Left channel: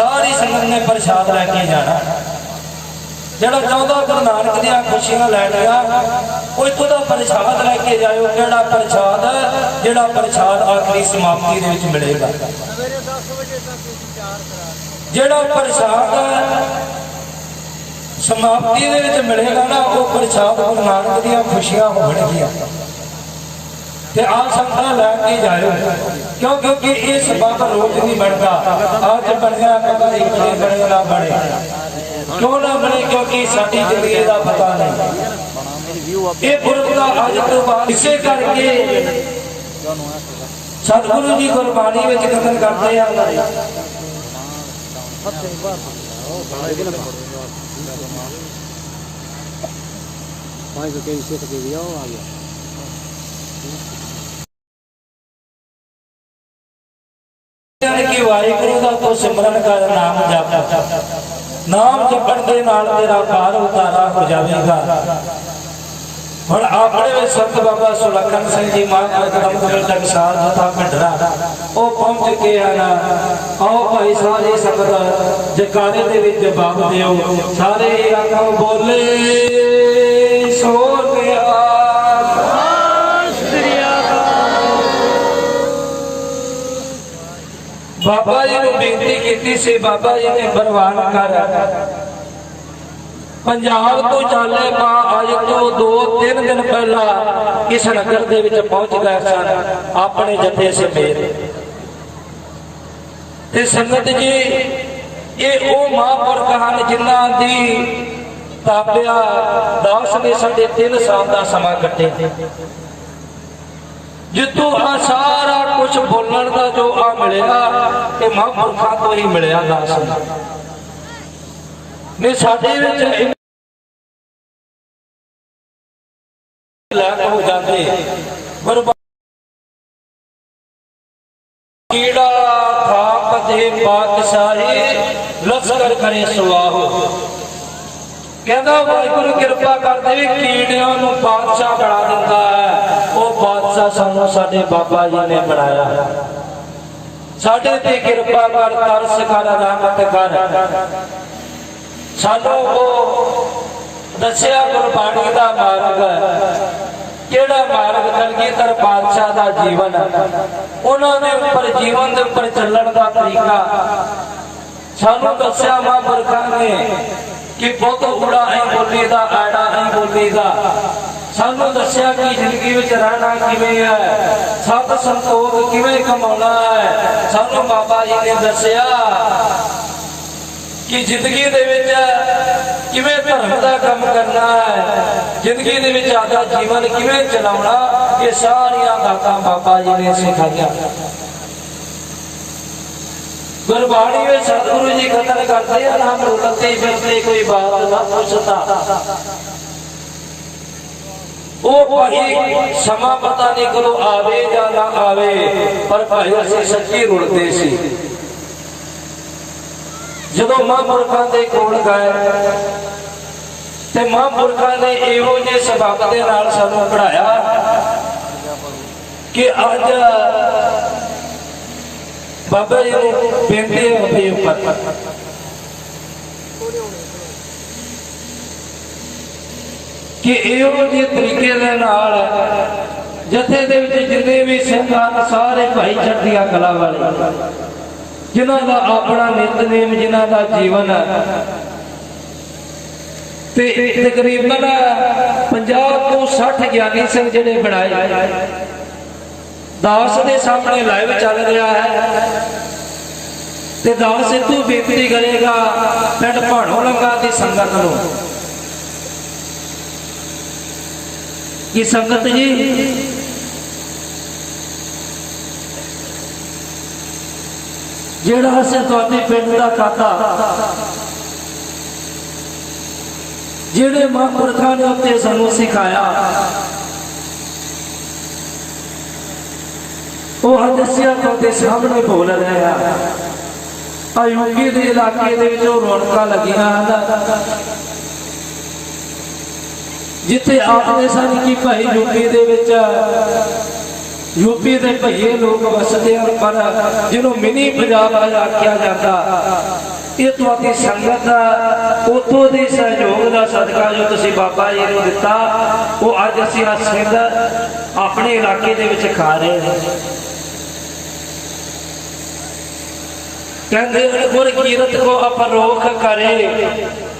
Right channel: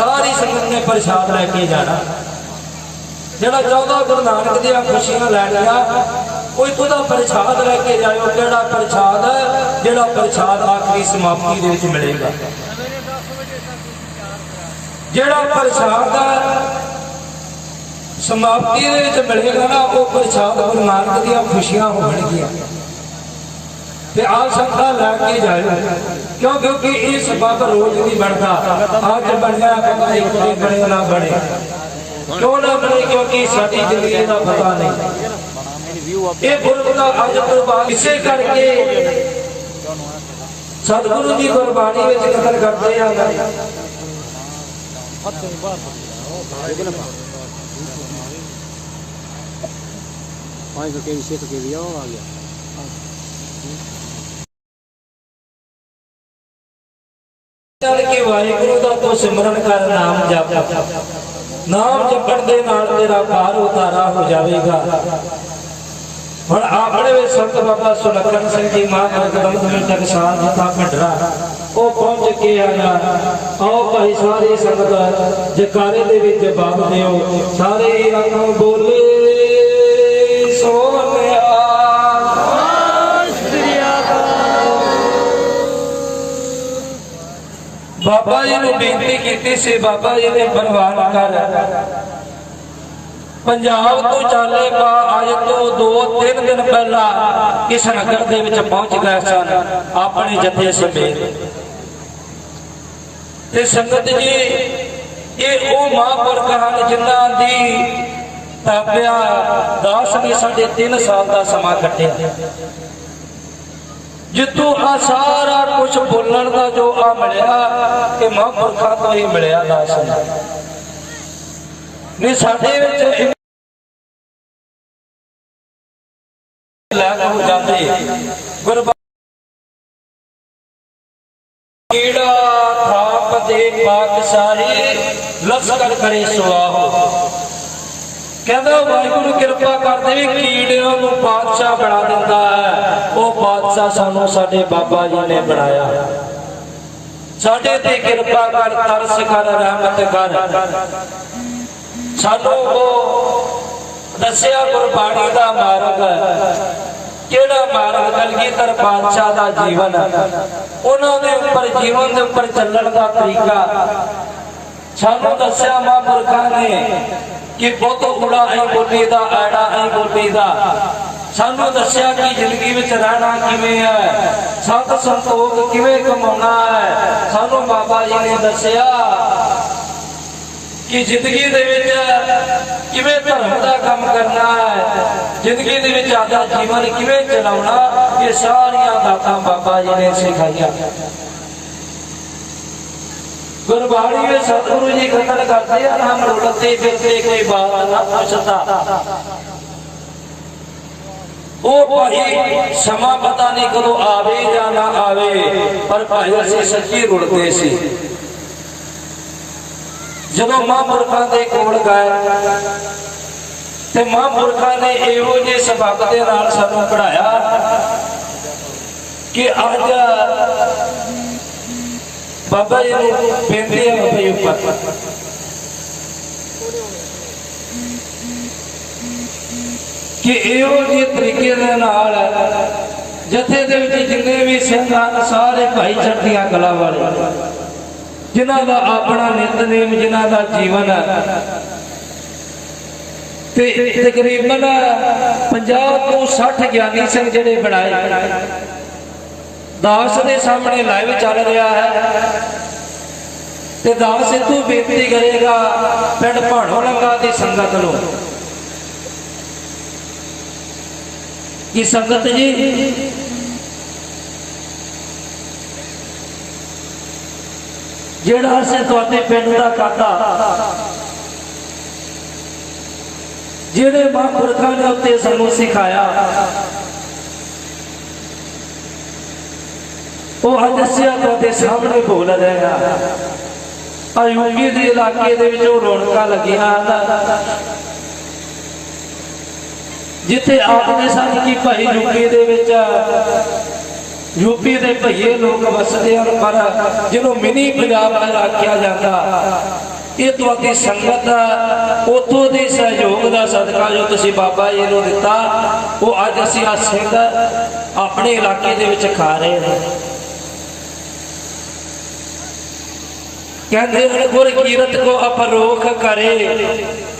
सारी संगत ने प्रसाद लैके जाना। जरा 14 गुरु नानक दी खुशियां लैनिया कोई खुदा प्रसाद लैके जाओ। केड़ा प्रसाद? जेड़ा प्रसाद आखिरी समाप्ति दे विच मिलेगा। जेड़ा प्रसाद समाप्ति दे विच मिलेगा ना, वो प्रसाद गुरु नानक दी खुशियां होणगियां। ते आप संगत लैके जाओ, क्यों? क्योंकि ये सबब रोज नहीं बनता। अज बनया बने ना बने, क्यों ना बने? क्योंकि साडी जिंदगी का पता नहीं। ये पुरख का अज तो बाद इसे करके सतगुरु जी गुरबाणी में कदर करते हैं। कि वाहिगुरु का तो सिमरन कर, नाम जप। नाम जपण दे नाल तेरा पार उतारा हो जाएगा। और अपने वे संत बाबा सुलखन सिंह जी महाराज तक साल जथा भंडरा वो पहुंच के आना। आओ भाई सारे संगत जयकारे दे विच जवाब दिओ। सारे आखो बोले सोनिया। बाबा जी ने बेनती की सी, बाबा जी ने बरवान कर पंजाब तो चाले पा। अज तो 2-3 दिन पहला इस नगर दे विच पहुंच गए सन अपने जथे समेत। ते संगत जी ये वो महापुरख हैं जिन्हां दी ताबिया दास ने 3.5 साल का समा कट्टिया। जितों आ सारा कुछ बोलण का जो आ मिलिया, ये महापुरखों तो ही मिलिया। दास ने साडे विच लैक हो जाते। कीड़ा थाप दे पातशाही लश्कर करे सवाहो। कहता वाहिगुरु कृपा करते भी कीड़ियां नूं पातशाह बना दिंदा है। वो पातशाह सानू साडे बाबा जी ने बनाया है। साडे ते कृपा कर, तरस कर, रहमत कर। सानू वो दस्सिया गुरबाणी दा मार्ग, केड़ा मार्ग कलगीधर पातशाह दा जीवन है, उन्होंने उपर जीवन के उपर चलण का तरीका सानू दस्सिया महापुरखों ने कि बहुत बुरा नहीं बोली दा, आड़ा नहीं बोली दा। सानू दस्सिया कि जिंदगी में रहना किवें है, सत संतोख किवें कमाउणा है। सानू बाबा जी ने दस्सिया कि जिंदगी दे विच किवें धर्म का काम करना है, जिंदगी दे विच आदा जीवन किवें चलाउणा। ये सारियां बातां बाबा जी ने सिखाईयां। गुरबाणी में सतगुरु जी कथन करते हैं, हम रुलते फिरते कोई बात न पूछता। वो भाई समा पता नहीं कदों आवे या ना आवे, पर भाई असीं सच्ची रुलते सी। जदों महापुरखों के कोल गए ते महापुरखों ने इहो जे सबक दे नाल सानू पढ़ाया कि अज बाबा जी बेनती है उपर कि इहो जे तरीके दे नाल जथे दे विच जिन्ने भी सिंह सारे भाई चढ़दियां गलां वाले, जिन्हां दा अपना नितनेम, जिन्हां दा जीवन ते तकरीबन 50 तो 60 ज्ञानी सिंह जिहड़े बनाए दास के सामने लाइव चल रहा है। ते दास इतों बेनती करेगा पिंड भाणो लंगा की संगत नूं कि संगत जी जेड़ा असीं तुहाडे पिंड दा काका जिहड़े महापुरखों ने उत्ते सानू सिखाया, वो हदसिया तुहाडे सामने बोल रहा है। यूपी के इलाके दे विच रौनकां लगियां जिथे आखदे सन कि भाई यूपी दे विच यूपी के भईए लोग वसते हैं, पर जिन्हों मिनी पंजाब आख्या जाता, ये तुहाडी संगत उतों के सहयोग का सदका जो तुसीं बाबा जी नूं दिता, वो अज असीं आ सिंध अपने इलाके दे विच खा रहे हैं। कहते हैं गुर कीरत को अपरोख करे,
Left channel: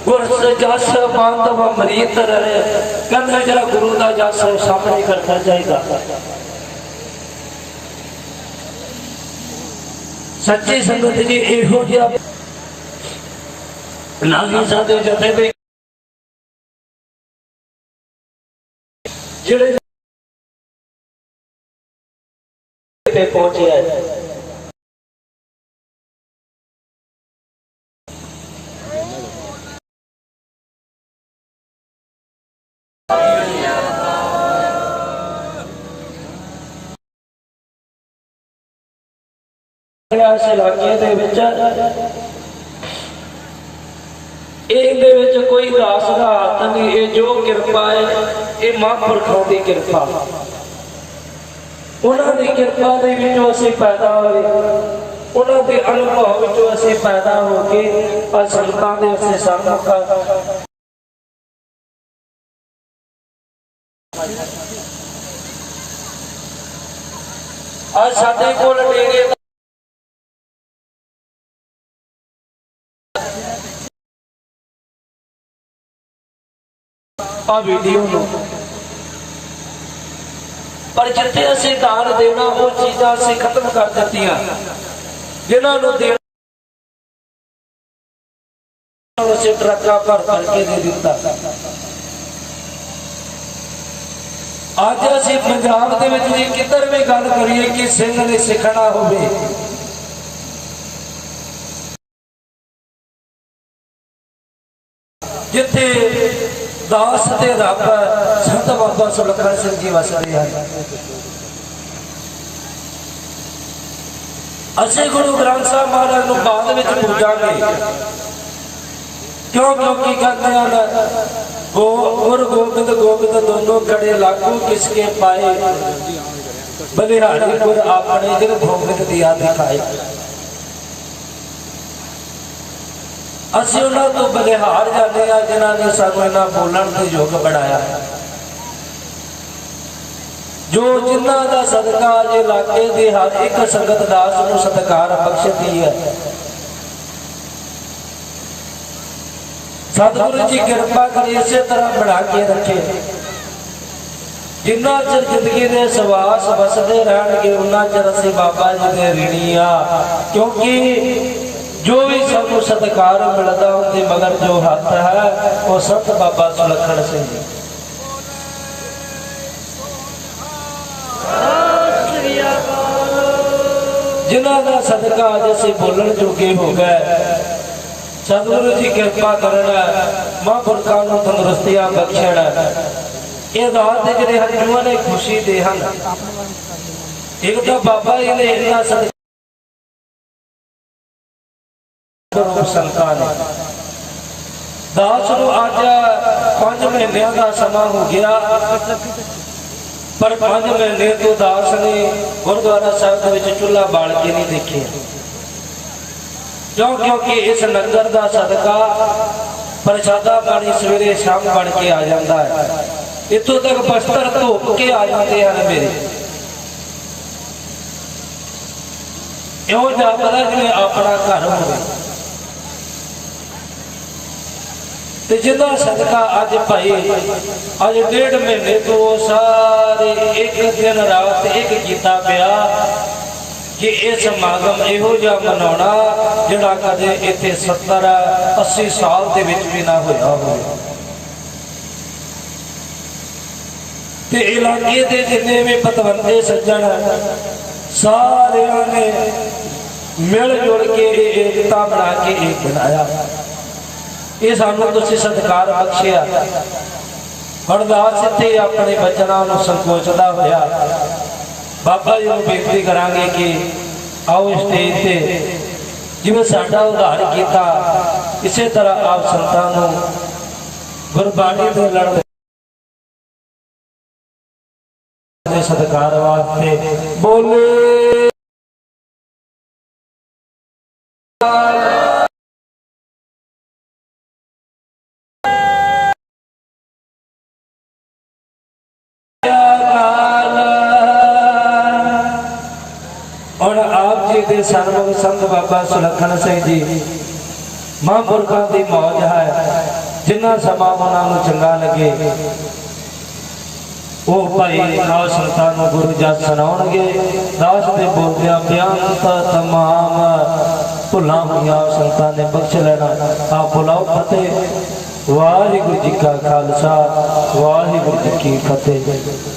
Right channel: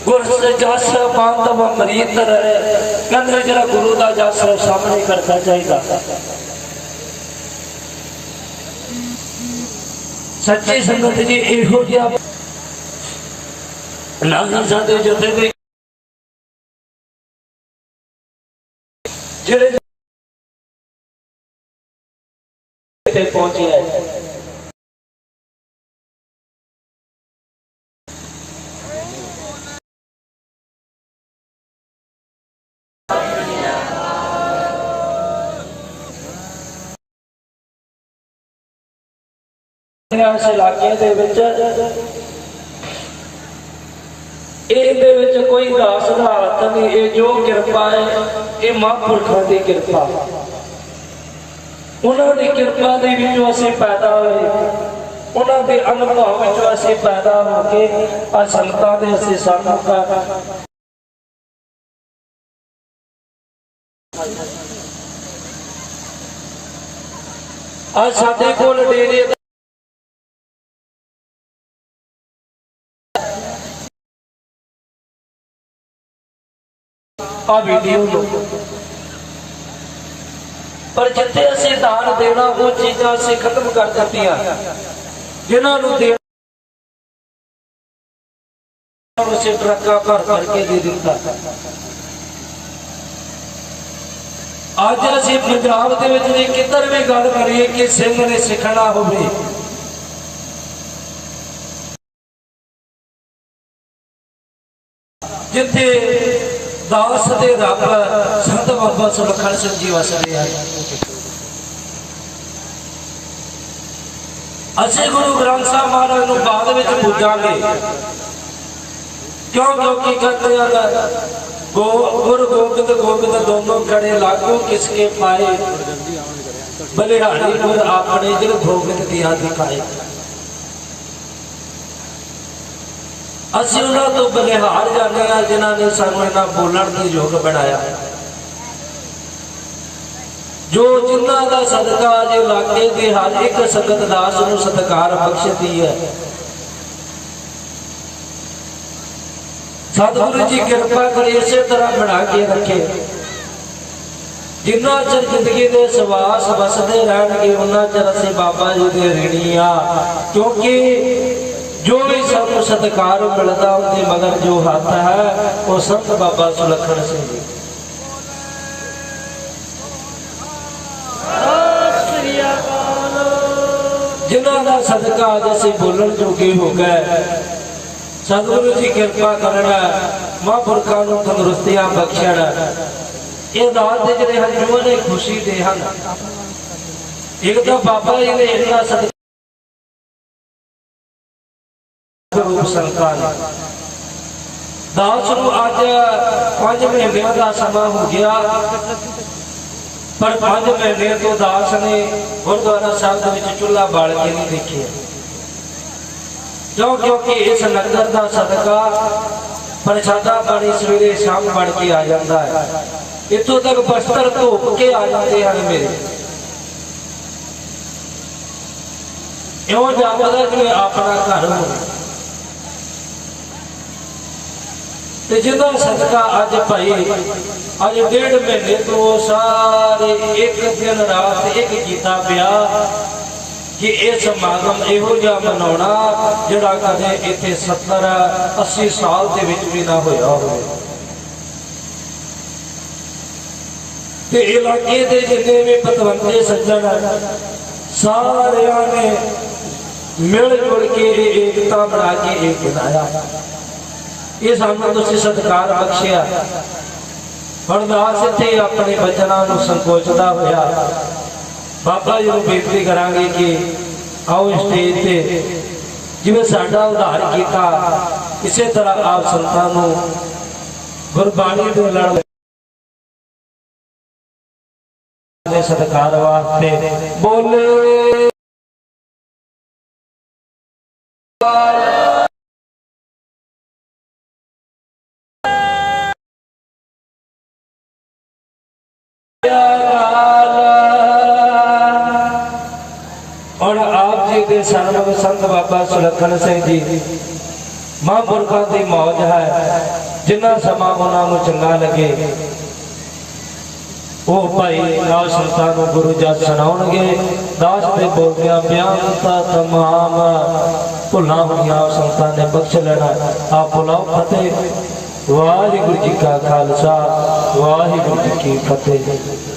गुर जस बंद व मरीत रहे। कहते जरा गुरु का जस सामने करना चाहिए। सच्ची संगत जी इहो जिहा नहीं साडे जथे भी जिहड़े पहुंचे है। इस इलाके कोई दास का हाथ नहीं, ये जो कृपा है ये महापुरखों की कृपा। उन्होंने कृपा के असीं पैदा होए, उन्होंने अनुभव असीं पैदा होके संगतां दे असीं सन्मुख आज साडे कोल डेरे वीडियो पर जिथे असीं दान देना वो चीज़ां असीं खत्म कर दित्तियां, जिन्होंने देना असीं ट्रक्कां भर भर के दे दिता। अज असीं पंजाब दे विच भी किधर भी गल करिए कि सिंह ने सिखना होवे, जिथे दास दे रब संत बाबा सुलखन सिंह जी वसदे हैं। असीं गुरु ग्रंथ साहब महाराज नूं बाद विच पूजांगे, क्यों? क्योंकि कहते हैं गुरु गोबिंद गोबिंद दोनों खड़े लागू किसके पाए, बलिहारी गुर अपने दिल गोबिंद दिया दिखाए। असीं उन्हां तो बलिहार जाने जिन्होंने सानूं इन्हां बोलण दा योग बनाया, जो जिन्हां दा सदका अज इलाके की हर एक संगत दास नूं सत्कार बख्शती है। सतगुरु जी कृपा करी इस तरह बना के रखे, जिन्ना चर जिंदगी के सवास बसते रहणगे उन्ना चर असीं बाबा जी दे ऋणी आ। क्योंकि जो भी सानू सत्कार मिलता उनके मगर जो हाथ है वो संत बाबा सुलखन सिंह जी। जिन्हों का सदका अज असीं बोलण जोगे हो गए। सतगुरु जी कृपा करना, महापुरखों को तंदुरुस्तियां बख्शण, ये रात के जिहड़े हंझूआं ने खुशी दे हन। एक तो बाबा जी ने इन्ना सदका संतान दास नूं अज 5 महीनों का समा हो गया, पर 5 महीने तो दास ने गुरुद्वारा साहब के चूल्हा बाल के नहीं देखे। क्यों? क्योंकि इस लंगर का सदका प्रसादा पानी सवेरे शाम बन के आ जाता है। इतों तक बस्तर धोप के आ जाते हैं मेरे, इं जापदा जिवें अपना घर हो। जिदा सदका अज भाई अज 1.5 महीने तो सारे एक दिन रात एक कीता पिया कि यह समागम इहो जिहा मनाउणा जिहड़ा कदे इत्थे 70-80 साल दे विच भी ना होया होवे। ते इलाके दे जिन्ने भी पतवंते सज्जण सारे ने मिल जुल के एकता बना के एक बनाया। ये सानू तुसीं सत्कार बख्शिया। अरदास इत्थे अपने बचनां नूं संकोचदा होया बाबा जी नूं बेनती करांगे कि आओ स्टेज ते जिवें साडा उद्धार कीता इसे तरह आप संतां नूं गुरबाणी दे लड़ सत्कार वास्ते बोले और आप जी के सामने संत बाबा सुलखन सिंह जी महापुरखों की मौज है जिन्ना समा उन्होंने चंगा लगे वो भाई दास संतां गुरु जस सुनाउणगे। दास दे बोलदियां बेअंता तमाम भुलां होईयां संतां ने बख्श लेना। आप बुलाओ फतेह। वाहिगुरू जी का खालसा वाहिगुरू जी की फतेह।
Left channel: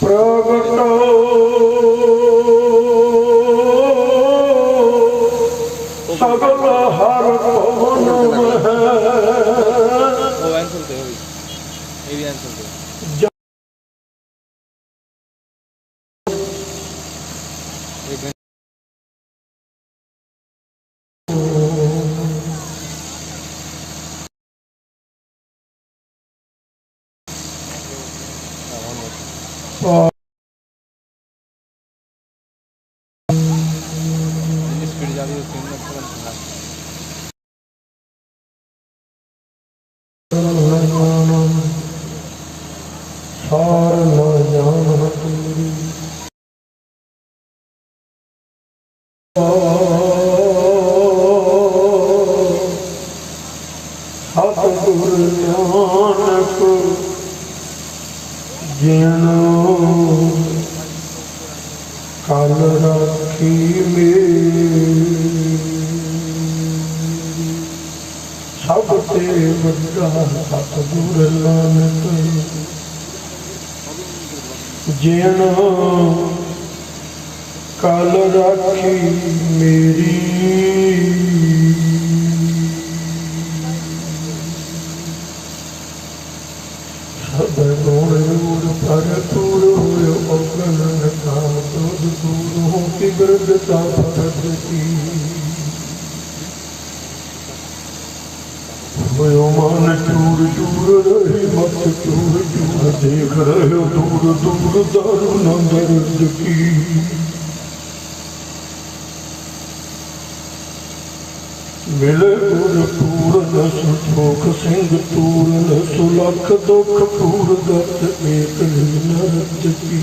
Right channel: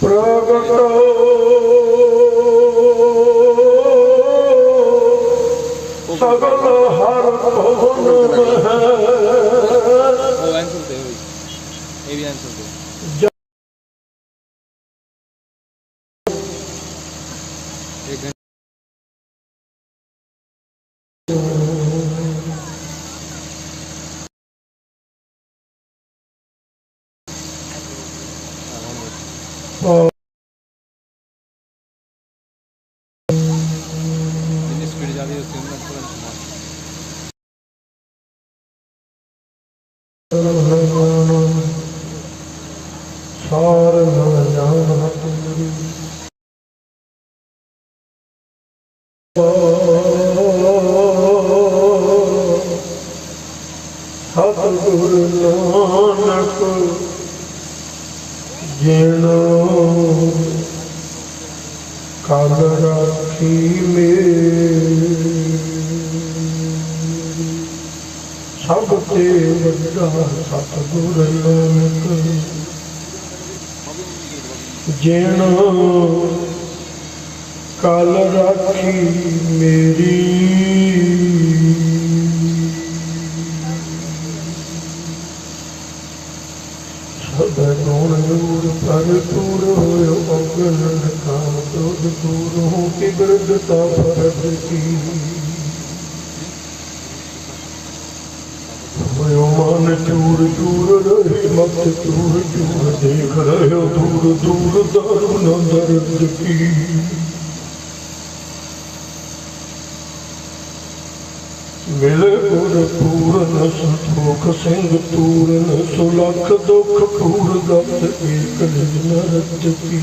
प्रगटो स्पीड जा रही है तुरंत सार न जान तेरी सतगुर नानक जिनो कल राखी मेरी सब ते वड्डा सतगुर नानक जिनो कल राखी मेरी सब गुण भरपूर होय अगन काल क्रोध दूर हो के गर्दता परब की होयो मन चूर चूर रहे मत चूर चूर देख रहे दूर दूर दारू न दर्द की मिले गुर पूरन सुख सिंह पूरन सुलख दुख पूर गत एक नरत की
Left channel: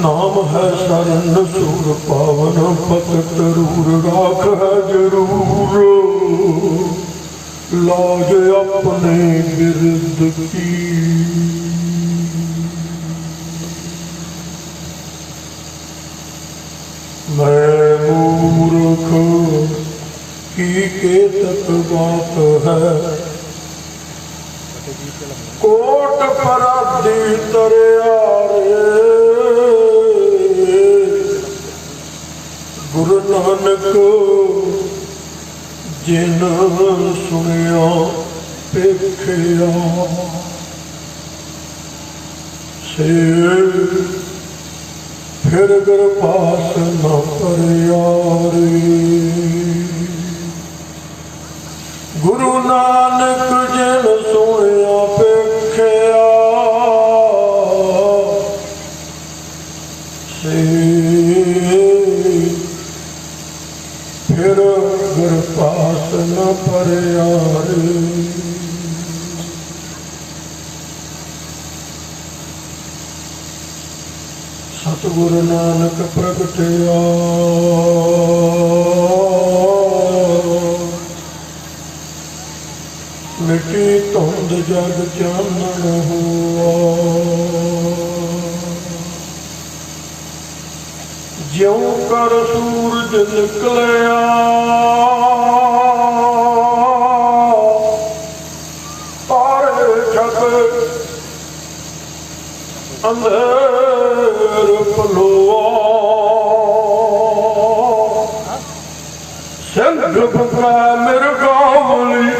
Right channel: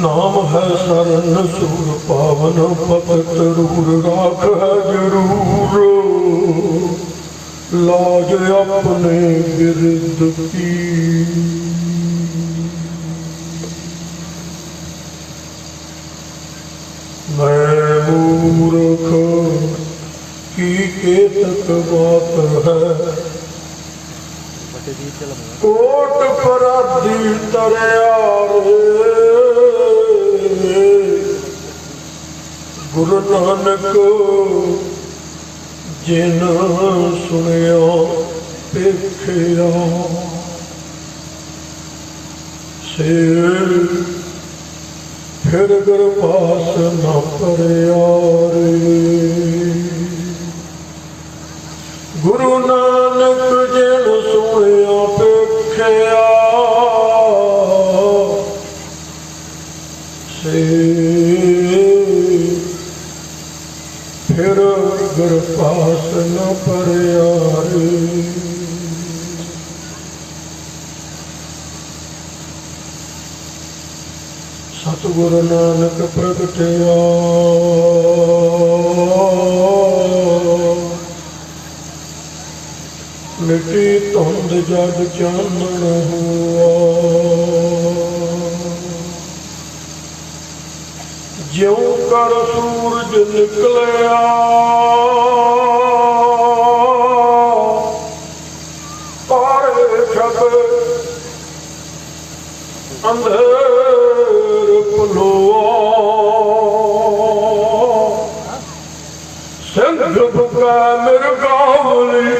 नाम है शरण सूर पावन पत जरूर राख है जरूर लाज अपने बिरद की मैं मूर्ख की केतक बात है कोट पराधी तरया गुरु नानक जिन सुनिया पेखिया से फिर पास न परिया गुरु नानक जिन सुनिया पेखिया से फिर पास न परिया सतगुरु नानक प्रगटिया मिटी धुंध जग चानन हुआ ज्यों कर सूरज निकलिया तारे जग अंधेर पलोआ सिंध बुका मिर्गावली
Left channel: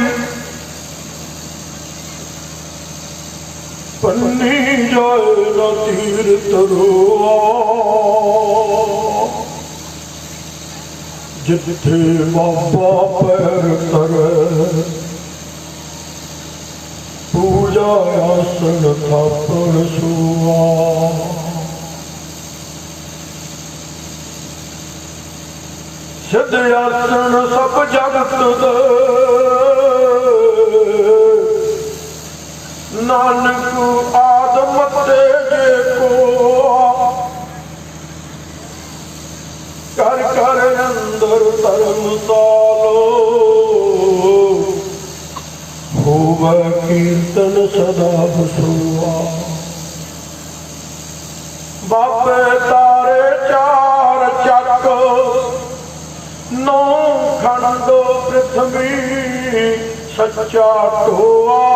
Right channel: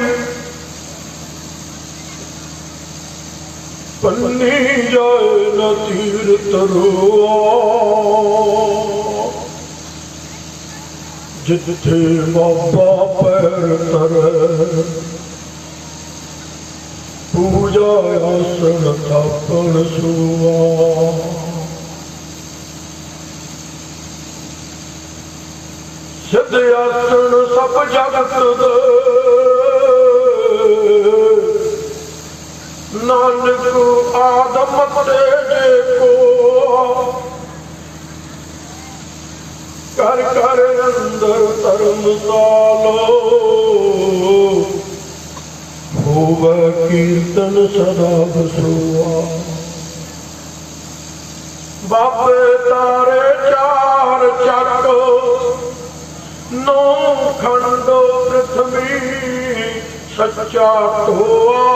पन्नी जाए न तीर तरोआ जिथे बाबा पैर तरे पूजा आसन थापन सुआ सिद्ध आसन सब जगत दे नानक आदम तेजे को कर कर अंदर धर्मशालो होव कीर्तन सदा बसुआ बापे तारे चार चक नौ खंड पृथ्वी सच्चा टोआ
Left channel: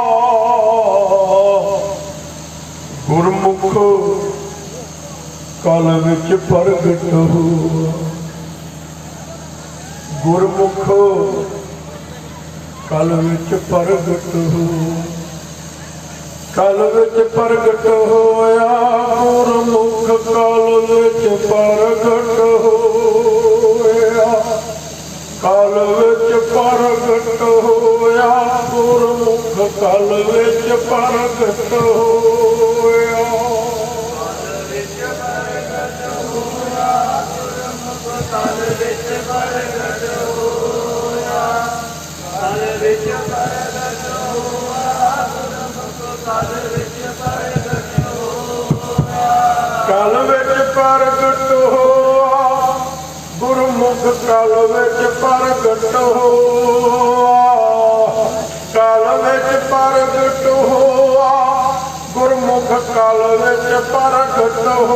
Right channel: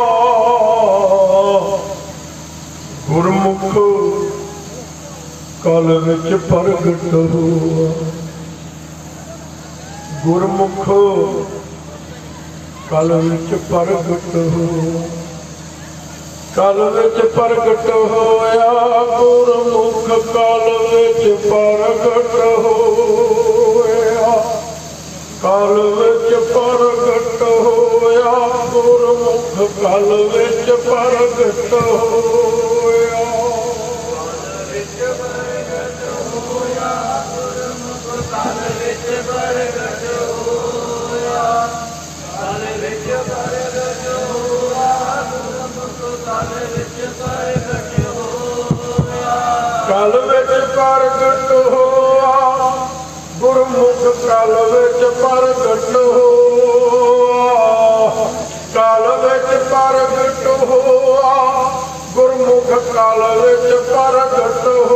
गुरमुख कल विच प्रगट हुआ गुरमुख कल विच प्रगट हो, कल विच प्रगट होया गुरमुख, कल विच प्रगट होया, कल विच प्रगट होया गुरमुख, कल विच प्रगट होया। कल विच प्रगट होआ गुरमुख, कल विच प्रगट होआ, कल विच प्रगट होआ गुरमुख, कल विच प्रगट होआ।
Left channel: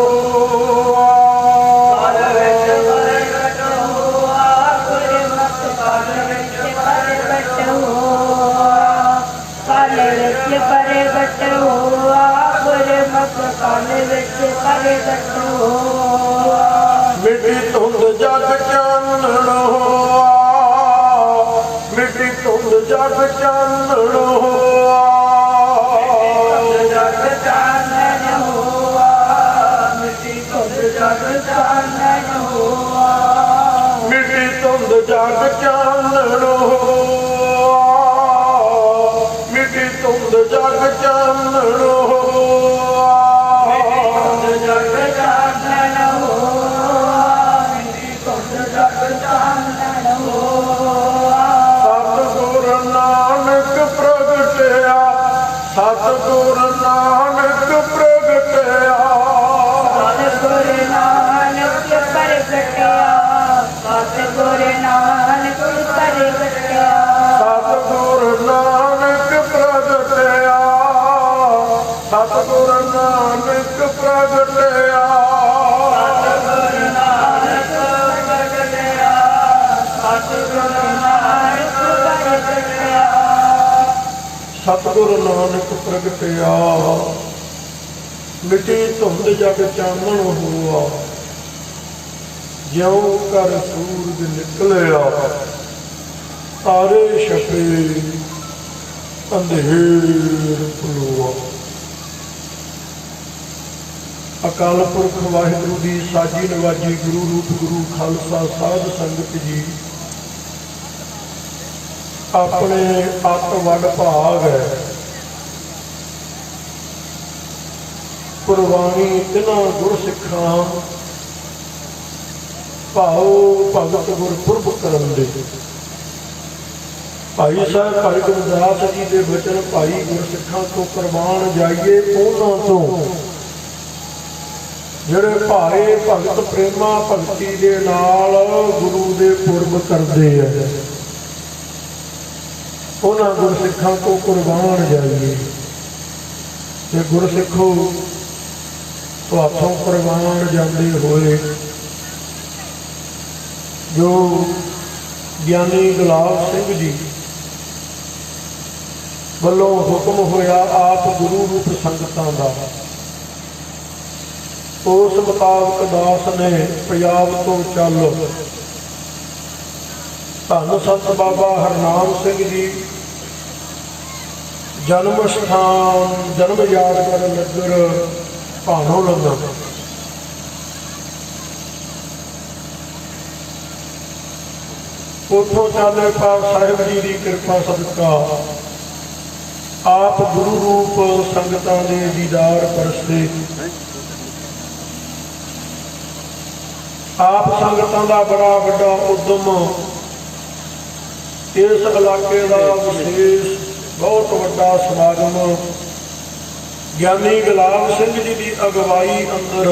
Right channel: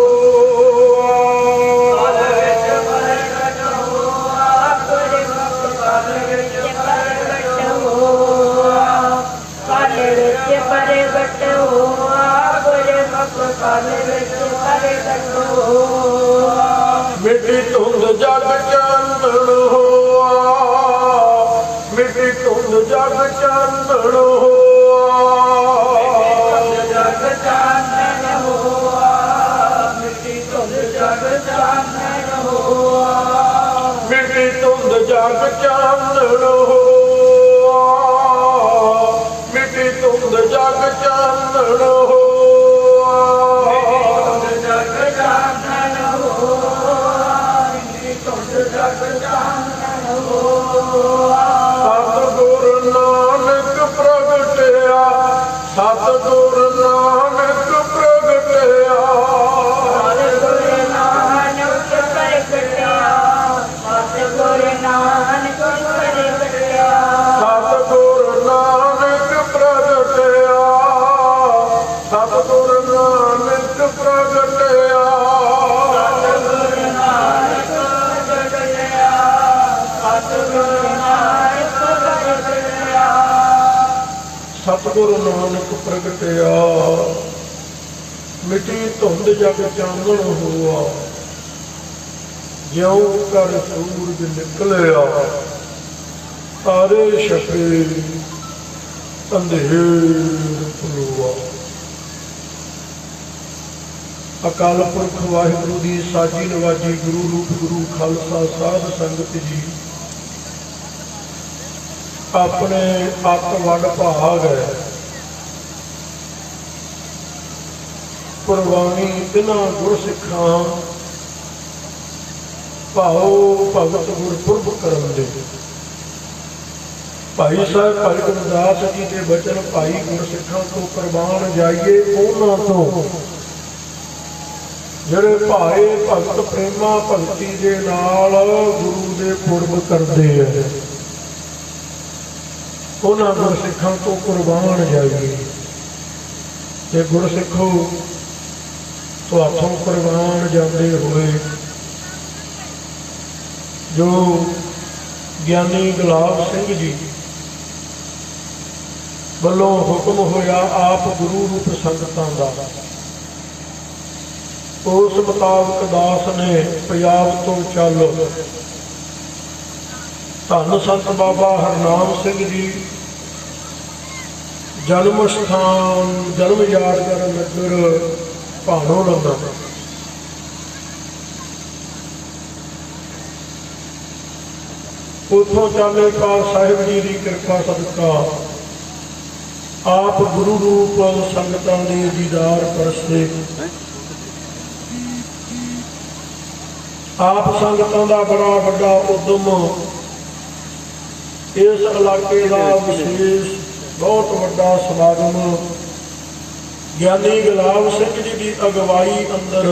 मिट्टी धुंध जग चानण होआ, मिट्टी धुंध जग चानण होआ, जग चानण होआ, मिट्टी धुंध जग चानण होआ, मिट्टी धुंध जग चानण होआ, मिट्टी धुंध जग चानण होआ। सतगुर नानक प्रगटया, सतगुर नानक प्रगटया, सतगुर नानक प्रगटया, सतगुर नानक प्रगटया, सतगुर नानक प्रगटया, सतगुर नानक प्रगटया, सतगुर नानक प्रगटया। मिट्टी धुंध जग चानण होआ, ज्यों कर सूरज निकलिया, तारे छपे अंधेर खलोआ। अकाल पुरख वाहिगुरू दी साजी नवाजी गुरु रूप गुरु खालसा साध संगत जी अपने अत वड भाग है कुर्बानी तिन्हां गुरसिखां भाओ भगत गुरपुरब करन दे। भाई साहब भाई गुरदास जी के बचन भाई गुरसिखां तो कुर्बान जाइए, उन्हां तो ਜਿਹੜੇ ਭਾਏ ਭਗਤ ਪ੍ਰੇਮਾ ਭਗਤੀ ਦੇ ਨਾਲ ਗੁਰੂ ਦੇ ਪੁਰਬ ਕਰਦੇ ਆ, ਉਹਨਾਂ ਗੁਰਸਿੱਖਾਂ ਤੋਂ ਕੁਰਬਾਨ ਜਾਈਏ। ਤੇ ਗੁਰਸਿੱਖੋ ਤੁਹਾਥੋਂ ਕੁਰਬਾਨ ਜਾਂਦੇ ਹੋਏ ਜੋ ਗਿਆਨੀ ਗੁਲਾਬ ਸਿੰਘ ਜੀ ਵੱਲੋਂ ਹੁਕਮ ਹੋਇਆ ਆਪ ਗੁਰੂ ਰੂਪ ਸੰਗਤਾਂ ਦਾ, ਉਸ ਮੁਤਾਬਕ ਦਾਸ ਨੇ ਪੰਜਾਬ ਤੋਂ ਚੱਲ ਧੰਨ ਸੰਤ ਬਾਬਾ ਹਰਨਾਮ ਸਿੰਘ ਜੀ ਜਨਮ ਸਥਾਨ ਜਨਮ ਯਾਦਗਾਰ ਨਗਰ ਭਾਣੋ ਲੰਗਾ ਉੱਥੋਂ ਚਾਲੇ ਪਾਲ ਸਾਹਿਬ ਜੀ ਦੀ ਕਿਰਪਾ ਸਦਕਾ ਆਪ ਗੁਰੂ ਰੂਪ ਸੰਗਤਾਂ ਦੇ ਦੀਦਾਰ ਪਰਸਤੇ, आप संगतां दा बड़ा वड्डा उद्यम, इस इलाके का विशेष बहुत वड्डा समागम ज्ञानी गुलाब सिंह जी की अगवाई अंदर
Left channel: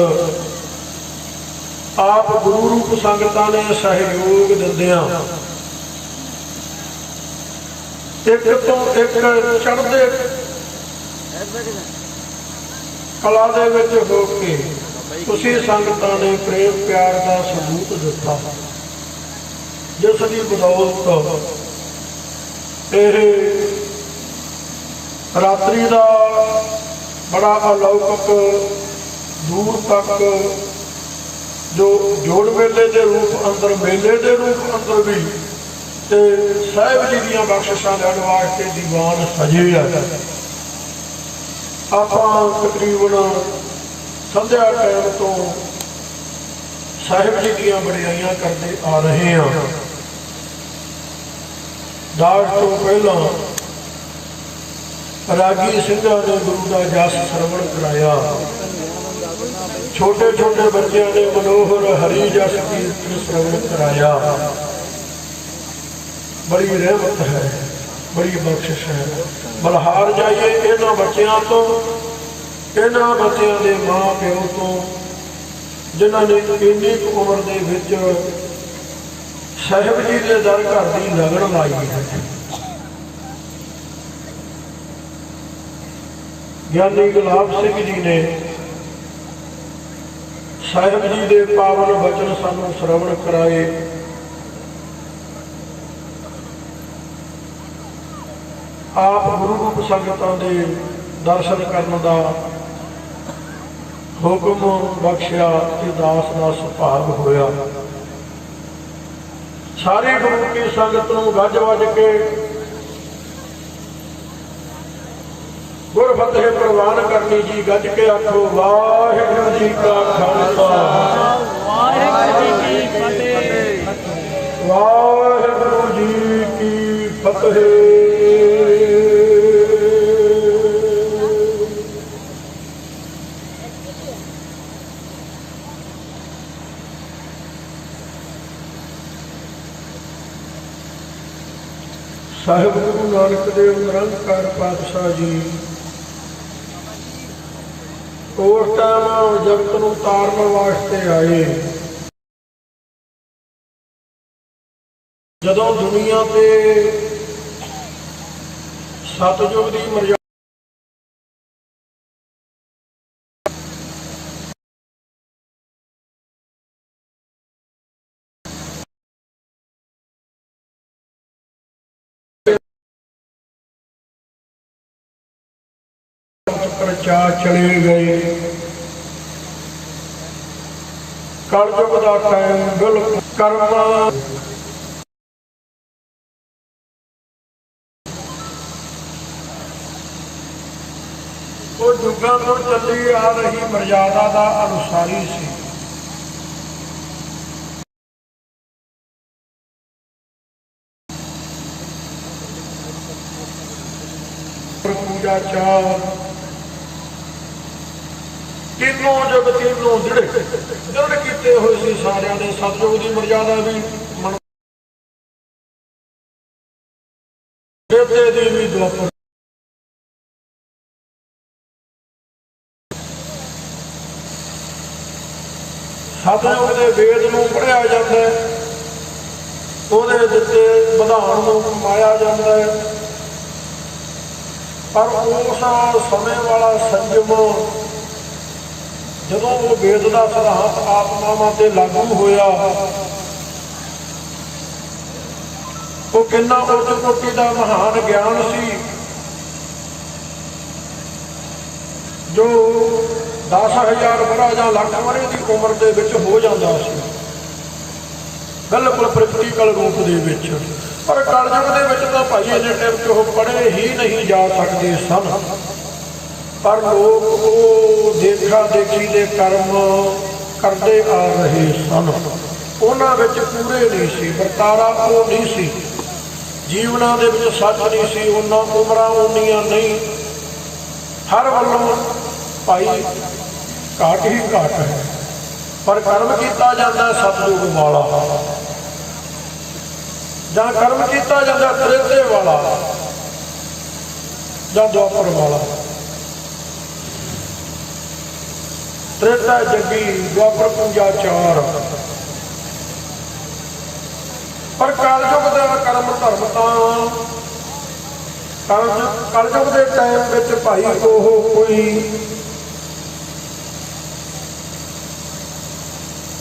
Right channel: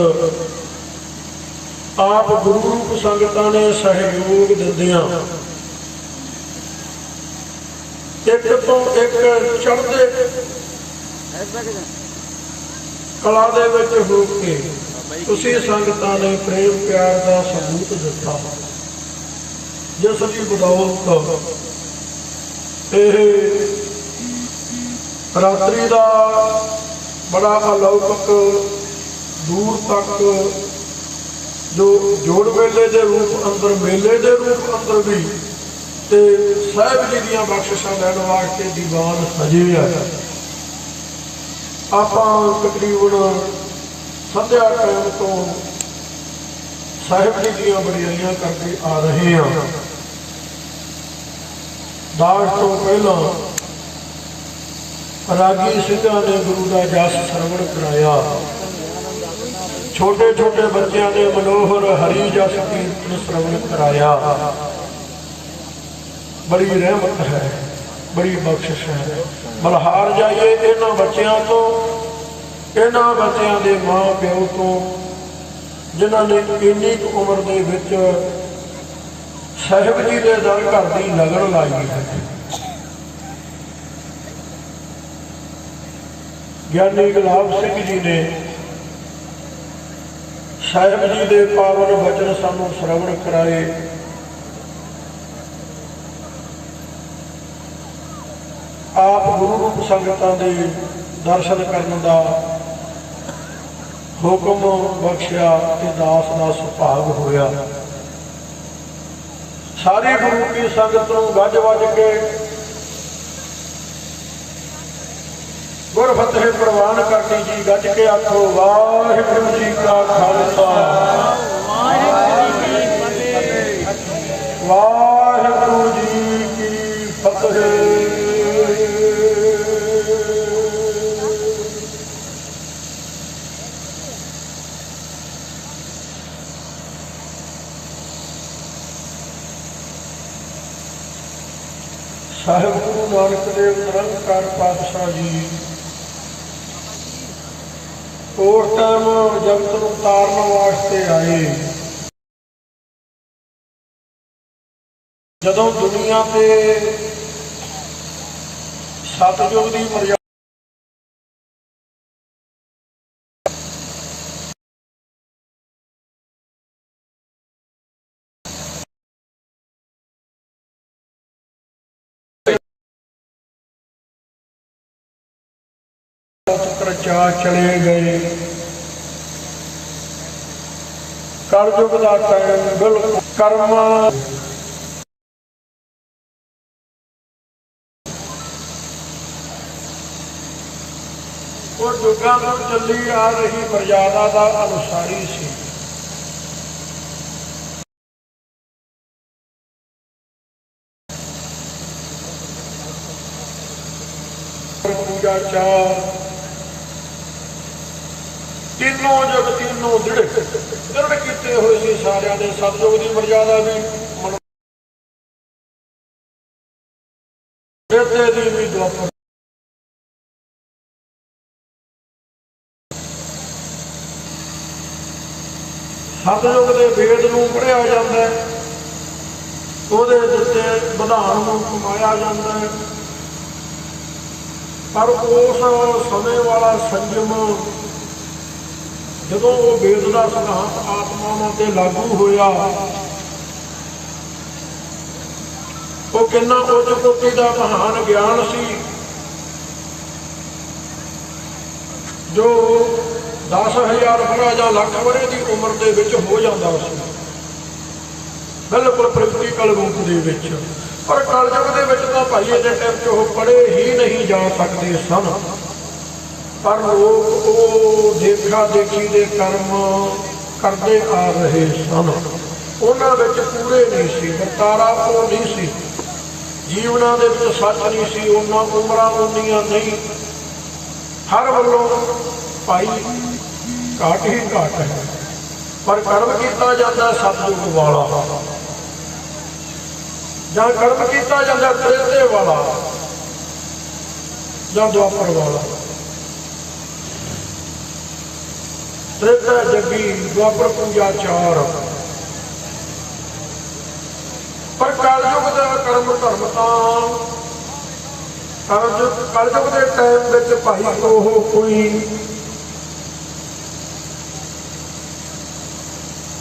आप गुरु रूप संगतां ने सहयोग दिंदियां एक तो एक चढ़दे कला दे विच हो के तुसी संगतां ने प्रेम प्यार का सबूत दिता, जिस की बदौलत यह रात्रि का बड़ा अलौकिक दूर तक जो जोड़ मेले के रूप अंदर, मेले के रूप अंदर भी ਤੇ ਸਾਹਿਬ ਜੀ ਦੀਆਂ ਬਖਸ਼ਿਸ਼ਾਂ ਲੈਣ ਵਾਸਤੇ ਦੀਵਾਨ ਸਜੇ ਆ। ਆਪਾਂ ਤਕਰੀਬਨ ਸੰਧਿਆ ਟਾਈਮ ਤੋਂ ਸਾਹਿਬ ਜੀ ਦੀਆਂ ਵਡਿਆਈਆਂ ਕਰਦੇ ਆ ਰਹੇ ਹਾਂ। ਦਾਸ ਤੋਂ ਪਹਿਲਾਂ ਰਾਗੀ ਸਿੰਘਾਂ ਨੇ ਗੁਰੂ ਦਾ ਜਸ ਸਰਵਣ ਕਰਾਇਆ। ਛੋਟੇ ਛੋਟੇ ਬੱਚਿਆਂ ਨੇ ਮਨੋਹਰ ਹਰੀ ਜਸ ਕੀਰਤਨ ਸਰਵਣ ਕਰਾਇਆ। ਬੜੀ ਰਹਿਮਤ ਹੈ, ਬੜੀ ਬਖਸ਼ਿਸ਼ ਹੈ। ਬਲਹਾਰ ਜਾਈਏ ਇਹਨਾਂ ਬੱਚਿਆਂ ਤੋਂ, ਇਹਨਾਂ ਬੱਚਿਆਂ ਦੇ ਮਾਂ ਪਿਓ ਤੋਂ, ਜਿਨ੍ਹਾਂ ਨੇ ਇੰਨੀ ਕੁ ਉਮਰ ਦੇ ਵਿੱਚ ਸਾਹਿਬ ਜੀ ਦੇ ਦਰ ਘਰ ਦੀ ਲਗਨ ਲਾਈ ਹੈ। ਗਿਆਨੀ ਗੁਲਾਬ ਸਿੰਘ ਜੀ ਨੇ ਸਾਹਿਬ ਜੀ ਦੇ ਪਾਵਨ ਬਚਨ ਸਾਨੂੰ ਸਰਵਣ ਕਰਾਏ। ਆਪ ਗੁਰੂ ਰੂਪ ਸੰਗਤਾਂ ਦੇ ਦਰਸ਼ਨ ਕਰਨ ਦਾ ਹੁਕਮ ਬਖਸ਼ਿਆ ਤੇ ਦਾਸ ਦਾ ਸੁਭਾਗ ਹੋਇਆ। ਸਾਰੀ ਗੁਰੂ ਕੀ ਸੰਗਤ ਨੂੰ ਗੱਜ ਵੱਜ ਕੇ ਗੁਰ ਫਤਿਹ ਪ੍ਰਵਾਨ ਕਰਨੀ ਜੀ। ਗੱਜ ਕੇ ਆਖੋ ਵਾਹਿਗੁਰੂ ਜੀ ਕਾ ਖਾਲਸਾ, ਵਾਹਿਗੁਰੂ ਜੀ ਕੀ ਫਤਿਹ। ਸਾਹਿਬ ਗੁਰੂ ਨਾਨਕ ਦੇਵ ਨਿਰੰਕਾਰ ਪਾਤਸ਼ਾਹ ਜੀ ਉਸ ਟਾਈਮ ਜਗਤ ਨੂੰ ਤਾਰਨ ਵਾਸਤੇ ਆਏ, ਜਦੋਂ ਦੁਨੀਆ ਤੇ ਸਤਿਯੁਗ ਦੀ ਮਰਜ਼ਾਦਾ ਪ੍ਰਚਾ ਚਲੇ ਗਏ। ਕਲਯੁਗ ਦਾ ਟਾਈਮ ਬਿਲਕੁਲ ਕਰਮਾਂ ਉਹ ਯੁੱਗਾਂ ਤੋਂ ਚੱਲੀ ਆ ਰਹੀ ਮਰਜ਼ਾਦਾ ਦਾ ਅਨੁਸਾਰੀ ਸੀ। ਪੂਜਾ ਚਾਰ ਤਿੰਨੋਂ ਜਗ ਤਿੰਨੋਂ ਦ੍ਰਿੜ ਕੀਤੇ ਹੋਏ ਸੀ ਸਾਰਿਆਂ ਦੇ। ਸਤਿਯੁਗ ਦੀ ਮਰਜ਼ਾਦਾ ਵੀ ਬੇਟੇ ਦੀ ਵੀ ਦੁਆਪਰ ਸਤਿਯੁਗ ਦੇ ਵੇਦ ਨੂੰ ਪੜ੍ਹਿਆ ਜਾਂਦਾ ਹੈ, ਉਹਦੇ ਦਿੱਤੇ ਵਿਧਾਨ ਨੂੰ ਕਮਾਇਆ ਜਾਂਦਾ ਹੈ। ਪਰ ਉਸ ਸਮੇਂ ਵਾਲਾ ਸੰਜਮ ਜਦੋਂ ਉਹ ਵੇਦ ਦਾ ਸਿਧਾਂਤ ਆਤਮਾਵਾਂ ਤੇ ਲਾਗੂ ਹੋਇਆ, ਉਹ ਕਿੰਨਾ ਉੱਚ ਕੋਟੀ ਦਾ ਮਹਾਨ ਗਿਆਨ ਸੀ ਜੋ 10,000 ਵਰ੍ਹਾ ਜਾਂ ਲੱਖ ਵਰ੍ਹੇ ਦੀ ਉਮਰ ਦੇ ਵਿੱਚ ਹੋ ਜਾਂਦਾ ਸੀ, ਬਿਲਕੁਲ ਪ੍ਰੈਕਟੀਕਲ ਰੂਪ ਦੇ ਵਿੱਚ। ਪਰ ਕਲਯੁਗ ਦੇ ਵਿੱਚ ਤਾਂ ਭਾਈ ਇਹਦੇ ਟਾਈਮ 'ਚ ਉਹ ਪੜ੍ਹੇ ਹੀ ਨਹੀਂ ਜਾ ਸਕਦੇ ਸਨ। ਪਰ ਲੋਕ ਉਹ ਦੇਖਾ ਦੇਖੀ ਦੇ ਕਰਮ ਕਰਦੇ ਆ ਰਹੇ ਸਨ, ਉਹਨਾਂ ਵਿੱਚ ਪੂਰੇ ਨਹੀਂ ਸੀ, ਵਰਤਾਰਾ ਉਹ ਨਹੀਂ ਸੀ, ਜੀਵਨਾਂ ਦੇ ਵਿੱਚ ਸੱਚ ਨਹੀਂ ਸੀ, ਉਹਨਾਂ ਉਮਰਾਂ ਉਨੀਆਂ ਨਹੀਂ। ਹਰ ਵੱਲੋਂ ਭਾਈ ਘਾਟ ਹੀ ਘਾਟ ਹੈ। ਪਰ ਕਰਮ ਕੀਤਾ ਜਾਂਦਾ ਸਤਿਯੁਗ ਵਾਲਾ, ਜਾਂ ਕਰਮ ਕੀਤਾ ਜਾਂਦਾ ਤ੍ਰੇਤੇ ਵਾਲਾ ਜਾਂ ਦੁਆਪਰ ਵਾਲਾ। ਤ੍ਰੇਤਾ ਜੱਗੀ, ਦੁਆਪਰ ਪੂਜਾ ਚਾਰ। ਪਰ ਕਲਯੁਗ ਦਾ ਕਰਮ ਧਰਮ ਤਾਂ ਕਲਯੁਗ ਦੇ ਟਾਈਮ ਵਿੱਚ ਭਾਈ ਉਹ ਕੋਈ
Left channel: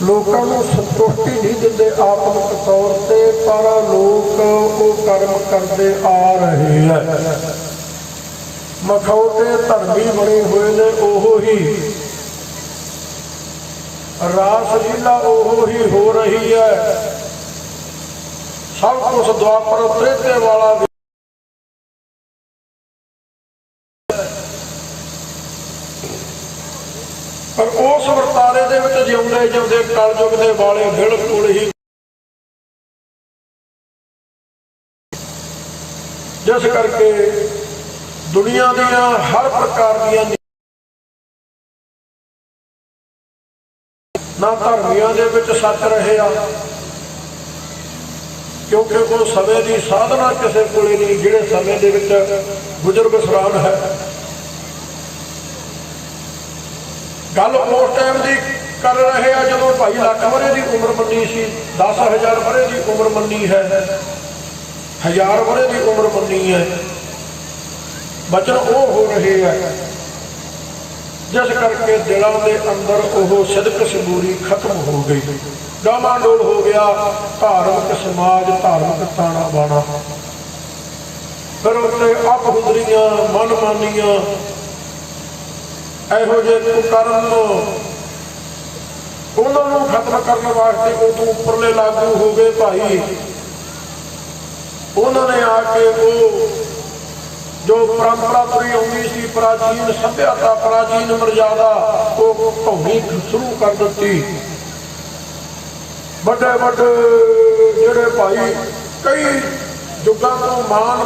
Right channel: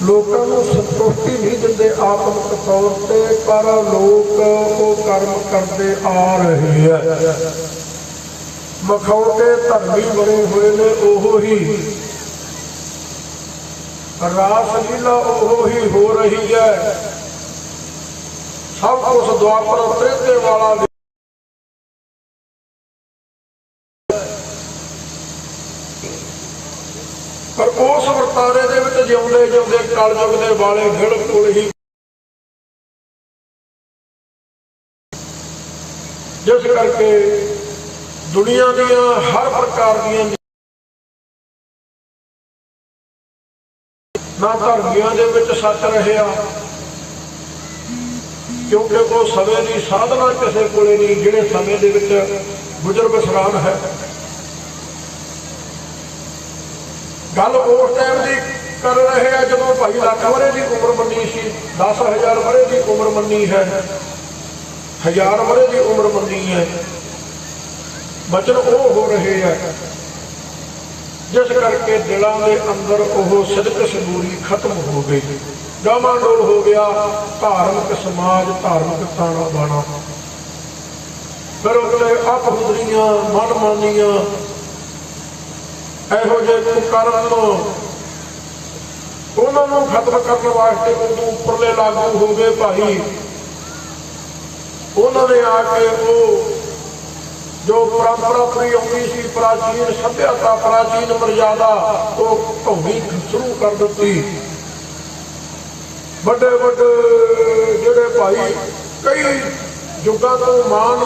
ਲੋਕਾਂ ਨੂੰ ਸੰਤੁਸ਼ਟੀ ਨਹੀਂ ਦਿੰਦੇ ਆਤਮਿਕ ਤੌਰ ਤੇ, ਪਰ ਲੋਕ ਉਹ ਕਰਮ ਕਰਦੇ ਆ ਰਹੇ ਹੈ। ਮਖੌਟੇ ਧਰਮੀ ਬਣੇ ਹੋਏ ਨੇ, ਉਹ ਹੀ ਰਾਸ ਲੀਲਾ ਉਹ ਹੀ ਹੋ ਰਹੀ ਹੈ। ਸਭ ਕੁਛ ਦੁਆਪਰ ਤ੍ਰੇਤੇ ਵਾਲਾ ਪਰ ਉਸ ਵਰਤਾਰੇ ਦੇ ਵਿੱਚ ਜਿਉਂਦੇ ਜਿਉਂਦੇ ਕਲਯੁਗ ਦੇ ਵਾਲੇ ਬਿਲਕੁਲ ਹੀ ਜਿਸ ਕਰਕੇ ਦੁਨੀਆ ਦੀਆਂ ਹਰ ਪ੍ਰਕਾਰ ਦੀਆਂ ਨਾ ਧਰਮੀਆਂ ਦੇ ਵਿੱਚ ਸੱਚ ਰਿਹਾ ਕਿਉਂਕਿ ਉਹ ਸਮੇਂ ਦੀ ਸਾਧਨਾ ਕਿਸੇ ਕੋਲੇ ਨਹੀਂ ਜਿਹੜੇ ਸਮੇਂ ਦੇ ਵਿੱਚ ਗੁਜ਼ਰ ਬਸਰਾਨ ਹੈ। ਗੱਲ ਉਸ ਟਾਈਮ ਦੀ ਕਰ ਰਹੇ ਆ ਜਦੋਂ ਭਾਈ ਲੱਖ ਵਰੇ ਦੀ ਉਮਰ ਮੰਨੀ ਸੀ, 10,000 ਵਰੇ ਦੀ ਉਮਰ ਮੰਨੀ ਹੈ, 1000 ਵਰੇ ਦੀ ਉਮਰ ਮੰਨੀ ਹੈ। ਬਚਨ ਉਹ ਹੋ ਰਹੇ ਆ ਜਿਸ ਕਰਕੇ ਦਿਲਾਂ ਦੇ ਅੰਦਰ ਉਹ ਸਿਦਕ ਸਬੂਰੀ ਖਤਮ ਹੋ ਗਈ, ਡਾਮਾਡੋਲ ਹੋ ਗਿਆ ਧਾਰਮਿਕ ਸਮਾਜ, ਧਾਰਮਿਕ ਤਾਣਾ ਬਾਣਾ। ਫਿਰ ਉਹਨੇ ਅਪਹੁਦਰੀਆਂ ਮਨਮਾਨੀਆਂ ਇਹੋ ਜਿਹੇ ਕੁਕਰਮ ਉਹਨਾਂ ਨੂੰ ਖਤਮ ਕਰਨ ਵਾਸਤੇ ਉਦੋਂ ਉੱਪਰਲੇ ਲਾਗੂ ਹੋ ਗਏ ਭਾਈ। ਉਹਨਾਂ ਨੇ ਆ ਕੇ ਉਹ ਜੋ ਪਰੰਪਰਾ ਤੁਰੀ ਆਉਂਦੀ ਸੀ, ਪ੍ਰਾਚੀਨ ਸੱਭਿਅਤਾ, ਪ੍ਰਾਚੀਨ ਮਰਜ਼ਾਦਾ, ਉਹ ਢਾਉਣੀ ਸ਼ੁਰੂ ਕਰ ਦਿੱਤੀ। ਵੱਡੇ ਵੱਡੇ ਜਿਹੜੇ ਭਾਈ ਕਈ ਯੁੱਗਾਂ ਤੋਂ ਮਾਨ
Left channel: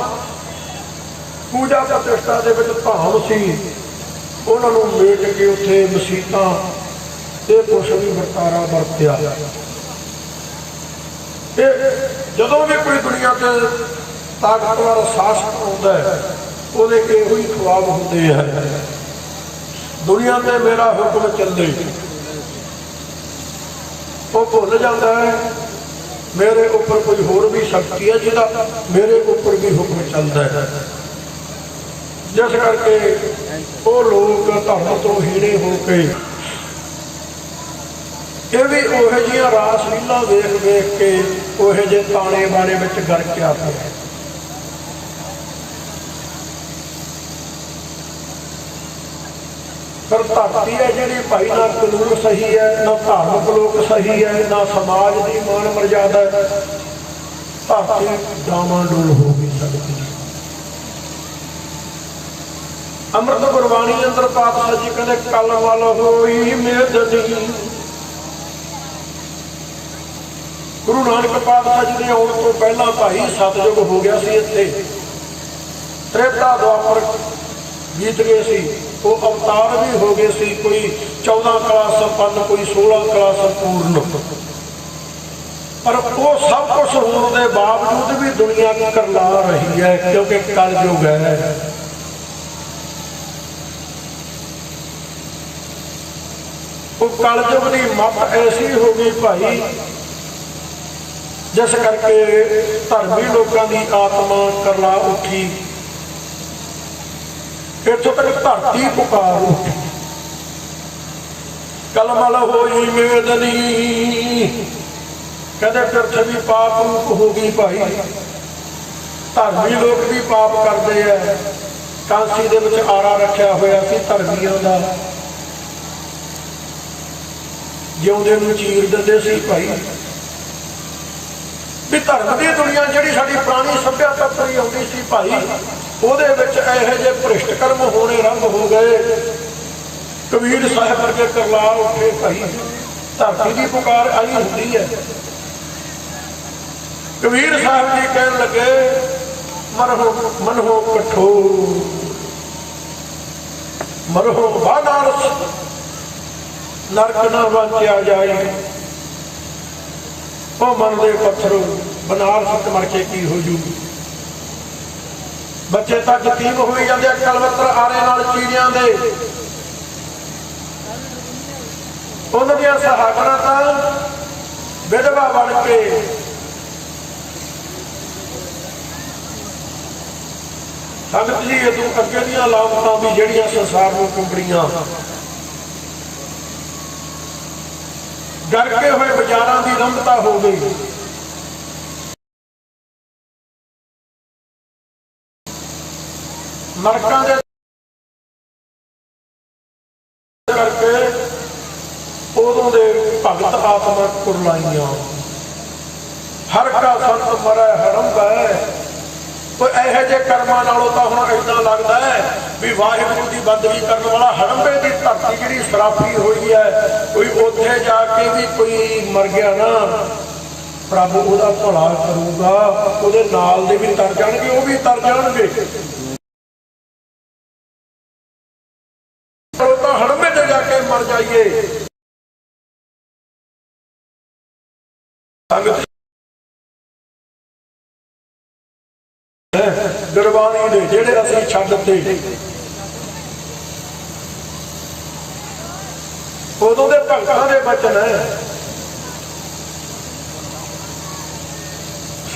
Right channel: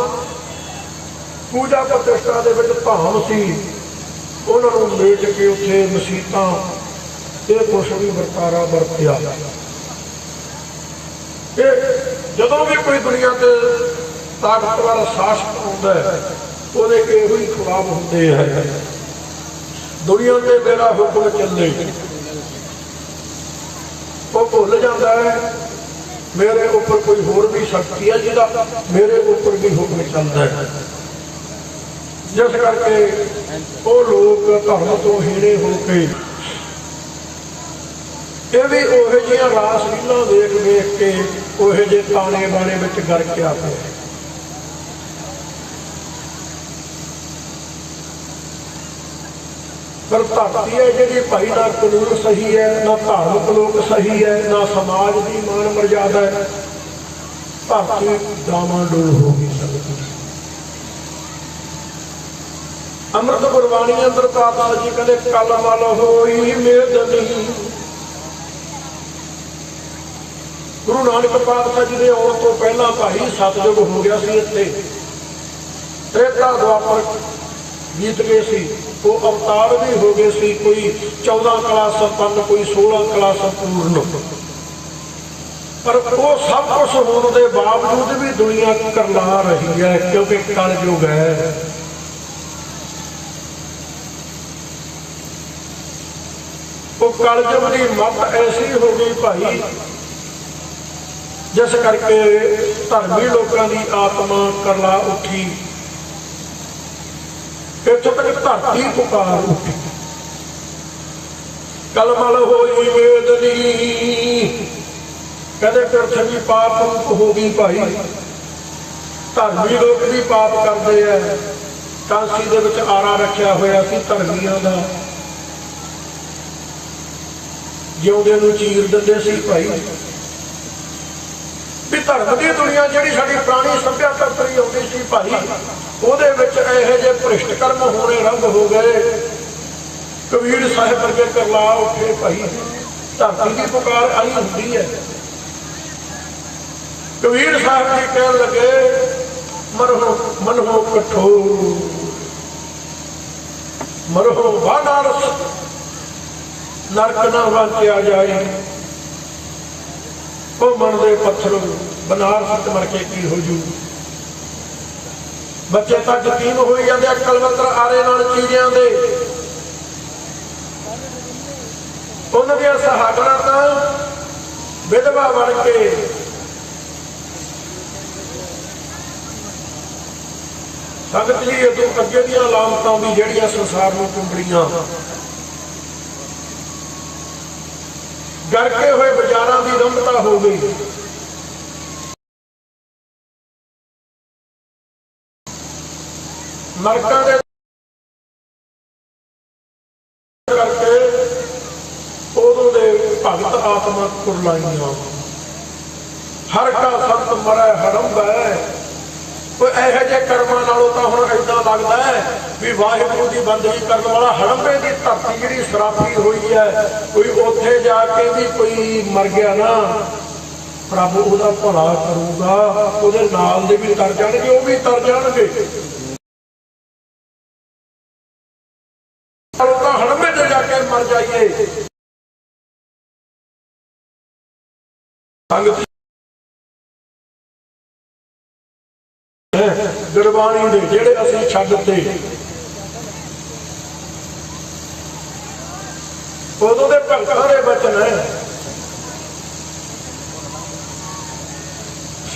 ਪੂਜਾ ਪ੍ਰਤਿਸ਼ਠਾ ਦੇ ਵਿੱਚ ਭਾਵ ਸੀ, ਉਹਨਾਂ ਨੂੰ ਮੇਟ ਕੇ ਉੱਥੇ ਮਸੀਤਾਂ ਇਹ ਕੁਛ ਵੀ ਵਰਤਾਰਾ ਵਰਤਿਆ। ਤੇ ਜਦੋਂ ਵੀ ਕੋਈ ਦੁਨੀਆ ਤੇ ਤਾਕਤਵਰ ਸ਼ਾਸਕ ਹੁੰਦਾ ਹੈ ਉਹਦੇ ਇਹੋ ਹੀ ਖੁਆਬ ਹੁੰਦੇ ਹੈ, ਦੁਨੀਆ ਤੇ ਮੇਰਾ ਹੁਕਮ ਚੱਲੇ। ਉਹ ਭੁੱਲ ਜਾਂਦਾ ਹੈ ਮੇਰੇ ਉੱਪਰ ਕੋਈ ਹੋਰ ਵੀ ਸ਼ਕਤੀ ਹੈ ਜਿਹਦਾ ਮੇਰੇ ਉੱਪਰ ਵੀ ਹੁਕਮ ਚੱਲਦਾ ਹੈ। ਜਿਸ ਕਰਕੇ ਉਹ ਲੋਕ ਧਰਮ ਤੋਂ ਹੀਣੇ ਹੋ ਕੇ ਇਹ ਵੀ ਉਹੋ ਜਿਹੀਆਂ ਰਾਸ ਲੀਲਾ ਵੇਖ ਵੇਖ ਕੇ ਉਹੋ ਜਿਹੇ ਤਾਣੇ ਬਾਣੇ ਵਿੱਚ ਗਰਕ ਆ ਪਏ। ਪਰ ਧਰਤੀ ਹੈ ਜਿਹੜੀ ਭਾਈ ਨਾ ਕਾਨੂੰਨ ਸਹੀ ਹੈ, ਨਾ ਧਾਰਮਿਕ ਲੋਕ ਸਹੀ ਹੈ, ਨਾ ਸਮਾਜ ਦੀ ਮਾਨ ਮਰਜ਼ਾਦਾ ਹੈ। ਧਰਤੀ ਡਾਵਾਂਡੋਲ ਹੋ ਗਈ ਸਕਦੀ। ਅੰਮ੍ਰਿਤ ਗੁਰਬਾਣੀ ਅੰਦਰ ਪਾਤਸ਼ਾਹ ਜੀ ਕਹਿੰਦੇ ਕਲ ਮਲ ਹੋਈ ਮੇਦਨੀ। ਗੁਰੂ ਨਾਨਕ ਪਾਤਸ਼ਾਹ ਜੀ ਦੇ ਆਉਣ ਤੋਂ ਪਹਿਲਾਂ ਭਾਈ ਸਤਿਯੁਗ ਹੋ ਗਿਆ ਸੀ ਇੱਥੇ, ਤ੍ਰੇਤਾ ਦੁਆਪਰ ਬੀਤ ਗਏ ਸੀ, ਉਹ ਅਵਤਾਰ ਵੀ ਹੋ ਗਏ ਸੀ, ਕੋਈ 14 ਕਲਾ ਸੰਪੰਨ, ਕੋਈ 16 ਕਲਾ ਸੰਪੂਰਨ। ਪਰ ਉਹ ਸਭ ਕੁਛ ਹੋਣ ਦੇ ਬਾਵਜੂਦ ਵੀ ਦੁਨੀਆ ਕਰਲਾ ਰਹੀ ਹੈ ਕਿਉਂਕਿ ਕਲਯੁਗ ਹੈ। ਉਹ ਕਲਯੁਗ ਦੀ ਮੱਤ ਐਸੀ ਹੋ ਗਈ ਭਾਈ ਜਿਸ ਕਰਕੇ ਧਰਮੀ ਲੋਕਾਂ ਦੀ ਆਤਮਾ ਕਰਲਾ ਉੱਠੀ। ਇੱਥੋਂ ਤੱਕ ਧਰਤੀ ਪੁਕਾਰ ਉੱਠੀ। ਕਲਮਲ ਹੋਈ ਮੇਦਨੀ, ਕਹਿੰਦੇ ਪ੍ਰਿਥਵੀ ਪਾਪ ਰੂਪ ਹੋ ਗਈ ਭਾਈ। ਧਰਮੀ ਲੋਕ ਵੀ ਪਾਪ ਕਰਦੇ ਆ। ਕਾਂਸੀ ਦੇ ਵਿੱਚ ਆਰਾ ਰੱਖਿਆ ਹੋਇਆ ਸੀ ਧਰਮੀਆਂ ਦਾ, ਜਿਉਂਦੇ ਨੂੰ ਚੀਰ ਦਿੰਦੇ ਸੀ ਭਾਈ। ਵੀ ਧਰਮ ਦੀ ਦੁਨੀਆ ਜਿਹੜੀ ਸਾਡੀ ਪੁਰਾਣੀ ਸੱਭਿਅਤਾ ਤੁਰੀ ਆਉਂਦੀ ਸੀ ਭਾਈ, ਉਹਦੇ ਵਿੱਚ ਇਹੋ ਜਿਹੇ ਭ੍ਰਿਸ਼ਟ ਕਰਮ ਹੋਣੇ ਆਰੰਭ ਹੋ ਗਏ। ਕਬੀਰ ਸਾਹਿਬ ਵਰਗੇ ਕਰਲਾ ਉੱਠੇ ਭਾਈ। ਧਰਤੀ ਦੀ ਪੁਕਾਰ ਆਈ ਹੁੰਦੀ ਹੈ। ਕਬੀਰ ਸਾਹਿਬ ਜੀ ਕਹਿਣ ਲੱਗੇ ਮਰੋ ਮਨੋ ਕਠੋਰ, ਮਰੋ ਬਾਨਾਰਸ, ਨਰਕ ਨਾ ਵਾਂਚਿਆ ਜਾਏ। ਉਹ ਮਨ ਦੇ ਪੱਥਰ ਬਨਾਰਸ ਚ ਮਰ ਕੇ ਕੀ ਹੋ ਜੂ। ਬੱਚੇ ਤਾਂ ਯਤੀਮ ਹੋਈ ਜਾਂਦੇ ਆ ਕਲਵੰਤਰ ਆਰੇ ਨਾਲ ਚੀਰਿਆਂ ਦੇ। ਉਹਨਾਂ ਦੀਆਂ ਸਹਾਗਣਾਂ ਤਾਂ ਵਿਧਵਾ ਬਣ ਕੇ ਸੰਗਤ ਜੀ ਇਹ ਤੋਂ ਅੱਗੇ ਦੀਆਂ ਲਾਮਤਾਂ ਵੀ ਜਿਹੜੀਆਂ ਸੰਸਾਰ ਨੂੰ ਕੁੰਬੜੀਆਂ, ਗਰਕੇ ਹੋਏ ਬਾਜ਼ਾਰਾਂ ਦੀ ਰੰਭਤਾ ਹੋ ਗਈ। ਨਰਕਾਂ ਦੇ ਕਰਕੇ ਉਦੋਂ ਦੇ ਭਗਤ ਆਤਮਾ ਕੁਰਲਾਈਆਂ। ਹਰ ਕਾ ਸਤ ਰਾਤ ਮਰੈ ਹੜੰਬ ਹੈ। ਕੋਈ ਇਹੋ ਜਿਹੇ ਕਰਮਾਂ ਨਾਲੋਂ ਤਾਂ ਹੁਣ ਏਦਾਂ ਲੱਗਦਾ ਹੈ ਵੀ ਵਾਹਿਗੁਰੂ ਦੀ ਬੰਦਗੀ ਕਰਨ ਵਾਲਾ ਹੜੰਬੇ ਦੀ ਧਰਤੀ ਜਿਹੜੀ ਸਰਾਫੀ ਹੋਈ ਹੈ, ਕੋਈ ਉੱਥੇ ਜਾ ਕੇ ਵੀ ਕੋਈ ਮਰ ਗਿਆ ਨਾ, ਪ੍ਰਭ ਉਹਦਾ ਭਲਾ ਕਰੂਗਾ, ਉਹਦੇ ਨਾਲ ਦੇ ਵੀ ਤਰ ਜਾਣਗੇ, ਉਹ ਵੀ ਤਰ ਜਾਣਗੇ। ਤਾਂ ਹੜੰਬੇ ਤੇ ਜਾ ਕੇ ਮਰ ਜਾਈਏ। ਸੰਗਤ ਗੁਰਬਾਣੀ ਦੇ ਜਿਹੜੇ ਅਸੀਂ ਛੱਡਤੇ, ਉਦੋਂ ਦੇ ਭਗਤਾਂ ਦੇ ਬਚਨ ਹੈ।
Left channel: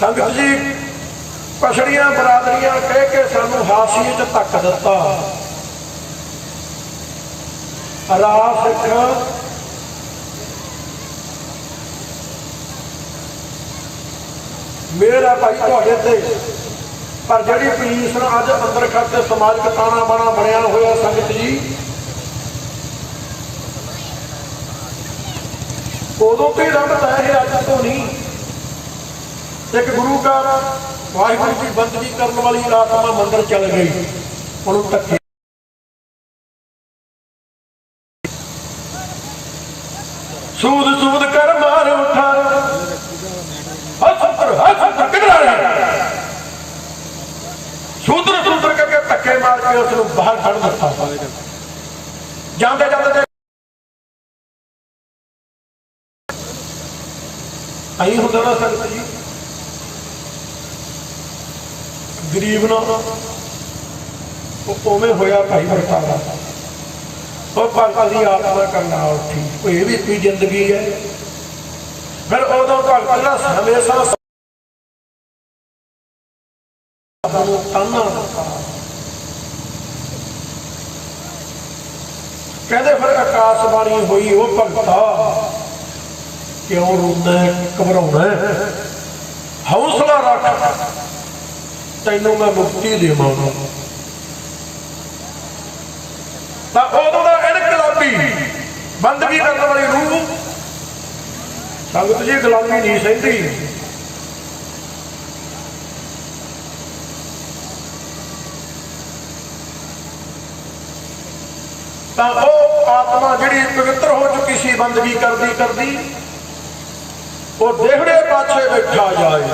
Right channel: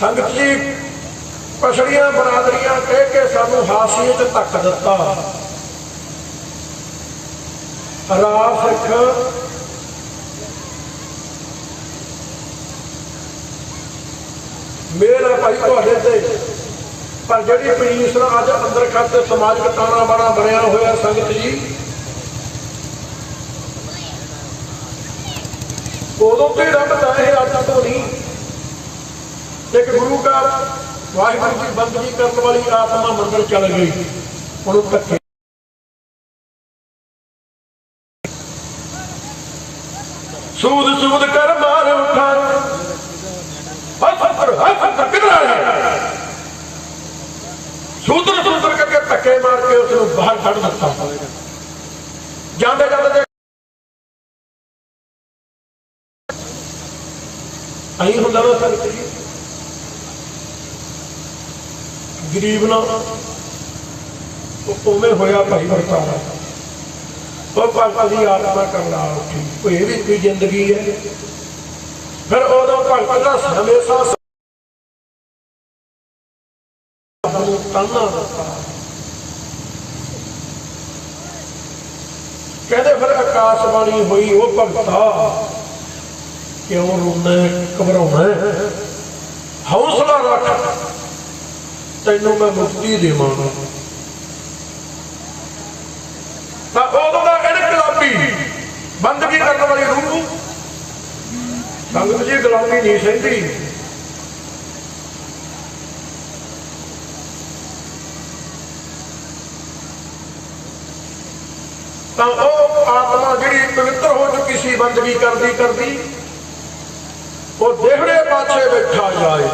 ਸੰਗਤ ਜੀ ਪਛੜੀਆਂ ਬਰਾਦਰੀਆਂ ਕਹਿ ਕੇ ਸਾਨੂੰ ਹਾਸੀਏ 'ਚ ਧੱਕ ਦਿੱਤਾ। ਰਾਹ ਸਿੱਖ ਮੇਰਾ ਭਾਈ ਤੁਹਾਡੇ ਤੇ, ਪਰ ਜਿਹੜੀ ਪੋਜੀਸ਼ਨ ਅੱਜ ਅੰਦਰ ਖਾਤੇ ਸਮਾਜਿਕ ਤਾਣਾ ਬਾਣਾ ਬਣਿਆ ਹੋਇਆ ਸੰਗਤ ਜੀ, ਉਦੋਂ ਤੇ ਰੱਬ ਦਾ ਇਹ ਅੱਜ ਤੋਂ ਨਹੀਂ। ਇੱਕ ਗੁਰੂ ਦਾ ਵਾਹਿਗੁਰੂ ਦੀ ਬੰਦਗੀ ਕਰਨ ਵਾਲੀ ਆਤਮਾ ਮੰਦਰ ਚਲ ਗਈ, ਉਹਨੂੰ ਧੱਕੇ ਸੂਦ ਸੂਦ ਕਰ ਮਾਰ ਉਠਾ ਸੂਦਰ ਸੂਦਰ ਕਰਕੇ ਧੱਕੇ ਮਾਰ ਕੇ ਉਸ ਨੂੰ ਬਾਹਰ ਕੱਢ ਦਿੱਤਾ। ਜਾਂਦੇ ਜਾਂਦੇ ਆਈ ਹੁੰਦਾ ਨਾ ਸੰਗਤ ਜੀ, ਗਰੀਬ ਨਾਲ ਉਹ ਉਵੇਂ ਹੋਇਆ ਭਾਈ ਵਰਤਾਰਾ। ਉਹ ਭਗਤ ਦੀ ਆਤਮਾ ਕਰਨ ਨਾਲ ਠੀਕ, ਇਹ ਵੀ ਕੋਈ ਜ਼ਿੰਦਗੀ ਹੈ। ਫਿਰ ਉਦੋਂ ਭਗਤ ਦਾ ਹਮੇਸ਼ਾ ਕਹਿੰਦੇ ਫਿਰ ਆਕਾਸ਼ਬਾਣੀ ਹੋਈ, ਉਹ ਭਗਤਾ ਕਿਉਂ ਰੋਣਾ ਘਬਰਾਉਣਾ, ਹੌਸਲਾ ਰੱਖ, ਤੈਨੂੰ ਮੈਂ ਮੁਕਤੀ ਦੇਵਾਂਗਾ। ਤਾਂ ਉਦੋਂ ਦਾ ਇਨਕਲਾਬੀ ਬੰਦਗੀ ਕਰਨ ਵਾਲੀ ਰੂਹ ਸੰਗਤ ਜੀ ਗੁਲਾਮੀ ਨਹੀਂ ਸਹਿੰਦੀ। ਤਾਂ ਉਹ ਆਤਮਾ ਜਿਹੜੀ ਪਵਿੱਤਰ ਹੋ ਚੁੱਕੀ ਸੀ ਬੰਦਗੀ ਕਰਦੀ ਕਰਦੀ, ਉਹ ਦੇਹੜੇ ਪਾਛੇ ਬੈਠਾ ਜਾਏ,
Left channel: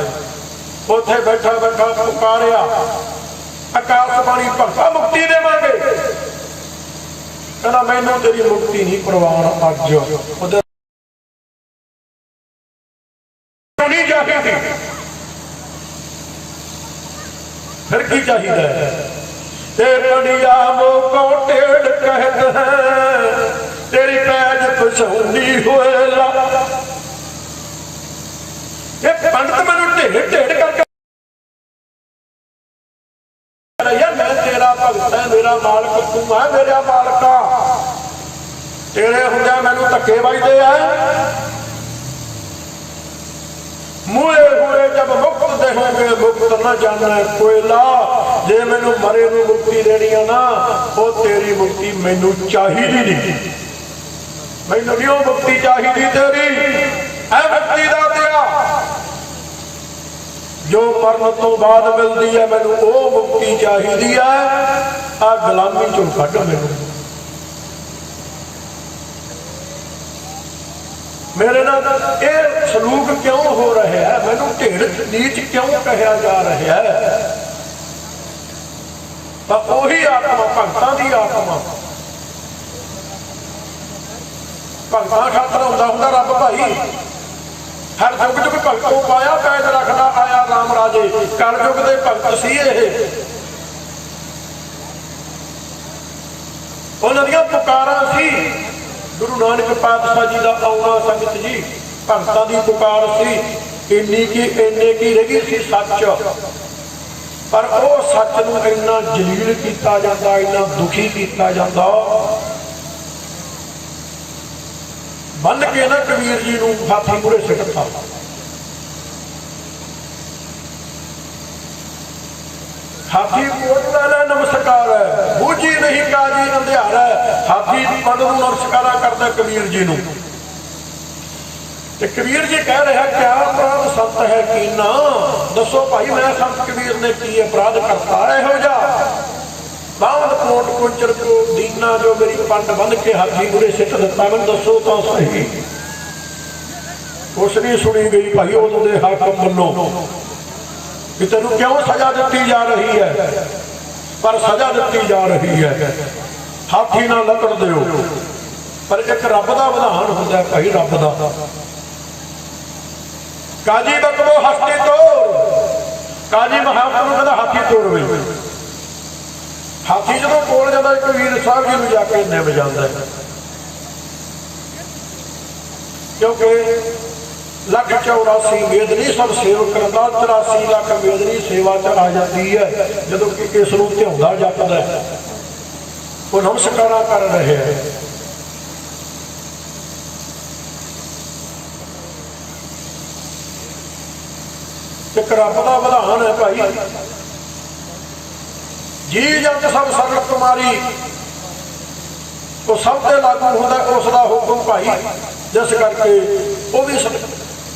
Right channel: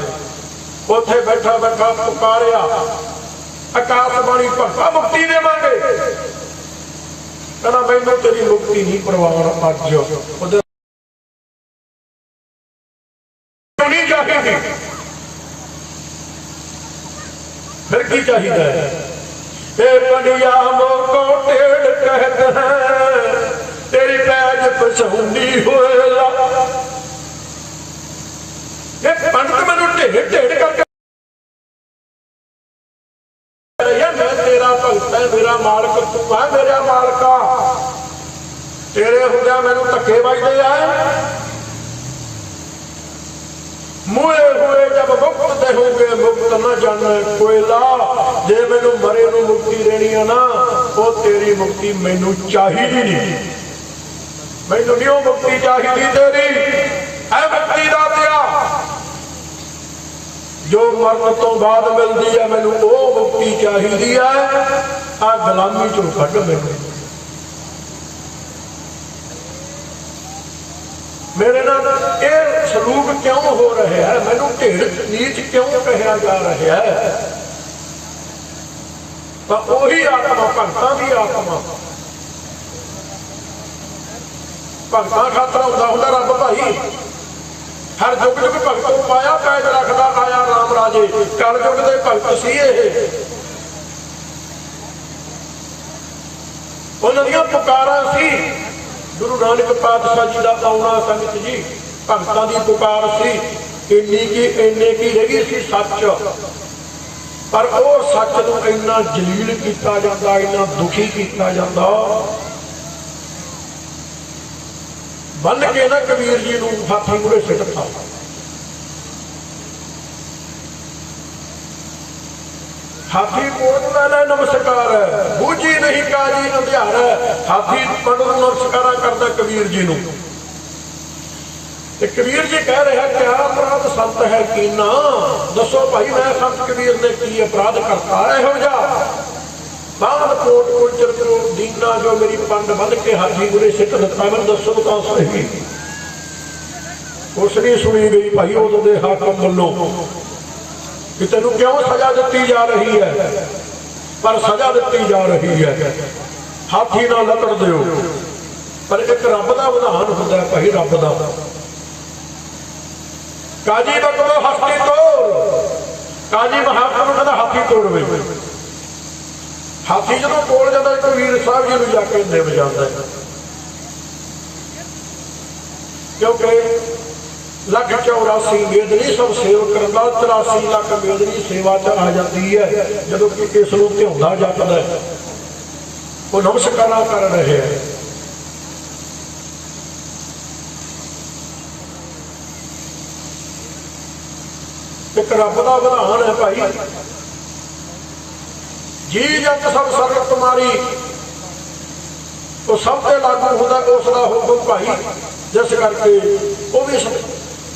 ਉੱਥੇ ਬੈਠਾ ਬੈਠਾ ਪੁਕਾਰਿਆ ਆਕਾਸ਼ਬਾਣੀ ਭਗਤਾ ਮੁਕਤੀ ਦੇਵਾਂਗੇ। ਕਹਿੰਦਾ ਮੈਨੂੰ ਤੇਰੀ ਮੁਕਤੀ ਨਹੀਂ ਪ੍ਰਵਾਨ ਅੱਜ, ਉਹਦੇ ਨਹੀਂ ਚਾਹੀਦੀ। ਫਿਰ ਕੀ ਚਾਹੀਦਾ ਹੈ? ਤੇ ਪੰਡਿਆ ਮੋਕੋ ਢੇੜ ਕਹਿਦਾ ਤੇਰੀ ਪੈਜ ਪਛਾਉਂਦੀ ਹੋਏਲਾ। ਇਹ ਪੰਡਤ ਮੈਨੂੰ ਢੇੜ ਢੇੜ ਕਰਕੇ ਮੈਂ ਤੇਰਾ ਭਗਤ ਹੈ, ਮੇਰਾ ਮਾਲਕ ਤੂੰ ਹੈ, ਮੇਰਾ ਮਾਲਕਾ। ਤੇਰੇ ਹੁੰਦਿਆਂ ਮੈਨੂੰ ਧੱਕੇ ਵੱਜਦੇ ਆ। ਮੂਲੇ ਹੋਏ ਜਬ ਮੁਕਤ ਦੇਹੋਗੇ ਮੁਕਤ ਨਾ ਜਾਣਾ ਕੋਇਲਾ। ਜੇ ਮੈਨੂੰ ਮਰੇ ਨੂੰ ਮੁਕਤੀ ਦੇਣੀ ਆ ਨਾ, ਉਹ ਤੇਰੀ ਮੁਕਤੀ ਮੈਨੂੰ ਚਾਹੀਦੀ ਨਹੀਂ। ਮੈਨੂੰ ਨਹੀਂ ਉਹ ਮੁਕਤੀ ਚਾਹੀਦੀ ਤੇਰੀ। ਐ ਮੁਕਤੀ ਦਾ ਦਿਆ ਜੋ ਮਰਨ ਤੋਂ ਬਾਅਦ ਮਿਲਦੀ ਹੈ, ਮੈਨੂੰ ਉਹ ਮੁਕਤੀ ਚਾਹੀਦੀ ਹੈ। ਆ ਗੁਲਾਮੀ ਚੋਂ ਕੱਢ ਮੈਨੂੰ। ਮੇਰੇ ਨਾਲ ਇਹ ਸਲੂਕ ਕਿਉਂ ਹੋ ਰਿਹਾ ਹੈ? ਮੈਨੂੰ ਢੇੜ ਨੀਚ ਕਿਉਂ ਕਹਿਆ ਜਾ ਰਿਹਾ ਹੈ? ਤਾਂ ਉਹੀ ਆਤਮਾ ਭਗਤਾਂ ਦੀ ਆਤਮਾ, ਭਗਤਾਂ ਖਾਤਰ ਹੁੰਦਾ ਰੱਬ ਭਾਈ। ਹਰ ਯੁੱਗ ਯੁੱਗ ਭਗਤੋਂ ਪਾਇਆ ਕੈਦ ਰੱਖਦਾ ਆਇਆ ਰਾਮ ਰਾਜੇ। ਕਲ ਯੁੱਗ ਦੇ ਭਗਤ ਸੀ ਇਹ। ਉਹਨਾਂ ਦੀਆਂ ਪੁਕਾਰਾਂ ਸੀ। ਗੁਰੂ ਨਾਨਕ ਪਾਤਸ਼ਾਹ ਜੀ ਦਾ ਆਉਣਾ ਸੰਗਤ ਜੀ ਭਗਤਾਂ ਦੀ ਪੁਕਾਰ ਸੀ। ਇੰਨੇ ਕੀ ਰਹਿ ਗਈ ਸੀ ਸੱਚ, ਪਰ ਉਹ ਸੱਚ ਨੂੰ ਇੰਨਾ ਜਲੀਲ ਕੀਤਾ ਜਾਂਦਾ, ਇੰਨਾ ਦੁਖੀ ਕੀਤਾ ਜਾਂਦਾ। ਬੰਨ ਕੇ ਨਾ ਕਬੀਰ ਜੀ ਨੂੰ ਹਾਥੀ ਮੂਹਰੇ ਸਿੱਟਤਾ। ਹਾਥੀ ਕੋਟ ਵਾਲੇ ਨਮਸਕਾਰ ਹੈ, ਬੂਝੀ ਨਹੀਂ ਕਾਜੀ ਅੰਧਿਆਰ ਹੈ। ਹਾਥੀ ਪੰਡ ਨੂੰ ਨਮਸਕਾਰਾ ਕਰਦਾ ਕਬੀਰ ਜੀ ਨੂੰ। ਤੇ ਕਬੀਰ ਜੀ ਕਹਿ ਰਿਹਾ ਕਿਆ ਅਪਰਾਧ ਸੱਤ ਹੈ ਕੀਨਾ, ਦੱਸੋ ਭਾਈ ਮੈਂ ਸੰਤ ਕਬੀਰ ਨੇ ਕੀ ਅਪਰਾਧ ਕਰਤਾ ਇਹੋ ਜਿਹਾ। ਬਾਹਰ ਕੋਟ ਕੁੰਚਰ ਕੋ ਦੀਨਾ ਜੋ ਮੇਰੀ ਪੰਡ ਬੰਨ ਕੇ ਹਾਥੀ ਗੁਰੇ ਸਿੱਟ ਦਿੱਤਾ, ਮੈਨੂੰ ਦੱਸੋ ਤਾਂ ਸਹੀ। ਉਸ ਦੀ ਸੁਣੀ ਗਈ ਭਾਈ ਉਦੋਂ ਦੇ ਹਾਕਮ ਵੱਲੋਂ ਕਿ ਤੈਨੂੰ ਕਿਉਂ ਸਜ਼ਾ ਦਿੱਤੀ ਜਾ ਰਹੀ ਹੈ, ਪਰ ਸਜ਼ਾ ਦਿੱਤੀ ਜਾ ਰਹੀ ਹੈ ਹਾਥੀ ਨਾਲ ਲੱਕੜ ਦਿਓ। ਪਰ ਇੱਕ ਰੱਬ ਦਾ ਵਿਧਾਨ ਹੁੰਦਾ ਭਾਈ, ਰੱਬ ਦਾ। ਕਾਜੀ ਬਕਰੋ ਹਸਤੀ ਤੋੜ, ਕਾਜੀ ਮਹਾਪੁਰਖ ਕਹਿੰਦਾ ਹਾਥੀ ਤੋੜ ਬਈ। ਹਾਥੀ ਜਦੋਂ ਕੋਲ ਜਾਂਦਾ ਕਬੀਰ ਸਾਹਿਬ ਜੀ ਨੂੰ ਜਾ ਕੇ ਨਿਭ ਜਾਂਦਾ, ਕਿਉਂਕਿ 184 ਮੇਦਨੀ ਸਭ ਸੇਵ ਕਰਦਾ, 83 ਲੱਖ ਮੇਦਨੀ ਸੇਵਾ ਚ ਆ ਜਾਂਦੀ ਹੈ ਜਦੋਂ ਕਿ ਇਸ ਨੂੰ ਧਿਆਉਂਦਾ ਜਪਦਾ, ਉਹ ਨਮਸਕਾਰਾਂ ਕਰ ਰਹੇ ਹੈ। ਇੱਕ ਰੱਬ ਦਾ ਵਿਧਾਨ ਹੈ ਭਾਈ, ਜੀ ਜਦ ਸਭ ਸਰਬ ਕੁਮਾਰੀ, ਉਹ ਸਭ ਤੇ ਲਾਗੂ ਹੁੰਦਾ ਉਸ ਦਾ ਹੁਕਮ ਭਾਈ, ਜਿਸ ਕਰਕੇ ਉਹ ਵੀ।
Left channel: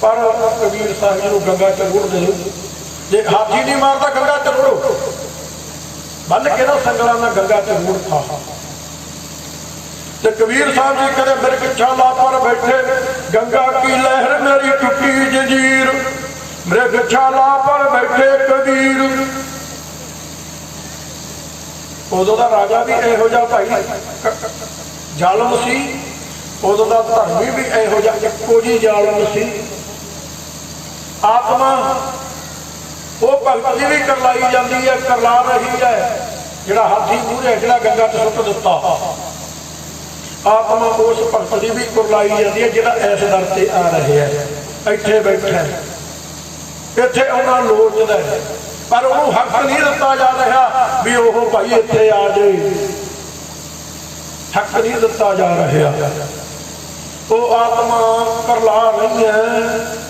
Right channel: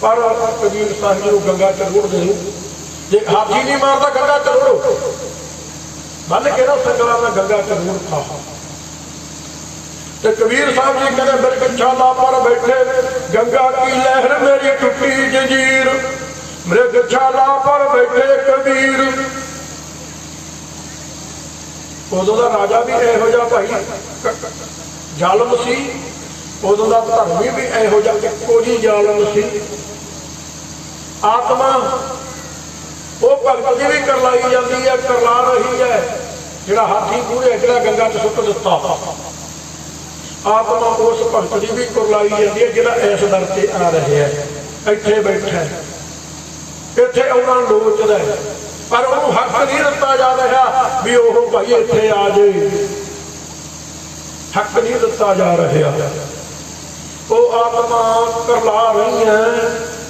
ਪਰ ਕਬੀਰ ਸਾਹਿਬ ਨੂੰ ਗੰਗਾ ਚ ਰੋੜਦੇ ਨੂੰ, ਜੇ ਹਾਥੀ ਨਹੀਂ ਮਾਰਦਾ ਗੰਗਾ ਚ ਰੋੜੋ, ਬੰਨ ਕੇ ਨਾ ਸੰਗਲਾਂ ਨਾਲ ਗੰਗਾ ਚ ਰੋੜ ਪਾ। ਤੇ ਕਬੀਰ ਸਾਹਿਬ ਜੀ ਕਹਿੰਦੇ ਮੇਰੇ ਛਾਲਾ ਪਰ ਬੈਠੇ, ਗੰਗਾ ਕੀ ਲਹਿਰ ਮੇਰੀ ਟੁੱਟੀ ਜੰਜੀਰ, ਮੇਰੇ ਛਾਲਾ ਪਰ ਬੈਠੇ ਕਬੀਰ। ਉਦੋਂ ਦਾ ਰਾਜਾ ਵੀ ਇਹੋ ਜਿਹਾ ਭਾਈ ਜ਼ਾਲਮ ਸੀ, ਉਦੋਂ ਦਾ ਧਰਮੀ ਵੀ ਇਹੋ ਜਿਹਾ ਇੱਕੋ ਜਿਹੀ ਜ਼ਾਲਮ ਸੀ। ਆਤਮਾ ਉਹ ਭਗਤ ਦੀ ਵੀ ਕਰਲਾਈ ਜਾਂਦੀ ਹੈ, ਕਰਲਾ ਰਹੀ ਹੈ। ਜਿਹੜਾ ਹਾਥੀ ਪੂਰੇ ਜਿਹੜਾ ਗੰਗਾ ਚ ਸੁੱਟ ਦਿੱਤਾ, ਆਤਮਾ ਉਸ ਭਗਤ ਦੀ ਵੀ ਕਰਲਾਈ ਜਾਂਦੀ ਹੈ ਜਿਹੜਾ ਇਸ ਦਰ ਤੇ ਆ ਰਿਹਾ ਹੈ, ਇੱਥੇ ਬੈਠਾ, ਇੱਥੇ ਉਹਨਾਂ ਨੂੰ ਲੋਚਦਾ ਹੈ, ਪਰ ਉਹਨੂੰ ਹੱਕ ਨਹੀਂ ਦਿੱਤਾ ਜਾ ਰਿਹਾ ਵੀ ਉਹ ਭਾਈ ਇੱਥੇ ਆ ਜਾਏ। ਹੱਕ ਨਹੀਂ ਦਿੱਤਾ ਜਾ ਰਿਹਾ। ਉਹ ਆਤਮਾ ਕਰਲਾ ਰਹੀ ਹੈ।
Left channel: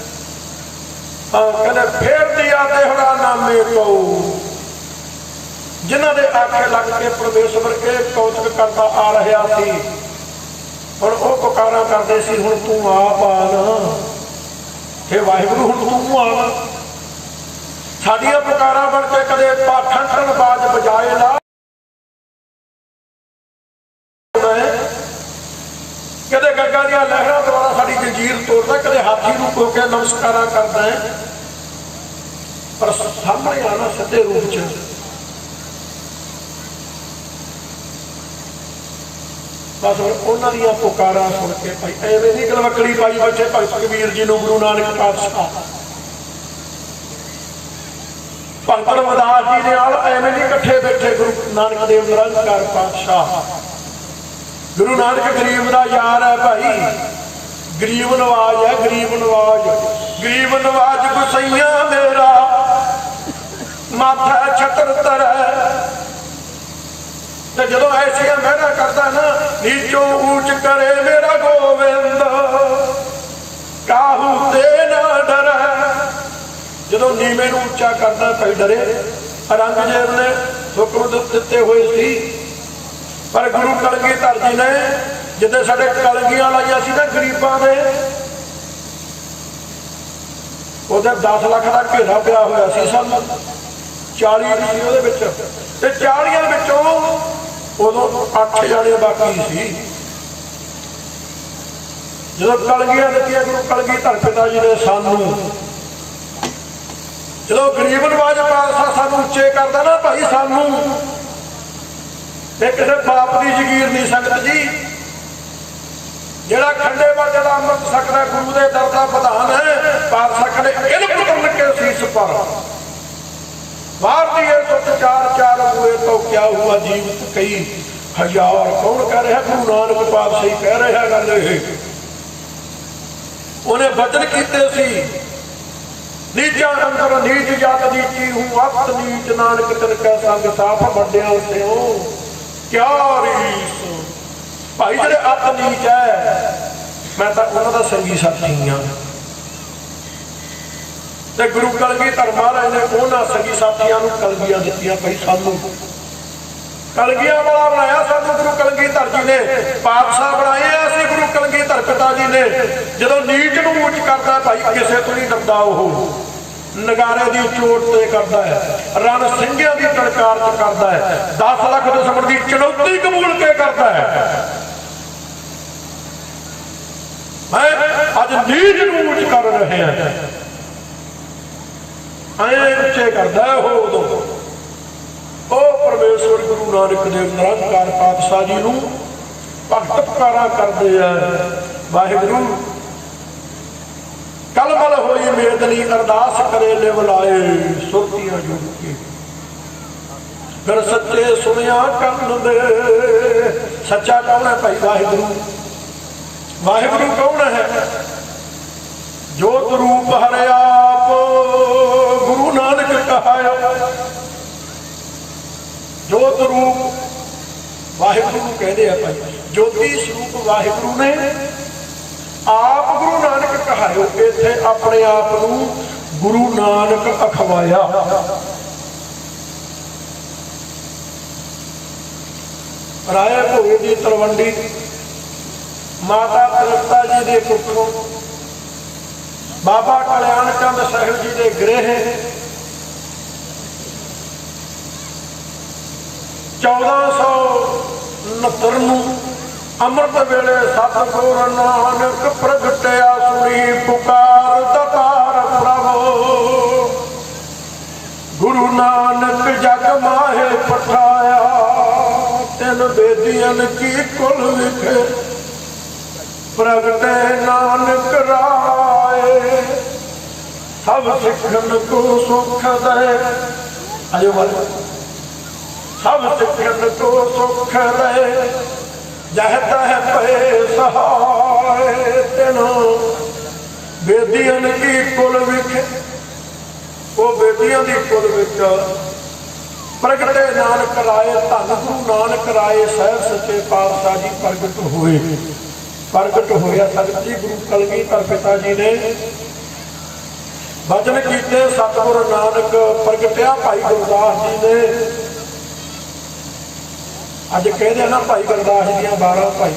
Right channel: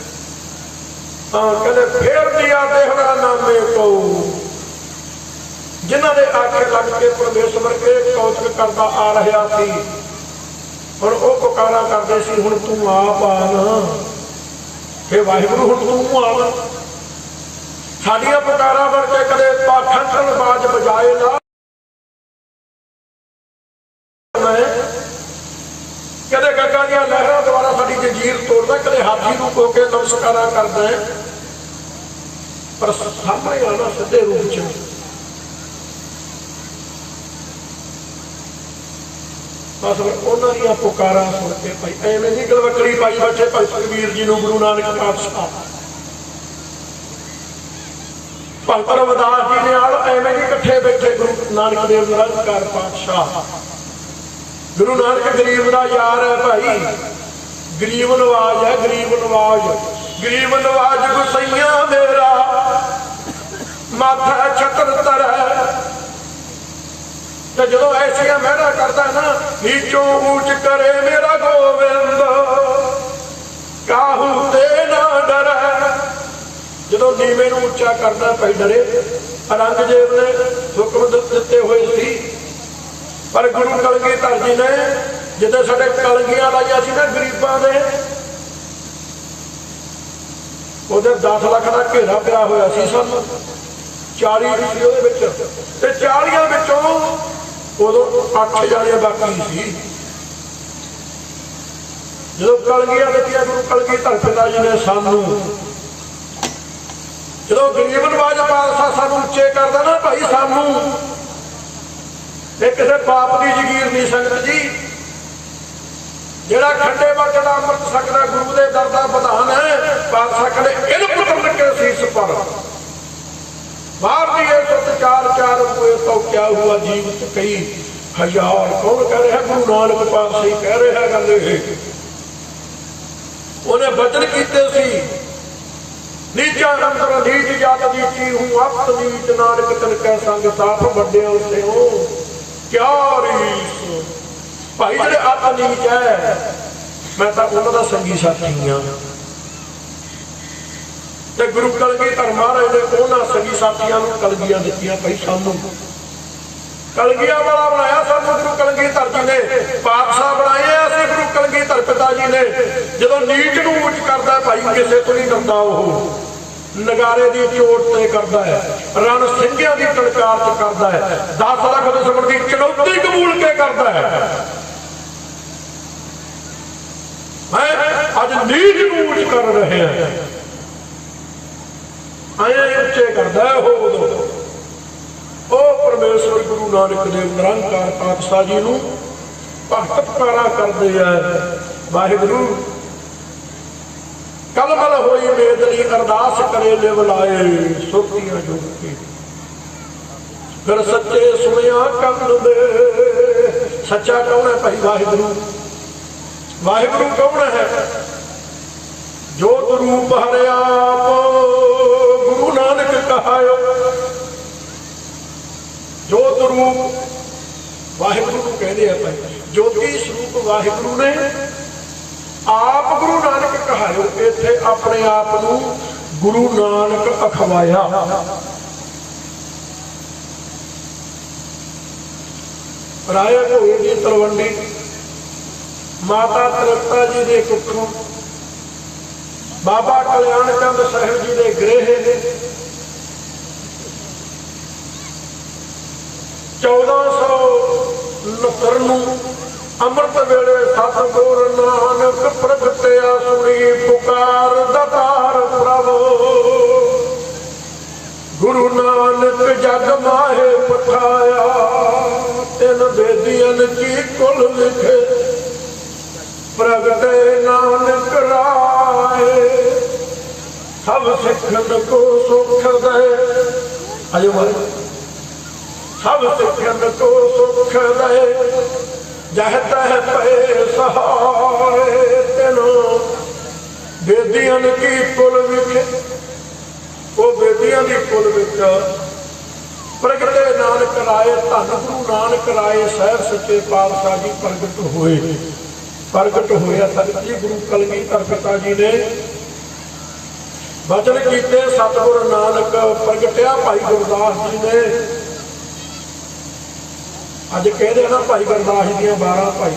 ਕਹਿੰਦੇ ਫੇਰ ਦਿਆ ਦੇਹਰਾ ਨਾਮੇ ਕੋ, ਜਿਨ੍ਹਾਂ ਦੇ ਆਖੇ ਲੱਗ ਕੇ ਪਰਮੇਸ਼ਵਰ ਇਹ ਕੌਤਕ ਕਰਦਾ ਆ ਰਿਹਾ ਸੀ, ਹੁਣ ਉਹ ਪੁਕਾਰਾ ਕਰਦੇ ਸੀ ਹੁਣ ਤੂੰ ਆਪ ਆ ਨਾ, ਹੇ ਵਾਹਿਗੁਰੂ ਹੁਣ ਤੂੰ ਆ ਨਾ। ਸਾਡੀਆਂ ਪੁਕਾਰਾਂ ਬਣ ਕੇ ਕਦੇ ਪਾਖੰਡਣ ਬਾਜ ਬਜਾਏ ਨਾ, ਕਦੇ ਗੰਗਾ ਦੀਆਂ ਲਹਿਰਾਂ ਦੁਆਰਾ ਸਾਡੀ ਜੰਜੀਰ ਤੋੜਦਾ, ਕਦੇ ਹਾਥੀ ਨੂੰ ਕੋ ਕੇ ਨਮਸਕਾਰਾਂ ਕਰਦਾ ਹੈ। ਪਰ ਸਾਹਮਣੇ ਆਣਾ ਸਿੱਧੇ ਰੂਪ ਚ, ਬਸ ਉਹਨਾਂ ਦੀਆਂ ਪੁਕਾਰਾਂ ਸੁਣ ਕੇ ਭਾਈ ਐਵੇਂ ਨਹੀਂ ਗਲਵਕੜੀ ਪਾਈ ਬੈਠੇ ਭਗਤ ਕਬੀਰ ਜੀ ਨੂੰ ਗੁਰੂ ਨਾਨਕ ਪਾਤਸ਼ਾਹ, ਭਗਤ ਰਵਿਦਾਸ ਜੀ ਨੇ ਨਾਲ ਐਵੇਂ ਨਹੀਂ ਇਕੱਠੇ ਬੈਠੇ ਗੁਰੂ ਨਾਨਕ ਦੇਵ ਨਿਰੰਕਾਰ ਪਾਤਸ਼ਾਹ। ਗੁਰੂ ਨਾਨਕ ਗਰੀਬ ਦਾ ਯਾਰ ਹੈ ਭਾਈ, ਗਰੀਬ ਨਵਾਜ ਹੈ, ਗਰੀਬ ਨਵਾਜ। ਗਰੀਬ ਨਵਾਜ ਗੁਸਈਆਂ ਮੇਰਾ ਮਾਥਾ ਛਤਰ ਤਰੈ, ਤੇ ਜਦੋਂ ਐਸੀਆਂ ਮਹਿਰਾ ਕਰਦਾ ਨਾ, ਨੀਚੋਂ ਊਚ ਕਰੇ ਮੇਰਾ ਗੋਬਿੰਦ, ਕਾਹੂ ਤੇ ਨਾ ਡਰੈ। ਜਦੋਂ ਨੀਵੇਂ ਨੂੰ ਉੱਚਾ ਕਰਦਾ ਭਾਈ ਡਰੇ। ਔਰੰਗਜ਼ੇਬ ਨੇ ਹੁਕਮ ਦਿੱਤੇ ਹੋਏ ਸੀ, ਪਰ ਗੁਰੂ ਕਲਗੀਧਰ ਜੀ ਨੇ ਜਿੱਦਾਂ ਸਾਡੇ ਕਲਗੀਆਂ ਲਾਈਆਂ ਸੀ ਨਾ ਗਰੀਬਾਂ ਦੇ, ਉਹਦੇ 10 ਲੱਖ ਦਾ ਘੇਰਾ ਪਿਆ ਹੋਇਆ ਸੀ। ਸਾਨੂੰ 40 ਸੀ ਉਹਦੇ ਵਿੱਚ, ਤੇ 40 ਵਿੱਚੋਂ ਉਦੋਂ 8000 ਬਾਕੀ ਸੀ। ਜਦੋਂ ਕਲਗੀਆਂ ਦਿੱਤੀਆਂ ਗੁਰੂ ਕਲਗੀਧਰ ਪਿਤਾ ਜੀ ਨੇ ਸਾਨੂੰ, ਜਦੋਂ ਗਰੀਬ ਨਵਾਜ ਪਾਤਸ਼ਾਹ ਸਾਨੂੰ ਉੱਚੇ ਕਰਦਾ ਨਾ ਭਾਈ, ਸਾਨੂੰ ਤੇ ਕਿਸੇ ਬਾਪ ਦੀ ਜਗੀਰ ਨਹੀਂ ਸੰਗਤ ਜੀ। ਜਿਹੜਾ ਖੰਡੇ ਵਾਜੇ ਦਾ ਅੰਮ੍ਰਿਤ ਛਕਦਾ ਗੁਰੂ ਦੇ ਦਰ ਦਾ ਵਿਧਾਨ ਹੈ, ਪਾਤਸ਼ਾਹ ਕਹਿੰਦੇ ਇਨ ਪੁੱਤਰ ਕੇ ਸੀਸ ਪਰ ਮਾਰ ਦੀਏ ਸੁੱਤ ਚਾਰ ਚਾਰ ਹੋਏ ਤਾਂ ਕਿਆ ਹੁਆ ਜੀਵਤ ਕਈ ਹਜ਼ਾਰ। ਕੌਣ ਕਹਿ ਰਿਹਾ? ਗੁਰੂ ਨਾਨਕ ਪਾਤਸ਼ਾਹ ਹੀ ਕਹਿ ਰਿਹਾ ਗੱਲ ਇਹ। ਉਹਨੇ ਬਚਨ ਕੀਤੇ ਸੀ, ਨੀਚਾ ਅੰਦਰ ਨੀਚ ਜਤ ਨੀਚੀ ਹੂੰ ਅਪਤ ਨੀਚ, ਨਾਨਕ ਤਨ ਕੈ ਸੰਗ ਸਾਫ ਵੱਡਿਆਂ ਸਿਓ ਕਿਆ ਰੀਸ। ਭਾਈ ਜਿਹੜੇ ਅਪ ਨੀਚ ਹੈ, ਮੈਂ ਤਾਂ ਉਹਨਾਂ ਦਾ ਸੰਗੀ ਸਾਥੀ ਹਾਂ। ਤੇ ਗੁਰੂ ਕਲਗੀਧਰ ਮਹਾਰਾਜ ਨੇ ਉਹਨਾਂ ਸੰਗੀ ਸਾਥੀਆਂ ਨੂੰ ਕਲਗੀਆਂ ਦਿੱਤੀਆਂ ਭਾਈ ਸਾਨੂੰ। ਕਲਗੀਆਂ ਵਾਲਾ ਬਣਾਇਆ ਸਾਨੂੰ ਗੁਰੂ ਕਲਗੀਧਰ ਜੀ ਨੇ, ਪਾਤਸ਼ਾਹ ਬਣਾਏ ਆ ਅਸੀਂ ਗੁਰੂ ਕਲਗੀਧਰ ਪਿਤਾ ਜੀ ਨੇ। ਜਦੋਂ ਨੀਚ ਨੂੰ ਉੱਚ ਕਰਦਾ ਭਾਈ ਕਿਸੇ ਤੋਂ ਨਹੀਂ ਡਰਦਾ, ਉਹ ਨਗਾਰੇ ਦੀ ਚੋਟ ਤੇ ਕਰਦਾ ਹੈ, ਰਣ ਸਿੰਘਿਆਂ ਦੀ ਟਲਕਾਰ ਚ ਕਰਦਾ ਹੈ, 10 ਲੱਖ ਦੁਸ਼ਮਣ ਦੀ ਚੁਣੌਤੀ ਕਬੂਲ ਕੇ ਕਰਦਾ ਹੈ। ਅੱਜ ਨੀਚ ਨੂੰ ਉੱਚ ਕਰ ਰਹੇ ਹਾਂ, ਐ ਉੱਚੇ ਕਰਦਾ ਉਹ ਉਦੋਂ। ਉਹ ਪਰਮੇਸ਼ਵਰ ਗੁਰੂ ਨਾਨਕ ਦੇਵ ਨਿਰੰਕਾਰ ਪਾਤਸ਼ਾਹ ਜੀ ਨੂੰ ਭਗਤ ਪੁਕਾਰਾ ਕਰਦੇ ਆ, ਵਾਹਿਗੁਰੂ ਕਲਮਲ ਹੋਈ ਮੇਦਨੀ ਅਰਦਾਸ ਕਰੇ ਲਿਵ ਲਾਏ ਸੁਰਤੀਆਂ ਜੁਗ ਕੀ। ਫਿਰ ਸੱਚੇ ਸੁਣਿਆ ਕੰਨ ਦੇ। ਸੱਚਾ ਕੌਣ ਹੈ ਭਾਈ? ਵਾਹਿਗੁਰੂ। ਵਾਹਿਗੁਰੂ ਕੌਣ ਹੈ? ਜੋਤ ਰੂਪ ਹਰਿ ਆਪ ਗੁਰੂ ਨਾਨਕ ਕਹਾਇਓ। ਜੋਤ ਰੂਪ ਵਾਹਿਗੁਰੂ ਨੂੰ ਕਹਿੰਦੇ ਆ ਭਾਈ, ਜੋਤੀ ਸਰੂਪ ਵਾਹਿਗੁਰੂ ਨੇ ਆਪ ਗੁਰੂ ਨਾਨਕ ਕਹਾਇਓ। ਇੱਥੇ ਆਪਣੇ ਆਪ ਨੂੰ ਗੁਰੂ ਨਾਨਕ ਅਖਵਾਇਆ। ਰਾਏ ਭੋਏ ਦੀ ਤਲਵੰਡੀ ਮਾਤਾ ਤ੍ਰਿਪਤਾ ਜੀ ਦੇ ਕੁੱਖੋਂ, ਬਾਬਾ ਕਲਿਆਣ ਚੰਦ ਸਾਹਿਬ ਜੀ ਦੇ ਗ੍ਰਹਿ 1469 ਨੂੰ ਅੰਮ੍ਰਿਤ ਵੇਲੇ ਸਤਿਗੁਰ ਨਾਨਕ ਪ੍ਰਗਟਿਆ, ਸੁਣੀ ਪੁਕਾਰ ਦਾਤਾਰ ਪ੍ਰਭੂ। ਗੁਰੂ ਨਾਨਕ ਜਗ ਮਾਹੇ ਪਠਾਇਆ, ਤਿੰਨ ਬੇਦੀਆਂ ਕੀ ਕੁਲ ਵਿਖੇ ਪ੍ਰਗਟੇ ਨਾਨਕ ਰਾਏ। ਸਭ ਸਿੱਖਣ ਕੋ ਸੁਖ ਦੇ, ਅਜੋ ਮਲ ਸਭ ਸਿੱਖਣ ਕੋ ਸੁਖ ਦੇ, ਜਹ ਤਹ ਪਏ ਸਹਾਏ। ਤੈਨੂੰ ਬੇਦੀਆਂ ਕੀ ਕੁਲ ਵਿਖੇ, ਉਹ ਬੇਦੀਆਂ ਦੀ ਕੁਲ ਵਿੱਚ ਪ੍ਰਗਟੇ ਨਾਨਕ ਰਾਏ। ਧੰਨ ਗੁਰੂ ਨਾਨਕ ਰਾਏ ਸਾਹਿਬ ਸੱਚੇ ਪਾਤਸ਼ਾਹ ਜੀ ਪ੍ਰਗਟ ਹੋਏ। ਪ੍ਰਗਟ ਹੋਇਆ ਤਖਤ ਜੀ ਗੁਰੂ ਕਲਗੀਧਰ ਪਿਤਾ ਜੀ ਨੇ ਬਚਨ ਕੀਤੇ। ਸਤਿਗੁਰ ਨਾਨਕ ਪ੍ਰਗਟਿਆ ਭਾਈ ਗੁਰਦਾਸ ਜੀ ਨੇ। ਅੱਜ ਕਹਿੰਦੇ ਨਾ ਭਾਈ ਗੁਰਦਾਸ ਜੀ ਦੀਆਂ 12 ਭਾਈ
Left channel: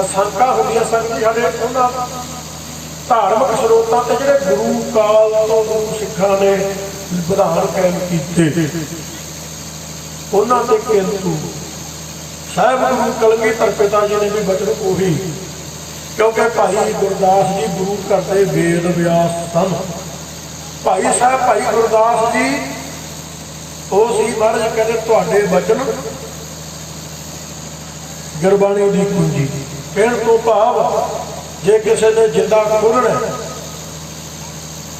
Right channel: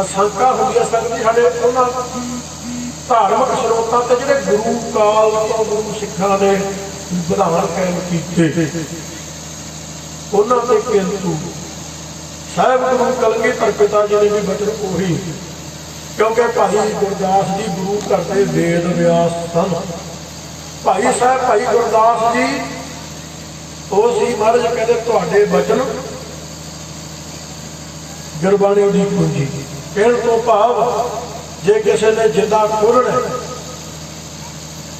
ਅਸੰਖਾਂ ਹੁੰਦੀਆਂ ਸਨ ਜੀ ਸਾਡੇ ਉਹਨਾਂ ਧਾਰਮਿਕ ਸਰੋਤਾਂ ਤੇ ਜਿਹੜੇ ਗੁਰੂ ਕਾਲ ਤੋਂ ਗੁਰੂ ਸਿੱਖਾਂ ਨੇ ਵਿਧਾਨ ਕਾਇਮ ਕੀਤੇ, ਉਹਨਾਂ ਦੇ ਕਿੰਤੂ ਸਾਹਿਬ ਗੁਰੂ ਕਲਗੀਧਰ ਪਿਤਾ ਜੀ ਨੇ ਵੀ ਬਚਨ ਉਹੀ। ਕਿਉਂਕਿ ਭਾਈ ਗੁਰਦਾਸ ਜੀ ਗੁਰੂ ਘਰ ਦੇ ਵੇਦ ਵਿਆਸ ਸਨ। ਭਾਈ ਸਾਹਿਬ ਭਾਈ ਗੁਰਦਾਸ ਜੀ ਉਹ ਸੀ ਮਹਾਰਾਜ ਕਹਿੰਦੇ ਤੁਹਾਡੇ ਬਚਨ ਗੁਰਬਾਣੀ ਦੀ ਕੁੰਜੀ। ਕਹਿਣ ਤੋਂ ਭਾਵ ਜੇ ਕਿਸੇ ਨੇ ਜਿੰਦਾ ਖੋਲ੍ਹਣਾ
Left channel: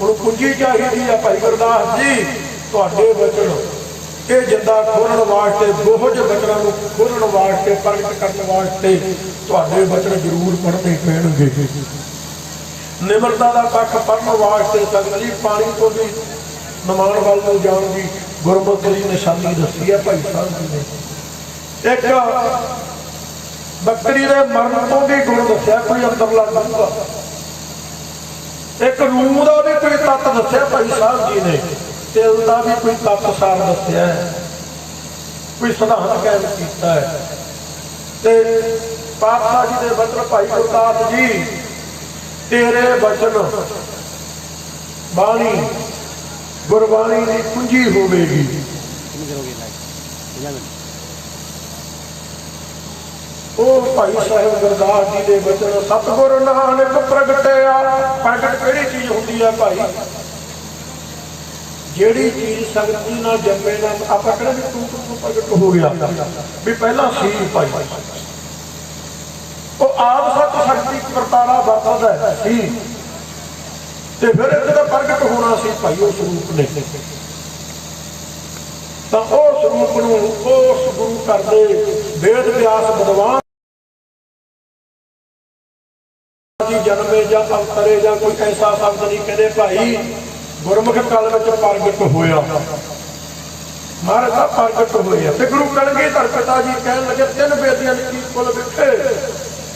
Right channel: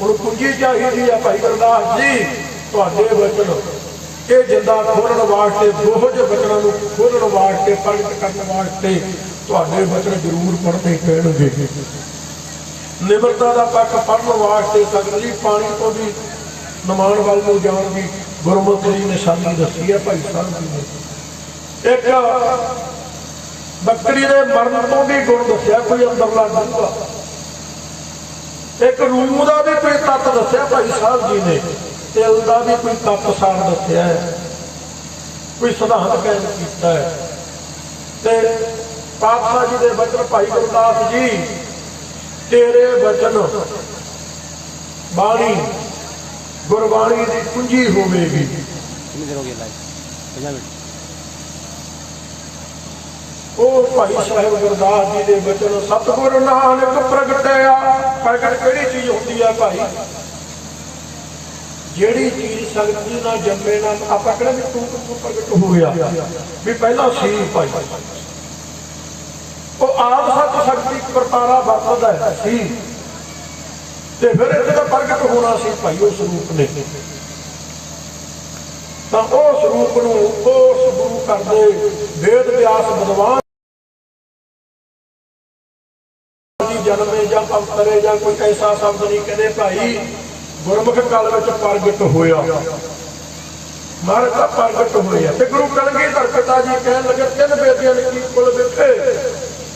ਹੁਣ ਕੁੰਜੀ ਚਾਹੀਦੀ ਆ ਭਾਈ ਗੁਰਦਾਸ ਜੀ ਤੁਹਾਡੇ ਬਚਨ। ਇਹ ਜਿੰਦਾ ਖੋਲ੍ਹਣ ਵਾਸਤੇ ਦੋਹਜ ਬਚਨਾਂ ਨੂੰ ਖੋਲ੍ਹਣ ਵਾਸਤੇ ਪ੍ਰਗਟ ਕਰਨ ਵਾਸਤੇ ਤੁਹਾਡੇ ਬਚਨ ਜ਼ਰੂਰ ਪੜ੍ਹਨੇ ਪੈਣਗੇ। ਨਿਮਰਤਾ ਦਾ ਪੱਖ ਪੜ੍ਹਨ ਵਾਸਤੇ ਸਗਲੀ ਪਾਣੀ ਤੋਂ ਵੀ ਨਿਮਾਣ ਵੱਲ ਨੂੰ ਜਾਣ ਦੀ ਗੁਰਮਤਿ ਦੀ ਨਿਸ਼ਾਨੀ ਦੱਸੀ ਹੈ ਭਾਈ ਸਾਹਿਬ ਜੀ ਨੇ। ਇੱਕ ਬੱਕਰੀ ਦੇ ਮਰਨ ਤੋਂ ਵੀ ਗੁਣ ਦੱਸਿਆ ਕੋਈ ਅੰਦਰਲਾ ਡੂੰਘਾ। ਇੱਕ ਰੂਹ ਦਾ ਵੀ ਕੋਈ ਤੱਤ ਦੱਸਿਆ ਭਾਈ ਸਾਹਿਬ ਜੀ ਨੇ। ਤਿਲ ਦਾ ਵੀ ਕੋਈ ਤੱਤ ਸਾਰ ਦੱਸਿਆ ਹੈ, ਕੋਈ ਸਿਧਾਂਤ ਕਾਇਮ ਕੀਤਾ ਹੈ। ਤੇ ਪਾਤਸ਼ਾਹ ਜੀ ਦੇ ਬਚਨ ਭਾਈ ਗੁਰਦਾਸ ਜੀ ਤੇਰੇ ਬਚਨ ਬਾਣੀ ਗੁਰਬਾਣੀ ਦੀ ਕੁੰਜੀ ਹੋਵੇਗੀ। ਉਹ ਭਾਈ ਸਾਹਿਬ ਗੁਰਦਾਸ ਜੀ ਦੇ ਬਚਨ ਸਤਿਗੁਰ ਨਾਨਕ ਪ੍ਰਗਟਿਆ। ਪ੍ਰਗਟ ਕਿਹੜੀ ਚੀਜ਼ ਹੁੰਦੀ ਹੈ ਭਾਈ? ਜਿਹੜੀ ਚੀਜ਼ ਸੰਗਤ ਜੀ ਨਾਲ ਜੰਮੇ ਨਾ ਆਪਾਂ ਕਹਿੰਦੇ ਵੀ ਤੂੰ ਪ੍ਰਗਟ ਹੋ ਗਿਆ ਵੀ ਪਹਿਲਾਂ ਸੀ ਭਾਈ। ਉਹ ਆਪ ਸੱਚ ਸ਼ਕਤੀ ਕਰਤਾਰਾ ਵਰਤਦਾ ਸੀ ਤੇ ਫਿਰ ਜਦੋਂ ਪ੍ਰਗਟ ਹੋਣਾ ਸੀ ਭਾਈ ਉਸ ਰੂਪ ਨੇ। ਤਾਂ ਉਸ ਰੂਪ ਨੂੰ ਉਸ ਗੁਰੂ ਘਰ ਦੇ ਵੇਦ ਵਿਆਸ ਵਿਦਵਾਨ ਜਨਮੇ ਜਾਂ ਅਵਤਰੇ ਜਾਂ ਕੋਈ ਐਸਾ ਸ਼ਬਦ ਨਹੀਂ ਕਹਿੰਦੇ ਭਾਈ ਗੁਰਮੁਖ ਕਾਲ ਵਿੱਚ ਪ੍ਰਗਟ ਹੋਇਆ। ਮਹਾਰਾਜ ਦਾ ਪ੍ਰਗਟ ਹੋਇਆ ਤੇ ਗੁਰੂ ਕਲਗੀਧਰ ਪਿਤਾ ਜੀ ਕਹਿਣ ਲੱਗੇ ਤਿੰਨ ਬੇਦੀਆਂ ਨੇ ਕੀ ਕੁਲ ਵਿਖੇ,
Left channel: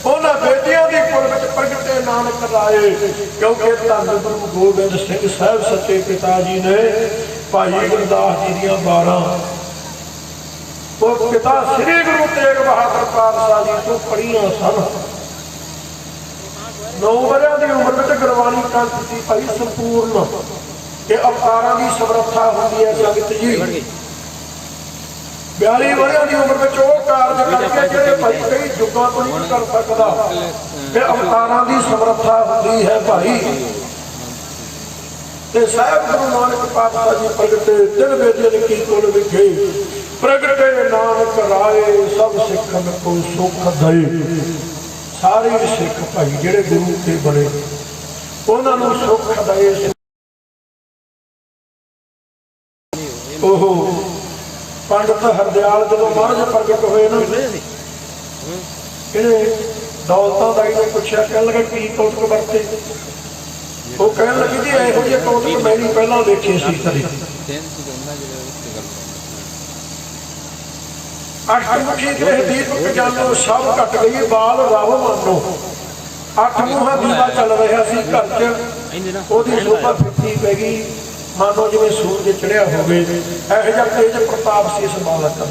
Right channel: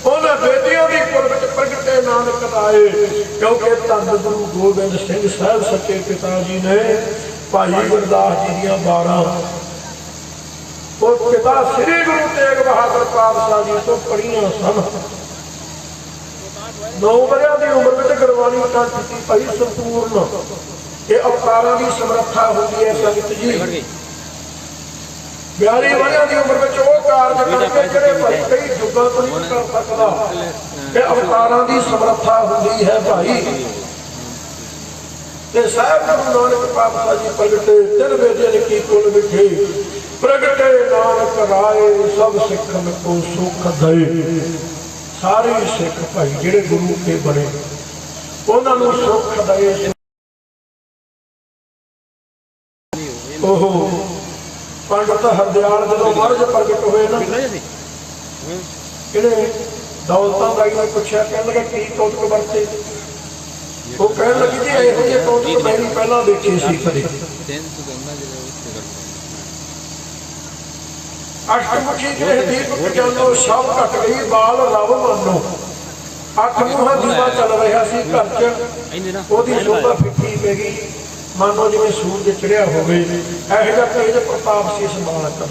ਉਹਨਾਂ ਬੇਦੀਆਂ ਦੀ ਕੁਲ ਵਿੱਚ ਪ੍ਰਗਟੇ ਨਾਨਕ ਰਾਏ। ਕਿਉਂਕਿ ਧੰਨ ਗੁਰੂ ਗੋਬਿੰਦ ਸਿੰਘ ਸਾਹਿਬ ਸੱਚੇ ਪਿਤਾ ਜੀ ਨੇ ਭਾਈ ਗੁਰਦਾਸ ਜੀ ਦੀਆਂ 12 ਉਹ ਪਿਤਾ ਸ੍ਰੀ ਗੁਰੂ ਤੇਗ ਬਹਾਦਰ ਪਾਤਸ਼ਾਹ ਜੀ ਤੋਂ ਪੜ੍ਹੀਆਂ ਸਨ। 9 ਵਰ੍ਹਿਆਂ ਦੀ ਉਮਰ ਵਿੱਚ ਗੁਰਬਾਣੀ ਕੰਠ ਕੀਤੀ ਭਾਈ ਸੰਪੂਰਨ। ਇਹ ਅਵਤਾਰਾਂ ਦੀ ਸਮਰੱਥਾ ਹੁੰਦੀ ਹੈ ਜਗਤ ਜੀ। 42 ਵਰ੍ਹਿਆਂ ਦੀ ਉਮਰ ਵਿੱਚ ਉਹ ਕਾਰਜ ਕਰਕੇ ਜਿਹੜੇ ਭਾਈ ਕਈ ਯੁੱਗਾਂ ਤੋਂ ਨਹੀਂ ਕਰ ਸਕਦਾ। ਇਹ ਅਵਤਾਰਾਂ ਦੀ ਸਮਰੱਥਾ ਹੁੰਦੀ ਹੈ ਭਾਈ। ਤੇ ਸਾਹਿਬ ਗੁਰੂ ਨਾਨਕ ਪਾਤਸ਼ਾਹ ਜੀ ਪ੍ਰਗਟੇ ਤਿੰਨ ਵੇਦਿਆਂ ਕੀ ਕੁਲ ਵਿਖੇ, ਪ੍ਰਗਟੇ ਨਾਨਕ ਰਾਏ ਸਭ ਸਿੱਖਨ ਕੋ ਸੁਖ ਦੇ। ਸਾਰੇ ਸਿੱਖ ਭਾਈ ਜਿਹੜੇ ਗੁਰੂ ਕੇ ਬਣੇ ਉਹਨਾਂ ਨੂੰ ਸੁਖ ਦੇ। ਉਹ ਪੰਡਤ ਹਰਦਿਆਲ ਜਦੋਂ ਮਹਾਰਾਜ ਪ੍ਰਗਟ ਹੋਏ ਨਾ, ਇਹਨੇ ਦੌਲਤਾਂ ਦਾ ਇਹਨੂੰ ਪੁੱਛਿਆ, ਕਹਿਣ ਲੱਗਾ ਕੀ ਤੋਤਕ ਵਰਤੇ? ਉਹ ਕਹਿਣ ਲੱਗੀ ਜੀ ਇਹੋ ਜਿਹੇ ਤੋਤਕ ਮੈਂ ਨਹੀਂ ਪਹਿਲਾਂ ਦੇਖੇ ਸੀ ਕਦੇ। ਅਸ਼ਟਮੁਖੀ ਜਿਹੜੇ ਦੀਪ ਜਾਨੋ ਸਭ ਘਟ ਗਈ, ਬਾਲ ਰਾਵ ਮਾਨੋ। 8 ਮੂੰਹਾਂ ਦੀਵਾ ਚੱਲ ਰਿਹਾ ਸੀ ਘਰ 'ਚ, ਉਹਦੀ ਸੋਭਾ ਫਿੱਕੀ ਪੈ ਗਈ, ਮਾਨੋ ਜਿਵੇਂ ਸੂਰਜ ਚੜਿਆ ਹੋਵੇ। ਇਹੋ ਜਿਹਾ ਤੇਜ ਪ੍ਰਤਾਪ ਸੀ ਇਸ ਮਾਲਕ ਦਾ।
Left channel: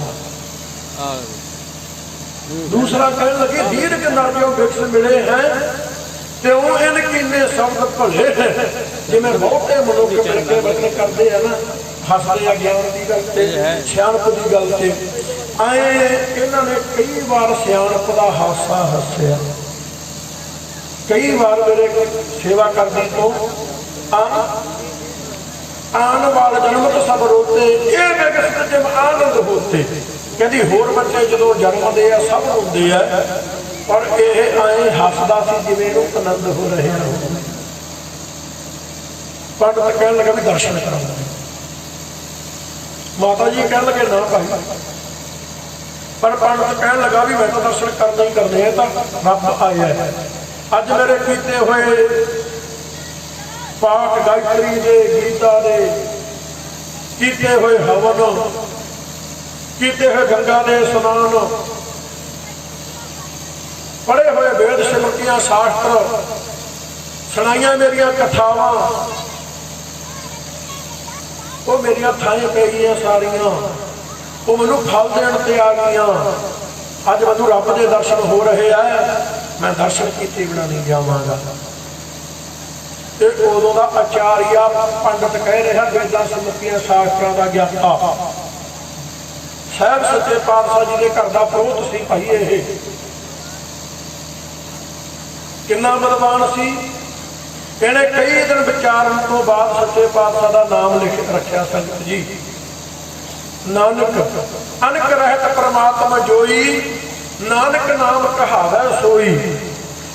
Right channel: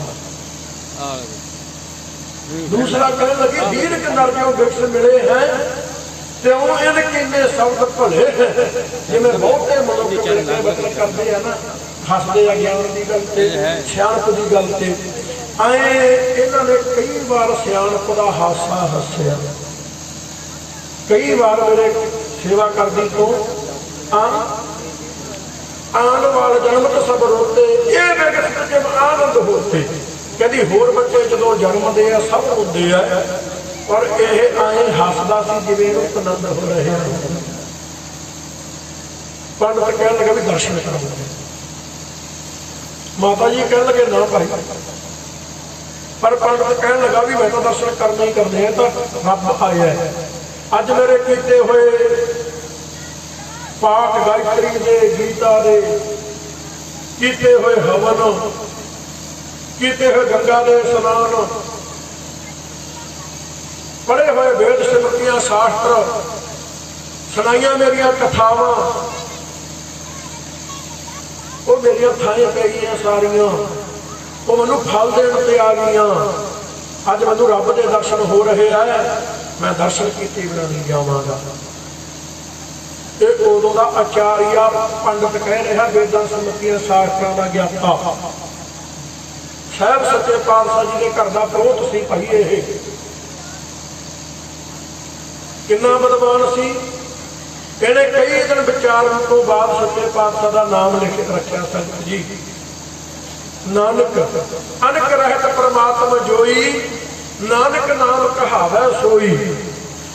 ਦੂਸਰਾ ਕਹਿਣ ਲੱਗੀ ਦੀਨ ਕੇ ਨਾਲ ਜੋ ਵਿਕਸ ਮਿਲੇ ਹੈ ਤੇ ਉਹ ਇਹਨ ਕਿੰਨੇ ਸ਼ਬਦ ਭਲੇ, ਜਿਵੇਂ ਬਹੁਤੇ ਮਨੁੱਖ ਮਿਲ ਕੇ ਵਰਤਨ ਕਰਦੇ ਆ ਨਾ, ਹੱਸਦੇ ਆ ਗਿਆਨ ਦੀ ਗੱਲ ਤੇ, ਸਿਆਣਪ ਦੀ ਗੱਲ ਤੇ। ਆਏ ਇਹਨਾਂ ਨੇ ਕਈ ਵਾਰ ਸਿਆਣਪ ਦਾ ਹਾਸਾ ਹੱਸਿਆ। ਕਈ ਵਾਰ ਮੇਰੇ ਸੇਵਾ ਕਰਦੀ ਤੋਂ ਆਣ ਵਾਲੇ ਜਨਮ ਤੇ ਸਭ ਰੋਤੇ, ਇਹ ਵਿਗਸਤ ਜਿਮ ਆਨੰਦ ਹੋਤੇ। ਕਹਿੰਦੀ ਹੋਰ ਬੱਚੇ ਜਦੋਂ ਜਨਮਦੇ ਆ ਸਭ ਰੋਂਦੇ ਆ, ਪਰ ਇਹ ਆਏ ਹੱਸਦਾ ਸੀ ਜਿਵੇਂ ਉਹ ਆਨੰਦ ਹੋ ਰਿਹਾ। ਪੰਡਤ ਕਹਿਣ ਲੱਗਾ ਵੀ ਦਰਸ਼ਨ ਕਰਾਉਂਦੇ। ਮਾਤਾ ਜੀ ਕਹਿਣ ਲੱਗੇ ਨਾ ਭਾਈ, ਪਰ ਪੰਡਤ ਕਹਿਣ ਲੱਗਾ ਵੀ ਮੈਂ ਤਾਂ ਦਰਸ਼ਨ ਕਰਨੇ ਹੀ ਕਰਨੇ ਆ, ਤਾਂ ਰੱਬ ਆਇਆ ਹੈ। ਅੱਜ ਮੇਰੇ ਕੀਤੇ ਹੋਏ ਪਾਠ ਗਾਇਤਰੀ ਦੇ, ਗੀਤਾ ਦੇ, ਕੀਤੇ ਹੋਏ ਹਵਨ, ਕੀਤੇ ਹੋਏ ਗੰਗਾ ਦੇ ਇਸ਼ਨਾਨ, ਪੜ੍ਹੇ ਹੋਏ ਵੇਦ ਸਿਮਰਤੀਆਂ ਸ਼ਾਸਤਰ, ਸੁਣਾਈਆਂ ਮੇਰੀਆਂ ਕਥਾਵਾਂ, ਉਹ ਮੇਰੀਆਂ ਥਾਂ ਪੈ ਗਈਆਂ ਸਾਰੀਆਂ, ਉਹ ਮੈਨੂੰ ਫਲ ਦੇਣ ਤੇ ਆ ਗਈਆਂ। ਅੱਜ ਮੈਨੂੰ ਰੱਬ ਦੇ ਦਰਸ਼ਨ ਹੋ ਰਹੇ ਆ, ਮੈਂ ਦਰਸ਼ਨ ਕੀਤੇ ਬਿਨਾਂ ਨਹੀਂ ਜਾਵਾਂਗਾ। ਇਹ ਉਦੋਂ ਦਾ ਆਚਾਰੀਆ ਪੰਡਤ ਕਹਿ ਰਿਹਾ, ਵੇਦਾਂ ਸਿਮਰਤੀਆਂ ਸ਼ਾਸਤਰਾਂ ਦਾ ਗਿਆਤਾ। ਸਾਹਿਬ ਸੱਚੇ ਪਾਤਸ਼ਾਹ ਜੀ ਦੇ ਘਰ ਦਾ ਪ੍ਰੋਤ ਸੀ ਭਾਈ। ਇਹ ਕਿੰਨਾ ਵਿਦਵਾਨ ਸੀ। ਇਹਨੇ ਕਈ ਦਿਨ ਵਿਚਾਰਨ ਤੋਂ ਬਾਅਦ ਸੱਚੇ ਪਾਤਸ਼ਾਹ ਦਾ ਨਾਮ ਲਿਖ ਰੱਖਿਆ। ਸੰਗਤ ਜੀ, ਨਾਨਕ ਅਨਕ ਰਹਿਤ ਪਰਮਾਤਮਾ ਜੋਈ, ਨਾਨਕ ਨਾਮ ਕਹਾਵੈ ਸੋਈ।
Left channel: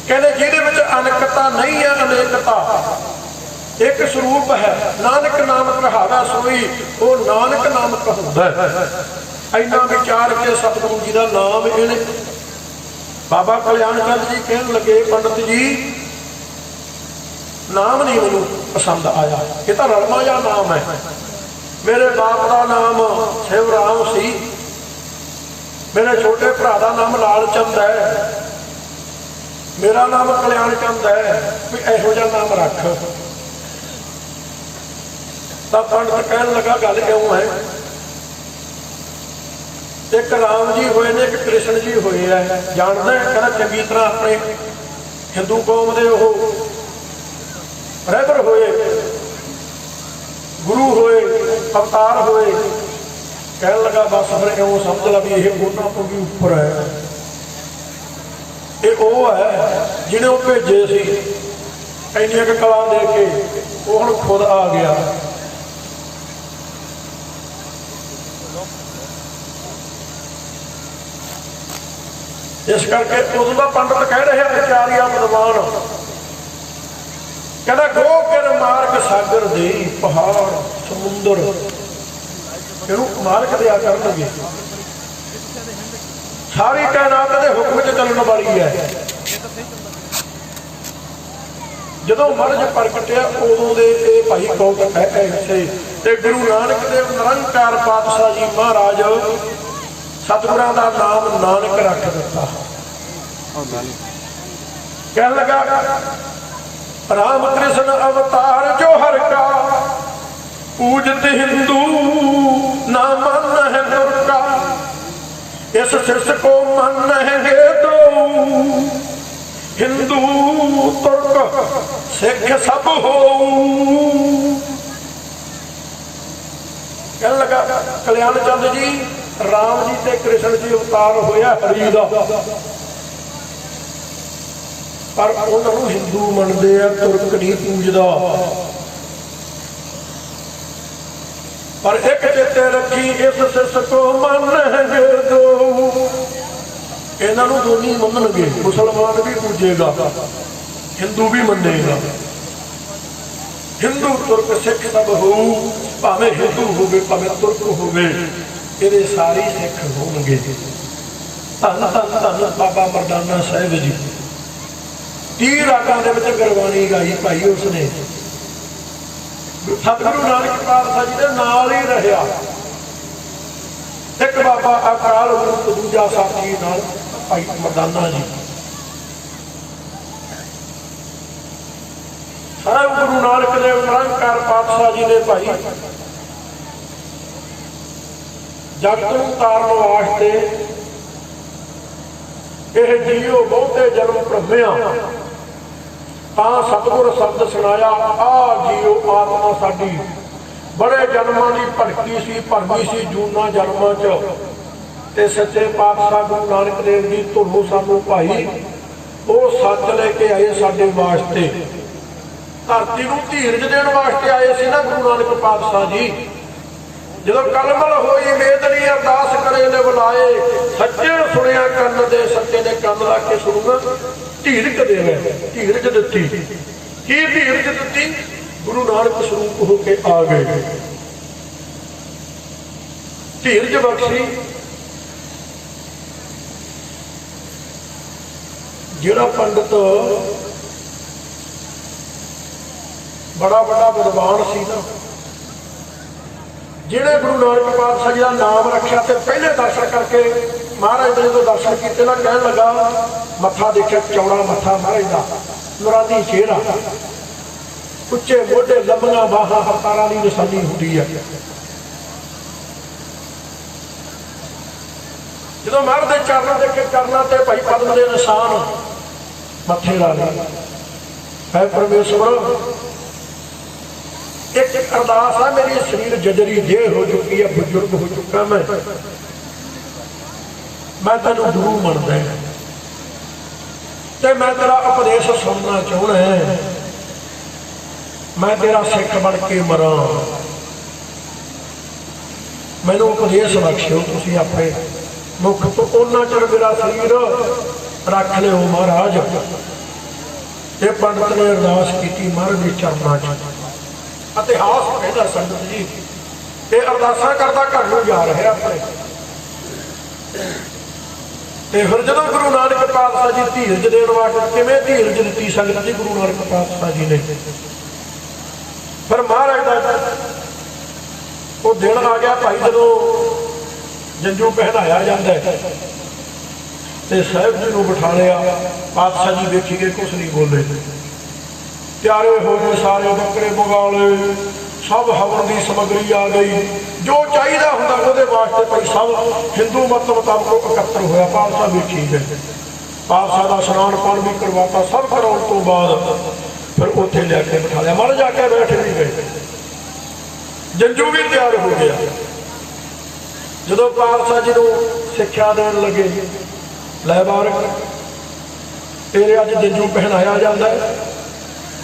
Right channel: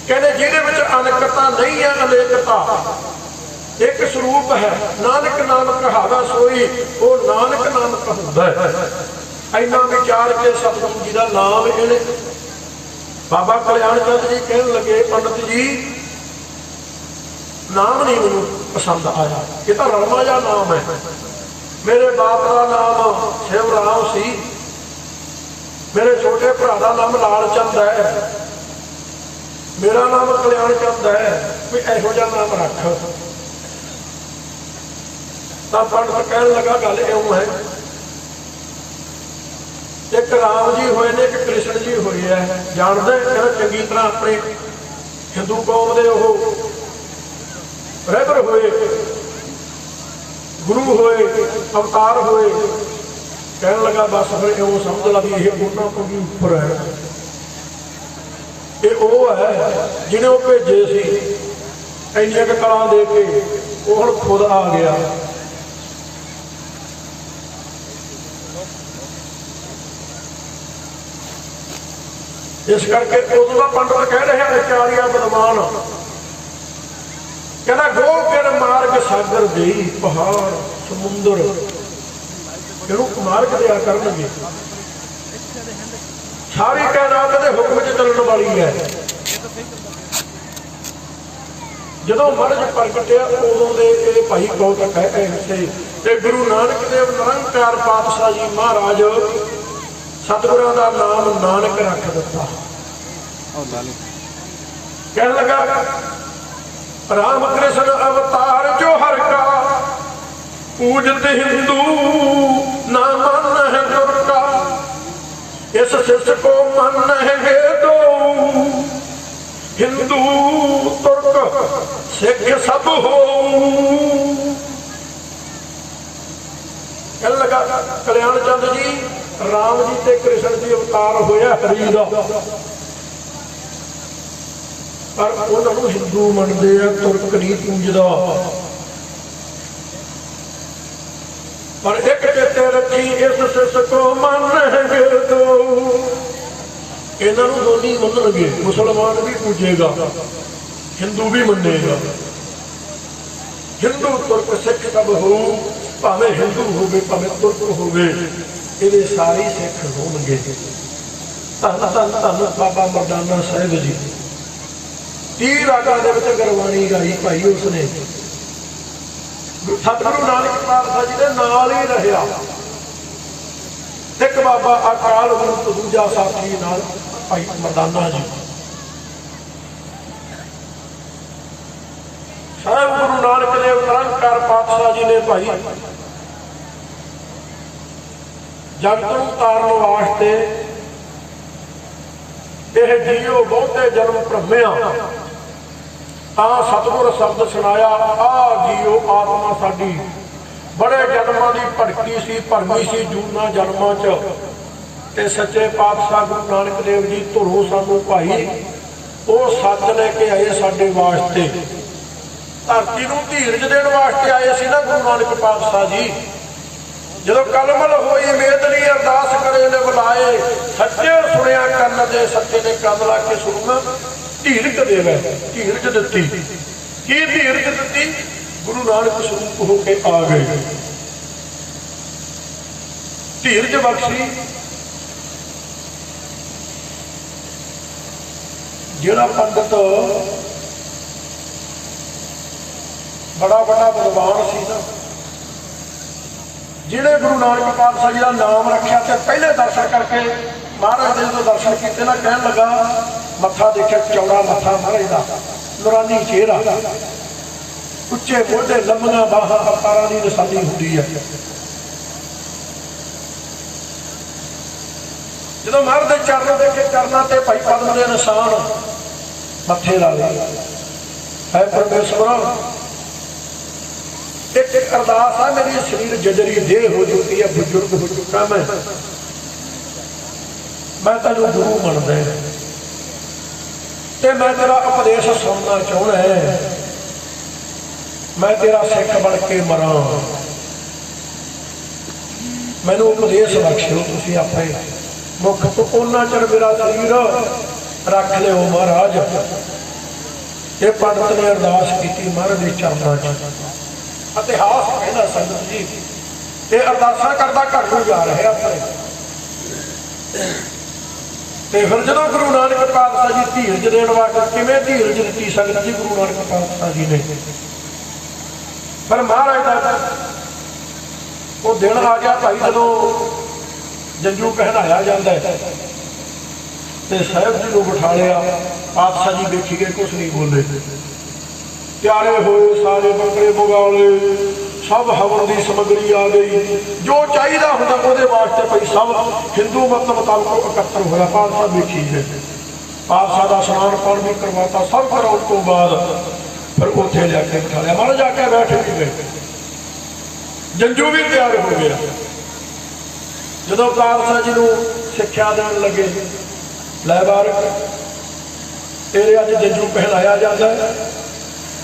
ਕਹਿੰਦੇ ਜਿਹਦੇ ਵਿੱਚ ਅਨਕਤਾ ਨਹੀਂ ਹੈ, ਅਨੇਕਤਾ, ਇੱਕ ਸਰੂਪ ਹੈ। ਨਾਨਕ ਨਾਮ ਕਹਾਵੈ ਸੋਈ, ਉਹ ਨਾਨਕ ਨਾਮ ਕਹਾਉਂਦਾ ਹੈ। ਇੰਨਾ ਵਿਚਾਰ ਕੇ ਸਤਿਗੁਰੂ ਜੀ ਦਾ ਨਾਮ ਇਹਨੇ। ਬਾਬਾ ਕਲਿਆਣ ਚੰਦ ਜੀ ਕਹਿਣ ਲੱਗੇ, ਪੰਡਤ ਜੀ ਨਾਮ ਨਹੀਂ ਮੈਨੂੰ ਪਸੰਦ ਆਇਆ, ਇਹ ਤਾਂ ਰਲਮਾ ਜਿਹਾ ਨਾਮ ਹੈ। ਮੇਰੇ ਬਾਪ ਦਾ ਨਾਮ ਸਿਵਰਾਮ ਸੀ, ਮੇਰੇ ਛੋਟੇ ਭਰਾ ਦਾ ਨਾਮ ਲਾਲ ਚੰਦ ਹੈ, ਮੇਰਾ ਨਾਮ ਕਲਿਆਣ ਚੰਦ ਹੈ, ਵੀ ਇਹੋ ਜਿਹਾ ਨਾਮ ਰੱਖ। ਤਾਂ ਪੰਡਤ ਕਹਿਣ ਲੱਗਾ ਗੱਲ ਇਉਂ ਹੈ, ਇੱਕ ਰਾਮ ਜੀ ਹੋਏ ਨੇ, ਇੱਕ ਕ੍ਰਿਸ਼ਨ ਜੀ ਹੋਏ ਹੈ। ਜਾਣਦੇ ਕਹਿੰਦਾ ਚੰਗੀ ਤਰ੍ਹਾਂ ਆਪਣੇ ਹਿੰਦੂ ਕੌਮ ਦੇ ਉਹ ਰਹਿਬਰ ਹੋਏ, ਗੁਰੂ ਹੋਏ, ਅਵਤਾਰ ਹੋਏ। ਕਹਿਣ ਲੱਗਾ ਬਸ ਫਿਰ ਇਉਂ ਸਮਝ ਲਾ ਵੀ ਇਹ ਉਹਨਾਂ ਤੋਂ ਵੀ ਉੱਪਰ ਹੈ। ਇਹ ਉਹ ਹੈ ਜਿਹਨੇ ਉਹ ਭੇਜੇ ਸੀ ਇੰਨੀਆਂ ਕੁ ਕਲਾਂ ਦੇ ਕੇ, ਉਹ ਹੁਣ ਖੁਦ ਆ ਗਿਆ। ਇਸ ਕਰਕੇ ਉਦੋਂ ਦਾ ਪੰਡਤ ਕਹਿ ਰਿਹਾ ਵਿਚਾਰੀਆ ਵਿਦਵਾਨ, ਕਹਿੰਦਾ ਗੋ ਕਿਰ ਮਾਰਗ ਸਾਗਰ ਦੀ, ਪਹਾੜ ਸਮੁੰਦਰ ਇਹਨੂੰ ਮਾਰਗ ਦਿਆ ਕਰਨਗੇ। ਸਾਰੀ ਕਾਇਨਾਤ ਦੇ ਹੁਕਮ 'ਚ ਚੱਲਣ ਵਾਲੀ ਹੈ। ਜਦੋਂ ਮਹਾਰਾਜ ਪ੍ਰਗਟਿਆ ਉਦੋਂ ਦੇ ਇਹ ਭਾਈ ਕੌਤਕ ਹੈ ਇੱਥੇ। ਤੇ ਗੁਰੂ ਨਾਨਕ ਦੇਵ ਨਿਰੰਕਾਰ ਪਾਤਸ਼ਾਹ ਜੀ ਮਹਾਰਾਜ ਸਤਿਗੁਰਾਂ ਦਾ ਨਾਮ ਨਾਨਕ ਰੱਖ ਦਿੱਤਾ। ਕਹਿਣ ਲੱਗਾ ਰਾਮ ਕ੍ਰਿਸ਼ਨ ਅਵਤਾਰ ਜੋ ਹਰ ਕਾ, ਪੂਜਤ ਹਿੰਦੂ ਨਾ ਮਨ ਹੈ ਗੁਰ ਕਾ। इस सिस को मानेंगे दो हिंदू तुर्क सिख सब हो। कहने लगा कल्याण चंद जी राम जी ते कृष्ण जी अवतार होया हरि दा, पर उन्होंने हिंदू मनते हैं, तुर्क नहीं पूजदा। पर एक चेते रखी इस सिस को मानेंगे दो, इन्हों दोनों मनणगे, मुसलमान भी पूजेगा हिंदू भी मनेगा। हिंदू तुर्क सिख सब हो, भावें हिंदू होवे भावें तुर्क होवे, ये सारे सिख होणगे। धन धन धन बाबा मर्दाना साहिब जी 30 रागां दे विच गुरबाणी गाई भाई उसने। सतगुरु नानक पातशाह जी दे नाल ही रहा। एक बाबा अकाल मूर्त दूजा साथी नाल भाई मर्दाना जी। साहिब गुरु नानक देव निरंकार पातशाह जी ने भाई जगत नूं तारण वास्ते यह जीओ बहुते जन्म भ्रमिया तां सतगुर शब्द सुनाया, आ जीओ आत्मा साडी बड़े जन्मां दी भड़की सी, भरमी सी जूना जन्मां च, ते सच्चे पातशाह गुरु नानक देव जी धुरों सानू भाई वो सच लेके आए साडे वास्ते। धरती नूं धीरज देण वास्ते आए सी ना गुरु नानक पातशाह जी। जदों कलमल होई मेदनी अरदास करे ले बुलाए, सच्चे सुनिया कन्न दे, सच्चे ने कन्न ला के सुनूंगा। धीरज देवे, धीरज दित्ती। की धीरज दित्ती? गुरु नानक स्वरूप होके आ गए, धीरज बख्शी। जिहड़ा पंडित बड़ा बड़ा विद्वान सी ना, जिहड़े गुरु नानक पातशाह जी का नाम रखा, तो पहले दर्शन करके महाराज ने जो दर्शन किए ना, कहन लगा मत्था देखे चौड़ा मत्था महाराज का, नूरानी चेहरा, उच्चे मोढे, लंबियां बाहां, अवतारां दी निशानी हुंदी है। जदों महाराज दे चरण देखे करना ते भाई पद्म दे निशान मत्थे ला ले। है परमेश्वर एक अरदास है, मेरी शरीर जजरी देह हो चुकी है, बुजुर्ग हो चुका मैं तेनू गुरु मनदा ते मैं तेरा उपदेश सुनना चाहना है, मैं तेरा सिख बन के मरा, मैनू उपदेश बख्शो तुसीं अपने मुख तो। उन्ना चਿਰ मेरा शरीर रख लिओ महाराज। ये पंडित ने अरदास की महाराज के चरणों च। इतिहास कहना संगत जी, ये अरदासां करदा घर नूं जा रहे अपने। फिर जदों गुरु नानक पातशाह जी धीरज देण वास्ते, किवें धीरज दित्ती संगत जी गुरु नानक पातशाह जी ने। पर महाराज का वो दिन आ गया भाई, जदों जंजू पहनाया जाता है ते साहिब जी को बिठा लिया। पातशाह जी देखी गए, कुछ नहीं बोले। प्यारे होए सारे बकरे बगाले, सब हवन की समग्री आ गई, जो चाहिए होंदा उहदे वास्ते भाई सब हिंदू मत मुताबिक इकट्ठा होया। पातशाह देखी गए, पातशाह का स्नान पान भी करवाता। सब कराने तो बाद फिर उत्थे लैके बिठा लिया। महाराज जाके बैठ भी गए, जंजू भी तैयार हो गया। जदों पातशाह जी को सिक्ख्या देण लगे, लै बारक तेरे अज जंजू पहनाया जाता है,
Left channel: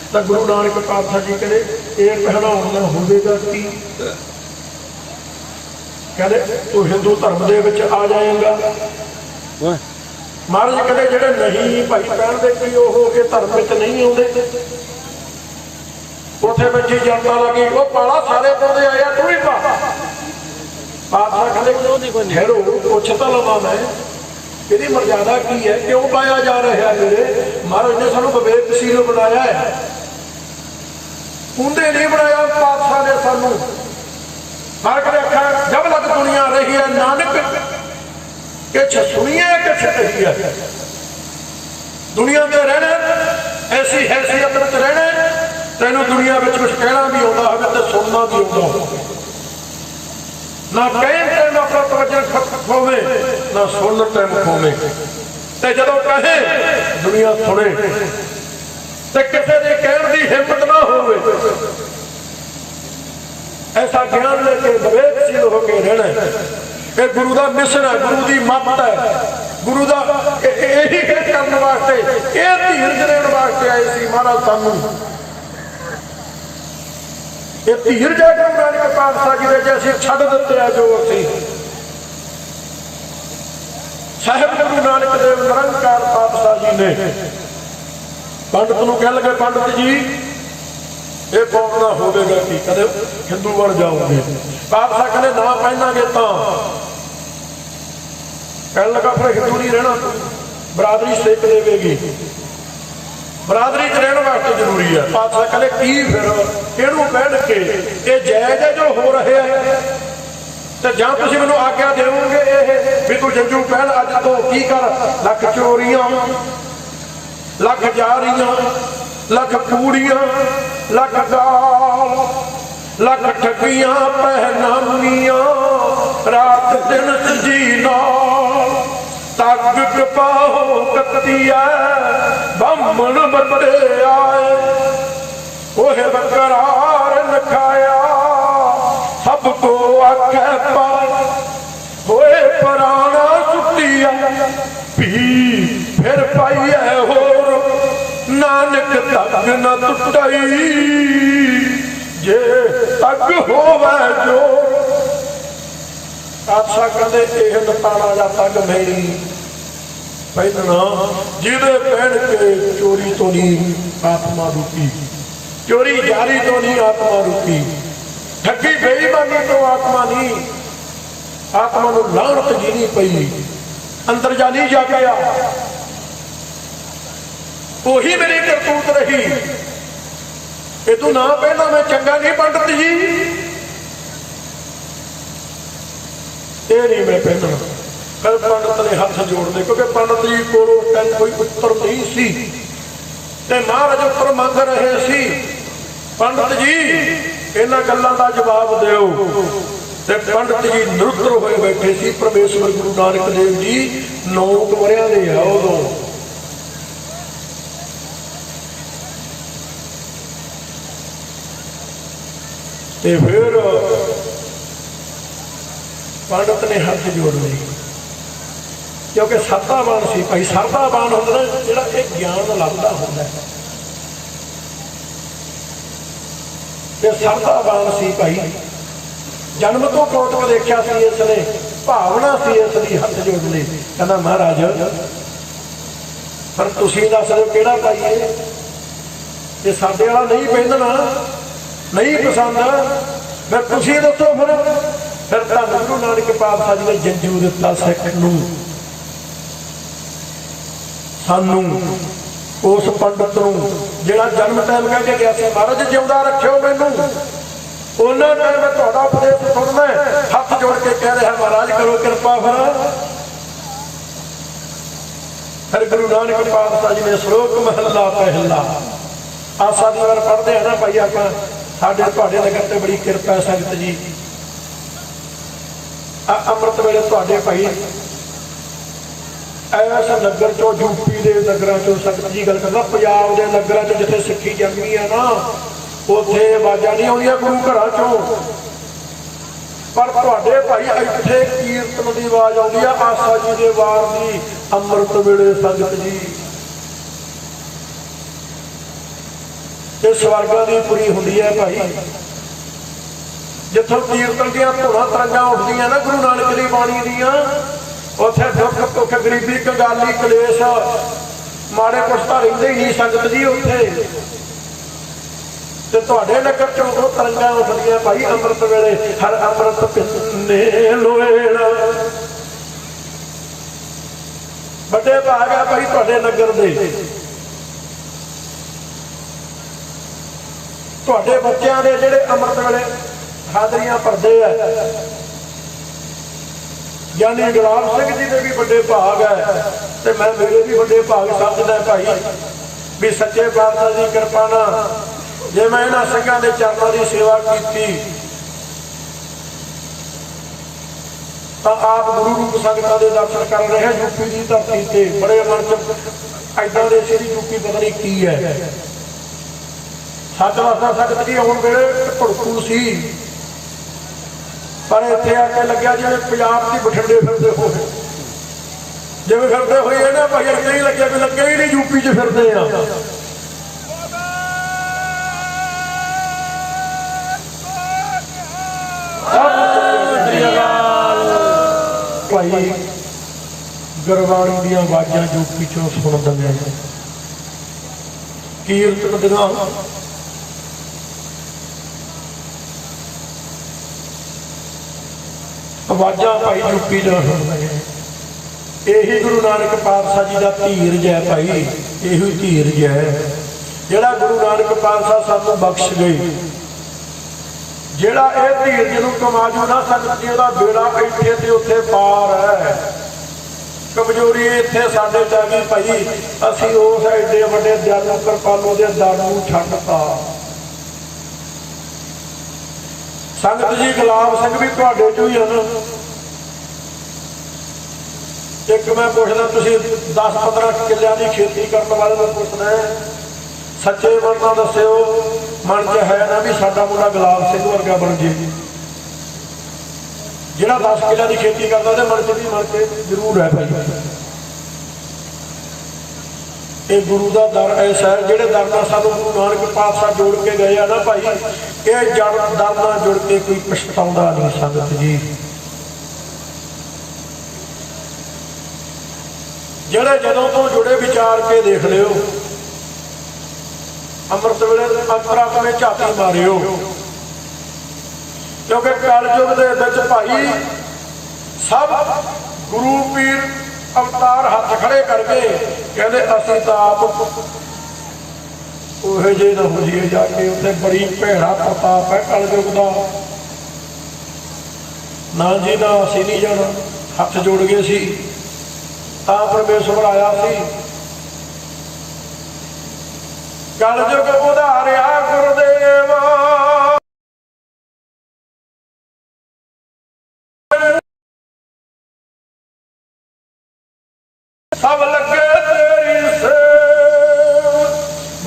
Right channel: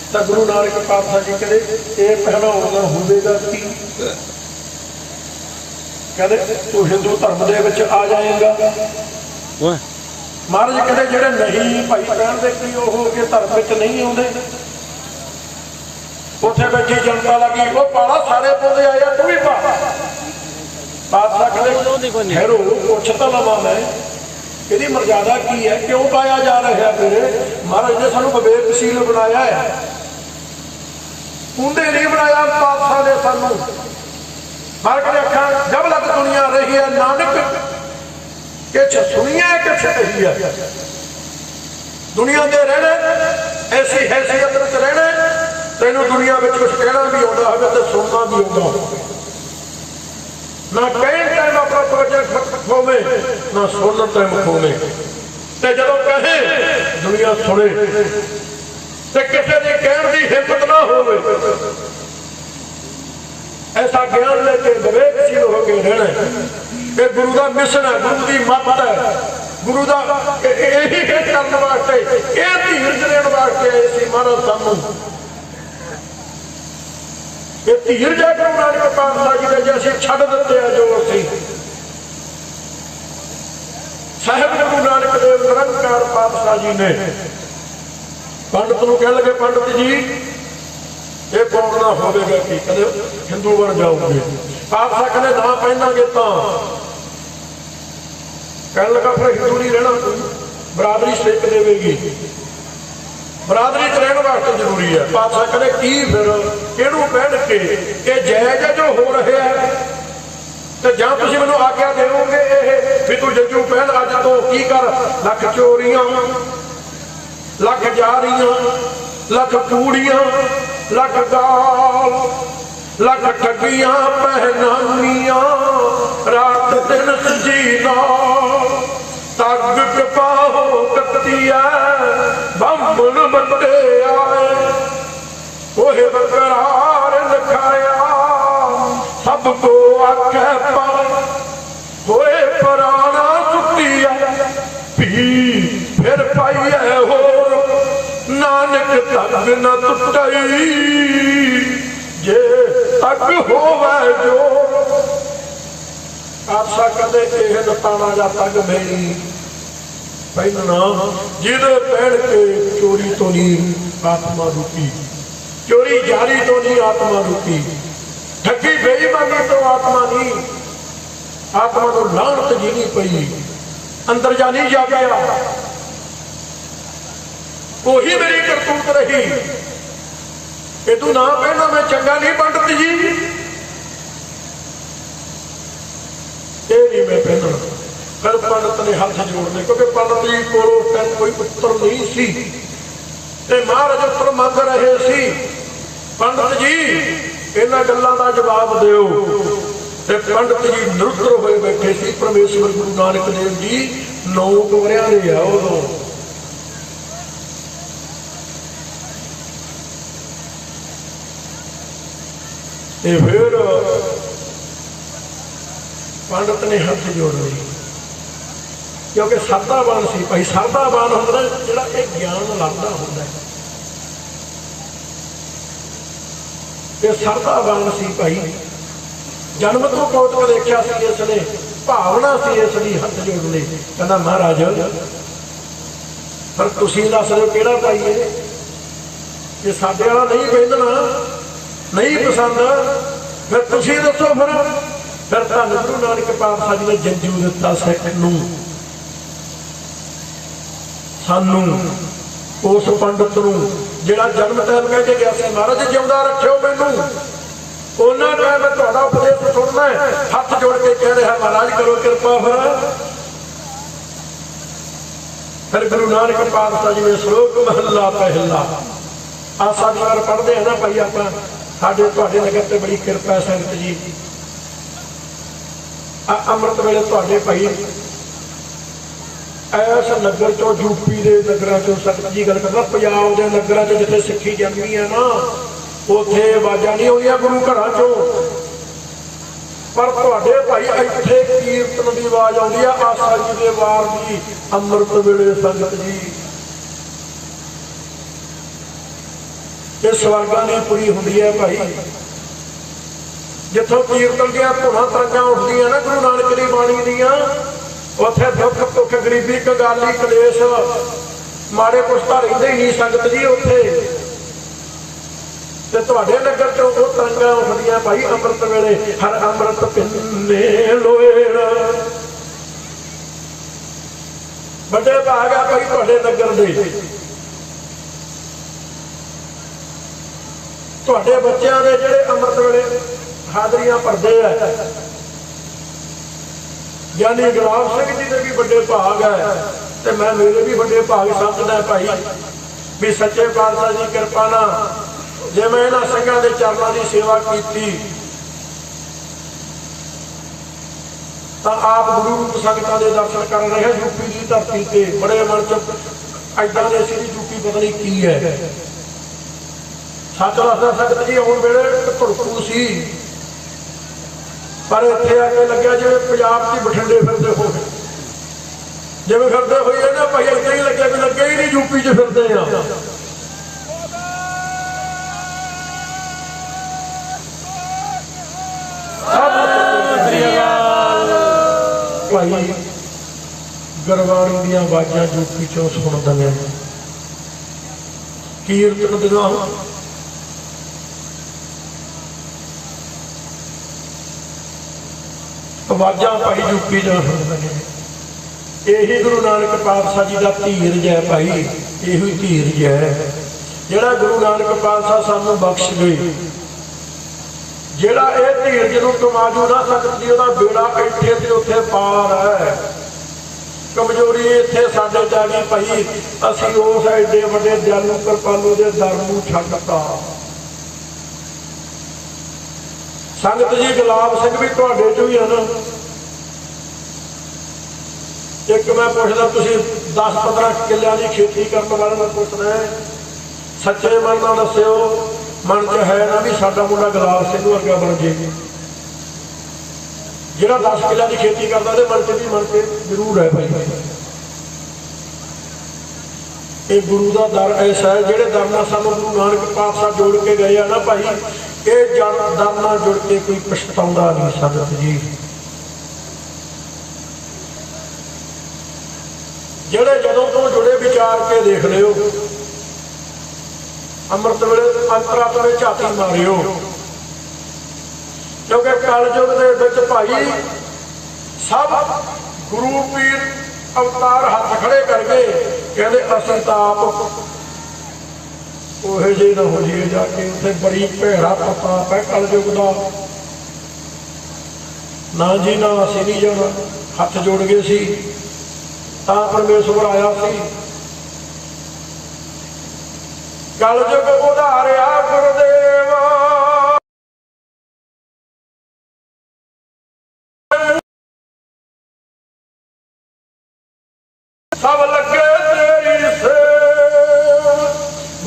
तो गुरु नानक पातशाह जी कहते ये पहनाउणा होवेगा की? कहते तू हिंदू धर्म दे विच आ जाएगा। महाराज कहते जेडे नहीं भाई पहनते की वो इस धर्म विच नहीं आउंदे। उत्थे बैठी जनता लगी, वो पाला सारे पाउंदे आए, तू भी पा। पातशाह कहते ठहरो, पुछ तो लवां मैं, ਇਹਦੀ मर्यादा की है, क्यों पाया जा रहा मेरे? महाराज ने सानू विवेकशील बनाया है, कुंडे नहीं बनाया पातशाह ने सानू। महाराज ने आखा जब लग दुनिया रही है नानक किछ सुनी है किछ कही है। दुनिया में रहना ऐसी हैसियत में रहना, तेनों दुनिया में कुछ कहना भी आता है तो सुनना भी आता है ना। कहन टाइम अपना प्रवचन ਹੋਵੇ ਨਾ ਸੁਣਨ ਤੇ ਮਖੋਵੇ। ਤੇ ਜਦੋਂ ਕਹੇ ਦੁਨੀਆ ਸੁਣੇ ਤੇ ਕਿਸੇ ਦੇ ਕਹਿਣ ਦੀ ਹਿੰਮਤ ਨਾ ਹੋਵੇ। ਐਸਾ ਗਿਆਨ ਲੈ ਕੇ ਵਿਵੇਕਸ਼ੀਲ ਹੋ ਕੇ ਰਹਿਣਾ। ਇਹ ਗੁਰੂ ਦਾ ਮਿਸ਼ਨ ਹੈ, ਗੁਰੂ ਦੀ ਮੱਤ ਹੈ, ਗੁਰੂ ਦਾ ਇਹੀ ਕਰਨ ਵਾਸਤੇ, ਇਹ ਧੀਰਜ ਦੇਣ ਵਾਸਤੇ ਆਏ ਸੀ ਮਹਾਰਾਜ ਸਾਨੂੰ। ਇਹ ਧੀਰਜ ਹੈ ਗੁਰੂ ਨਾਨਕ ਪਾਤਸ਼ਾਹ ਜੀ ਦੇ, ਜੇ ਅਸੀਂ ਛੱਡ ਦਿੱਤੇ ਆ ਜੋ ਅਸੀਂ। ਸਾਹਿਬ ਗੁਰੂ ਨਾਨਕ ਦੇਵ ਨਿਰੰਕਾਰ ਪਾਤਸ਼ਾਹ ਜੀ ਨੇ ਪੰਡਤ ਨੂੰ ਕਹਿਣ ਲੱਗੇ, ਪੰਡਤ ਜੀ ਇਹ ਕੌਮ ਦਾ ਹੋਵੇਗਾ ਕਿ ਕਦੇ ਹਿੰਦੂ ਬਣ ਜਾਓਗੇ। ਪਾਤਸ਼ਾਹ ਕਹਿੰਦੇ ਨਾ ਪਹਿਨਾਂਗੇ ਤਾਂ। ਕਹਿਣ ਲੱਗਾ ਫਿਰ ਹਿੰਦੂ ਨਹੀਂ ਰਹਿਣਾ, ਬਰਾਦਰੀ ਸੇਕ ਦੇਵੇਗੀ, ਬਰਾਦਰੀ 'ਚ ਰਹਿਣ ਵਾਸਤੇ ਜ਼ਰੂਰੀ ਹੈ। ਪਾਤਸ਼ਾਹ ਕਹਿੰਦੇ ਕੀ ਫਿਰ ਕਿਹਨੂੰ ਕਹਿਣ ਕੇ ਇਹ ਜਾਇਜ਼ ਹੈ ਜੋ ਹੋ ਰਿਹਾ ਹੈ, ਤੇ ਜਾਂ ਤੁਸੀਂ ਮੈਨੂੰ ਆਗਿਆ ਦੇਵੋਗੇ ਇਹ ਵੀ ਤੂੰ ਜੱਜੂ ਪਹਿਲ ਅੱਜ ਤੋਂ ਕੀ ਕਰ, ਲੱਖ ਚੋਰੀਆਂ, ਲੱਖ ਜਾਰੀਆਂ, ਲੱਖ ਕੂੜੀਆਂ, ਲੱਖ ਗਾਲ, ਲੱਖ ਠੱਗੀਆਂ ਪਹਿਨਾਨੀਆਂ, ਰਾਤ ਦਿਨ ਜੀ ਨਾਲ ਤੱਕ ਪਾਹੋ ਕੱਤੀਆ ਬੰਬਨ ਬੰਦੇ ਆਏ, ਉਹ ਬਕਰਾਰ ਲਖਾਇਆ ਸਭ ਕੋ ਆਖੇ ਪਾ, ਹੋਏ ਪਰਾਣਾ ਟੁੱਟੀਆ ਵੀ ਫਿਰ ਪਾਈਐ ਹੋਰ, ਨਾਨਕ ਤੱਕ ਨਾ ਟੁੱਟਈ ਜੇ ਤੱਕ ਹੋਵੇ ਜੋਰ। ਆਸਾ ਕਦੇ ਇਹ ਲਤਾਣਾ ਜਾਂ ਤੱਕ ਨਹੀਂ ਪਹਿਨਣਾ, ਜਿਹਨੇ ਪਹਿਨ ਕੇ ਚੋਰੀ ਤੋਂ ਨਹੀਂ ਆਤਮਾ ਰੁਕੀ, ਚੋਰੀ ਜਾਰੀ ਤੋਂ ਨਹੀਂ ਆਤਮਾ ਰੁਕੀ, ਠੱਗੀ ਬੇਈਮਾਨੀ ਤੋਂ ਆਤਮਾ ਨਹੀਂ, ਆਤਮਾ ਨੂੰ ਲਾਹਨਤ ਜੀਣੀ ਪਈ, ਅੰਦਰ ਜਾਣੀ ਜਾ ਗਿਆ। ਉਹੀ ਮੇਰੀ ਕਰਤੂਤ ਰਹੀ। ਇਹ ਤੂੰ ਨਾ ਪਹਿਨਾ ਮੈਂ ਚੰਗਾ ਨਹੀਂ ਪੰਡਤ ਜੀ, ਇਹ ਨਹੀਂ ਮੈਂ ਪਹਿਨਣਾ। ਫਿਰ ਪੰਡਤ ਨੇ ਹੱਥ ਜੋੜਦੇ, ਕਿਉਂਕਿ ਪੰਡਤ ਜੀ ਕੋਲੋਂ ਕੋਈ ਪੁੱਤਰ ਨਹੀਂ ਸੀ ਤੇ ਮਹਾਰਾਜ ਉੱਪਰ ਮੰਗ ਰਹੇ ਸੀ, ਪੰਡਤ ਜੀ ਇਹਨਾਂ ਗੱਲਾਂ ਦਾ ਜਵਾਬ ਦਿਓ। ਤੇ ਪੰਡਤ ਜੀ ਨਿਰੁੱਤਰ ਹੋਏ ਬੈਠੇ ਸੀ। ਪਰਮੇਸ਼ਵਰ ਗੁਰੂ ਨਾਨਕ ਦੇਵ ਜੀ 9 ਵਰਿਆਂ ਦੇ ਆ ਉਦੋਂ। ਤੇ ਫਿਰ ਪੰਡਤ ਨੇ ਹੱਥ ਜੋੜ ਲਏ, ਕਿਉਂਕਿ ਸਰਦਾਬਾਨ ਸੀ ਭਾਈ। ਸਰਦਾਬਾਨ ਹੁੰਦਾ ਜਿਹੜਾ ਇਹ ਗਿਆਨ ਲੱਭਦਾ ਹੁੰਦਾ, ਇਹ ਸਰਦਾਬਾਨ ਸੀ ਭਾਈ। ਜਨਮ ਤੋਂ ਕੌਤਕ ਦੇਖਿਆ ਸੀ ਇਸ ਨੇ, ਭਾਵਨਾ ਸੀ ਇਸ ਦੀ ਹੱਥ ਜੋੜ ਲਈ। ਕਹਿੰਦਾ ਮਹਾਰਾਜ ਪਰ ਤੁਸੀਂ ਦੱਸ ਦਿਓ ਕਿਹੜਾ ਪਾਈਏ, ਜੇ ਸਾਡੇ ਵਾਲਾ ਨਹੀਂ ਪਹਿਨਣਾ, ਨਹੀਂ ਪਸੰਦ, ਫਿਰ ਤੁਸੀਂ ਦੱਸੋ। ਫਿਰ ਧੰਨ ਗੁਰੂ ਨਾਨਕ ਪਾਤਸ਼ਾਹ ਜੀ ਨੇ ਜੰਜੂ ਦਿੱਤਾ ਸਿੱਖ ਨੂੰ, ਸਾਨੂੰ, ਉਸ ਪੰਡਤ ਨੂੰ ਜਿਹੜਾ ਜਨਮ ਟਾਈਮ ਕਹਿ ਕੇ ਗਿਆ ਸੀ ਮਹਾਰਾਜ ਜਿਉਂਦਾ ਰੱਖਿਓ ਮੈਨੂੰ, ਉਹਨਾਂ ਟਾਈਮ ਮੈਂ ਤੁਹਾਡਾ ਉਪਦੇਸ਼ ਸੁਣਨਾ। ਹੱਥ ਜੋੜ ਕੇ ਕਹਿ ਰਿਹਾ ਮਹਾਰਾਜ ਕਰੋ ਕਿਰਪਾ। ਫਿਰ ਗੁਰੂ ਨਾਨਕ ਪਾਤਸ਼ਾਹ ਜੀ ਨੇ ਸ਼ਲੋਕ ਮਹੱਲਾ ਪਹਿਲਾ ਆਸਾ ਦੀ ਵਾਰ ਪੜ੍ਹਦੇ ਆ ਨਾ ਭਾਈ ਆਪਾਂ, ਸਾਡੇ ਤੁਹਾਡੇ ਨਗਰ ਤੇ ਬੜੀ ਕਿਰਪਾ ਸੰਗਤ ਜੀ। ਅੰਮ੍ਰਿਤ ਵੇਲੇ ਤੁਹਾਡੇ ਭਾਈ ਐਸ ਨਗਰ ਚੋਂ, ਯੂਪੀ ਦੇ ਨਗਰਾਂ ਚੋਂ ਸੰਗਤ ਜੀ ਗੱਲ ਕਰਦਾ, ਪੰਜਾਬ ਦੇ ਨਗਰਾਂ ਚ ਜਿੱਥੇ ਸਿੱਖੀ ਜੰਮੀ ਆ ਨਾ, ਉੱਥੇ ਆਵਾਜ਼ਾਂ ਨਹੀਂ ਆਉਂਦੀਆਂ ਗੁਰੂ ਘਰਾਂ ਚੋਂ, ਪਰ ਤੁਹਾਡੇ ਭਾਈ ਇੱਥੇ ਕੀਰਤਨ ਦੀ ਆਵਾਜ਼ ਆਉਂਦੀ ਆ ਆਸਾ ਜੀ ਦੇ ਵਾਰ ਦੀ। ਅੰਮ੍ਰਿਤ ਵੇਲੇ ਸੰਗਤ ਜੀ ਇਹ ਸਵਰਗਾਂ ਦੀ ਪੁਰੀ ਹੁੰਦੀ ਹੈ ਭਾਈ। ਜਿੱਥੋਂ ਕੀਰਤਨ ਦੀਆਂ ਧੁਨਾਂ ਤਰੰਗਾਂ ਉੱਠਦੀਆਂ ਨਾ ਗੁਰੂ ਨਾਨਕ ਦੀ ਬਾਣੀ ਦੀਆਂ, ਉੱਥੇ ਦੁੱਖ ਭੁੱਖ ਗਰੀਬੀ ਕੰਗਾਲੀ ਕਲੇਸ਼ ਮਾੜੇ ਕੁਛ ਤਾਂ ਰਹਿੰਦੇ ਹੀ ਨਹੀਂ ਸੰਗਤ ਜੀ ਉੱਥੇ। ਤੇ ਤੁਹਾਡੇ ਨਗਰ ਚੋਂ ਉਹ ਤਰੰਗਾਂ ਉੱਠਦੀਆਂ ਭਾਈ ਅੰਮ੍ਰਿਤ ਵੇਲੇ। ਹਰ ਅੰਮ੍ਰਿਤ ਪਿੰਨੇ ਲੋਏੜ, ਵੱਡੇ ਭਾਗ ਆ ਭਾਈ ਤੁਹਾਡੇ ਨਗਰ ਦੇ। ਤੁਹਾਡੇ ਬੱਚਿਆਂ ਦੇ ਜਿਹੜੇ ਅੰਮ੍ਰਿਤ ਵੇਲੇ ਹਾਜ਼ਰੀਆਂ ਭਰਦੇ ਆ, ਯਾਨੀ ਗੁਲਾਬ ਸਿੰਘ ਜੀ ਦੇ ਵੀ ਵੱਡੇ ਭਾਗ ਹੈ, ਤੇ ਮੈਂ ਮੇਰੇ ਵੀ ਵੱਡੇ ਭਾਗ ਸਮਝਦਾ ਭਾਈ ਵੀ ਸੱਚੇ ਪਾਤਸ਼ਾਹ ਦੀ ਕਿਰਪਾ ਨਾਲ ਜੇ ਮੈਂ ਇਹਨਾਂ ਸਿੰਘਾਂ ਦੇ ਚਰਨਾਂ ਦੀ ਸੇਵਾ ਕੀਤੀ ਤਾਂ ਆਪ ਗੁਰੂ ਰੂਪ ਸੰਗਤਾਂ ਦੇ ਦਰਸ਼ਨ ਕਰ ਰਹੇ ਯੂਪੀ ਦੀ ਧਰਤੀ ਤੇ। ਬੜੇ ਮਨ ਚ ਐਦਾਂ ਦੇ ਸੀ ਯੂਪੀ ਪਤਾ ਨਹੀਂ ਕੀ ਹੈ। ਸੱਚ ਦੱਸਦਾ ਸੰਗਤ ਜੀ, ਆਉਣ ਵੇਲੇ ਧੜਕੂ ਸੀ, ਪਰ ਇੱਥੇ ਆ ਕੇ ਲੱਗਿਆ ਜਿਵੇਂ ਪੰਜਾਬ ਦੀ ਬਠਿੰਡੇ ਫਿਰਦੇ ਹੋਏ, ਜਿਵੇਂ ਫਿਰਦੇ ਹੋਏ ਨਾ ਭਾਈ ਅੱਗੇ ਹੀ ਲੱਗਿਆ ਵੀ ਲੱਗੇ ਹੀ ਨਹੀਂ ਯੂਪੀ 'ਚ ਫਿਰਦੇ ਆ। ਭਾਈ ਗੁਰਬਾਣੀ ਦੀਆਂ ਆਵਾਜ਼ਾਂ ਯੂਪੀ 'ਚੋਂ ਸੁਣਦੇ ਨੇ, ਕੀਰਤਨ ਦੀਆਂ ਆਵਾਜ਼ਾਂ ਭਾਈ ਯੂਪੀ 'ਚੋਂ ਸੁਣਦੇ ਨੇ। ਇਹੀ ਗੁਰੂ ਨਾਨਕ ਪਾਤਸ਼ਾਹ ਜੀ ਦਾ ਧੀਰਜ ਹੈ ਭਾਈ, ਇਹੋ ਹੀ ਧੀਰਜ ਹੈ ਜਿਹੜਾ ਗੁਰੂ ਨਾਨਕ ਪਾਤਸ਼ਾਹ ਸਾਨੂੰ ਬਖਸ਼ ਗਏ। ਜਿਹੜਾ ਇਹ ਧੀਰਜ ਨੂੰ ਕਮਾ ਜੂ ਨਾ ਸੰਗਤ ਜੀ, ਉਹਦਾ ਬੇੜਾ ਇੱਥੇ ਤੇ ਉੱਥੇ ਪਾਰ ਹੈ। ਕਮਜ਼ੋਰੀ ਇੱਥੇ ਸਾਡੇ ਜਾ ਗਈ ਭਾਈ, ਅਸੀਂ ਉਸ ਐਡੇ ਵੱਡੇ ਦਿਆਲੂ ਕਿਰਪਾਲੂ ਦੇ ਦਰ ਨੂੰ ਛੱਡਤਾ। ਸੰਗਤ ਜੀ ਗੁਲਾਬ ਸਿੰਘ ਵੀ ਤੁਹਾਡੇ ਚੋਂ ਹੀ ਹਨ। ਇੱਕ ਮੈਂ ਪੁੱਛਦਾ, ਤੁਸੀਂ 10-15 ਕਿੱਲਿਆਂ ਦੀ ਖੇਤੀ ਕਰਨ ਵਾਲੇ ਨੂੰ ਪੁੱਛਣਾ, ਸੱਚੇ ਮਨ ਨਾਲ ਦੱਸਿਓ, ਮਨ 'ਚ ਹੈ ਨਾ ਵੀ ਸਾਡਾ ਮੁੰਡਾ ਗੁਲਾਬ ਸਿੰਘ ਵਰਗਾ ਬਣ ਜੇ? ਜਿਹੜਾ 10 ਕਿੱਲਿਆਂ ਦੀ ਖੇਤੀ ਕਰਦਾ ਉਹਦੇ ਮਨ 'ਚ ਵੀ ਮਨ 'ਚ ਜ਼ਰੂਰ ਹੈ ਭਾਈ। ਇਹ ਗੁਰੂ ਦਾ ਦਰ ਐਸਾ ਹੈ, ਜਿਹੜੇ ਦਰ ਨਾਲ ਸਾਨੂੰ ਗੁਰੂ ਨਾਨਕ ਪਾਤਸ਼ਾਹ ਜੋੜ ਕੇ ਗਏ ਆ ਨਾ ਭਾਈ, ਇਹ ਦਰ ਨਾਲ ਜੁੜ ਕੇ ਕੋਈ ਪਛਤਾਉਂਦਾ ਨਹੀਂ ਸੰਗਤ ਜੀ। ਜਿਹੜੇ ਜਦੋਂ ਤੋਂ ਜੁੜੇ ਵਿਚਾਰ ਕੇ ਦੇਖ ਲਿਓ, ਅੰਮ੍ਰਿਤ ਵੇਲੇ ਅੰਤਰਾਤਮੇ ਝਾਤੀ ਮਾਰਿਓ, ਕਿਉਂਕਿ ਕਲਯੁਗ ਦੇ ਵਿੱਚ ਭਾਈ ਸਭ ਗੁਰੂ ਪੀਰ ਅਵਤਾਰ ਹੱਥ ਖੜੇ ਕਰਕੇ ਕਹਿੰਦੇ ਅਸੀਂ ਤਾਂ ਆਪ ਉਹੇ ਜਿਹੇ ਨਾ ਹੋ ਜਾਈਏ ਜਾ ਕੇ। ਉੱਥੇ ਬੜੀ ਭੈੜਾ ਪ੍ਰਤਾਪ ਹੈ ਕਲਯੁਗ ਦਾ। ਨਾ ਜੀ ਨਾ, ਅਸੀਂ ਨਹੀਂ ਜਾਣਾ। ਹੱਥ ਜੋੜ ਗਏ ਸੀ ਤਾਂ ਪਰਮੇਸ਼ਵਰ ਆਇਆ ਸੀ। ਕਲਯੁਗ ਉਧਾਰਿਆ ਗੁਰਦੇਵ, ਸਭ ਲੱਗੇ ਤੇਰੀ ਸੇਵ।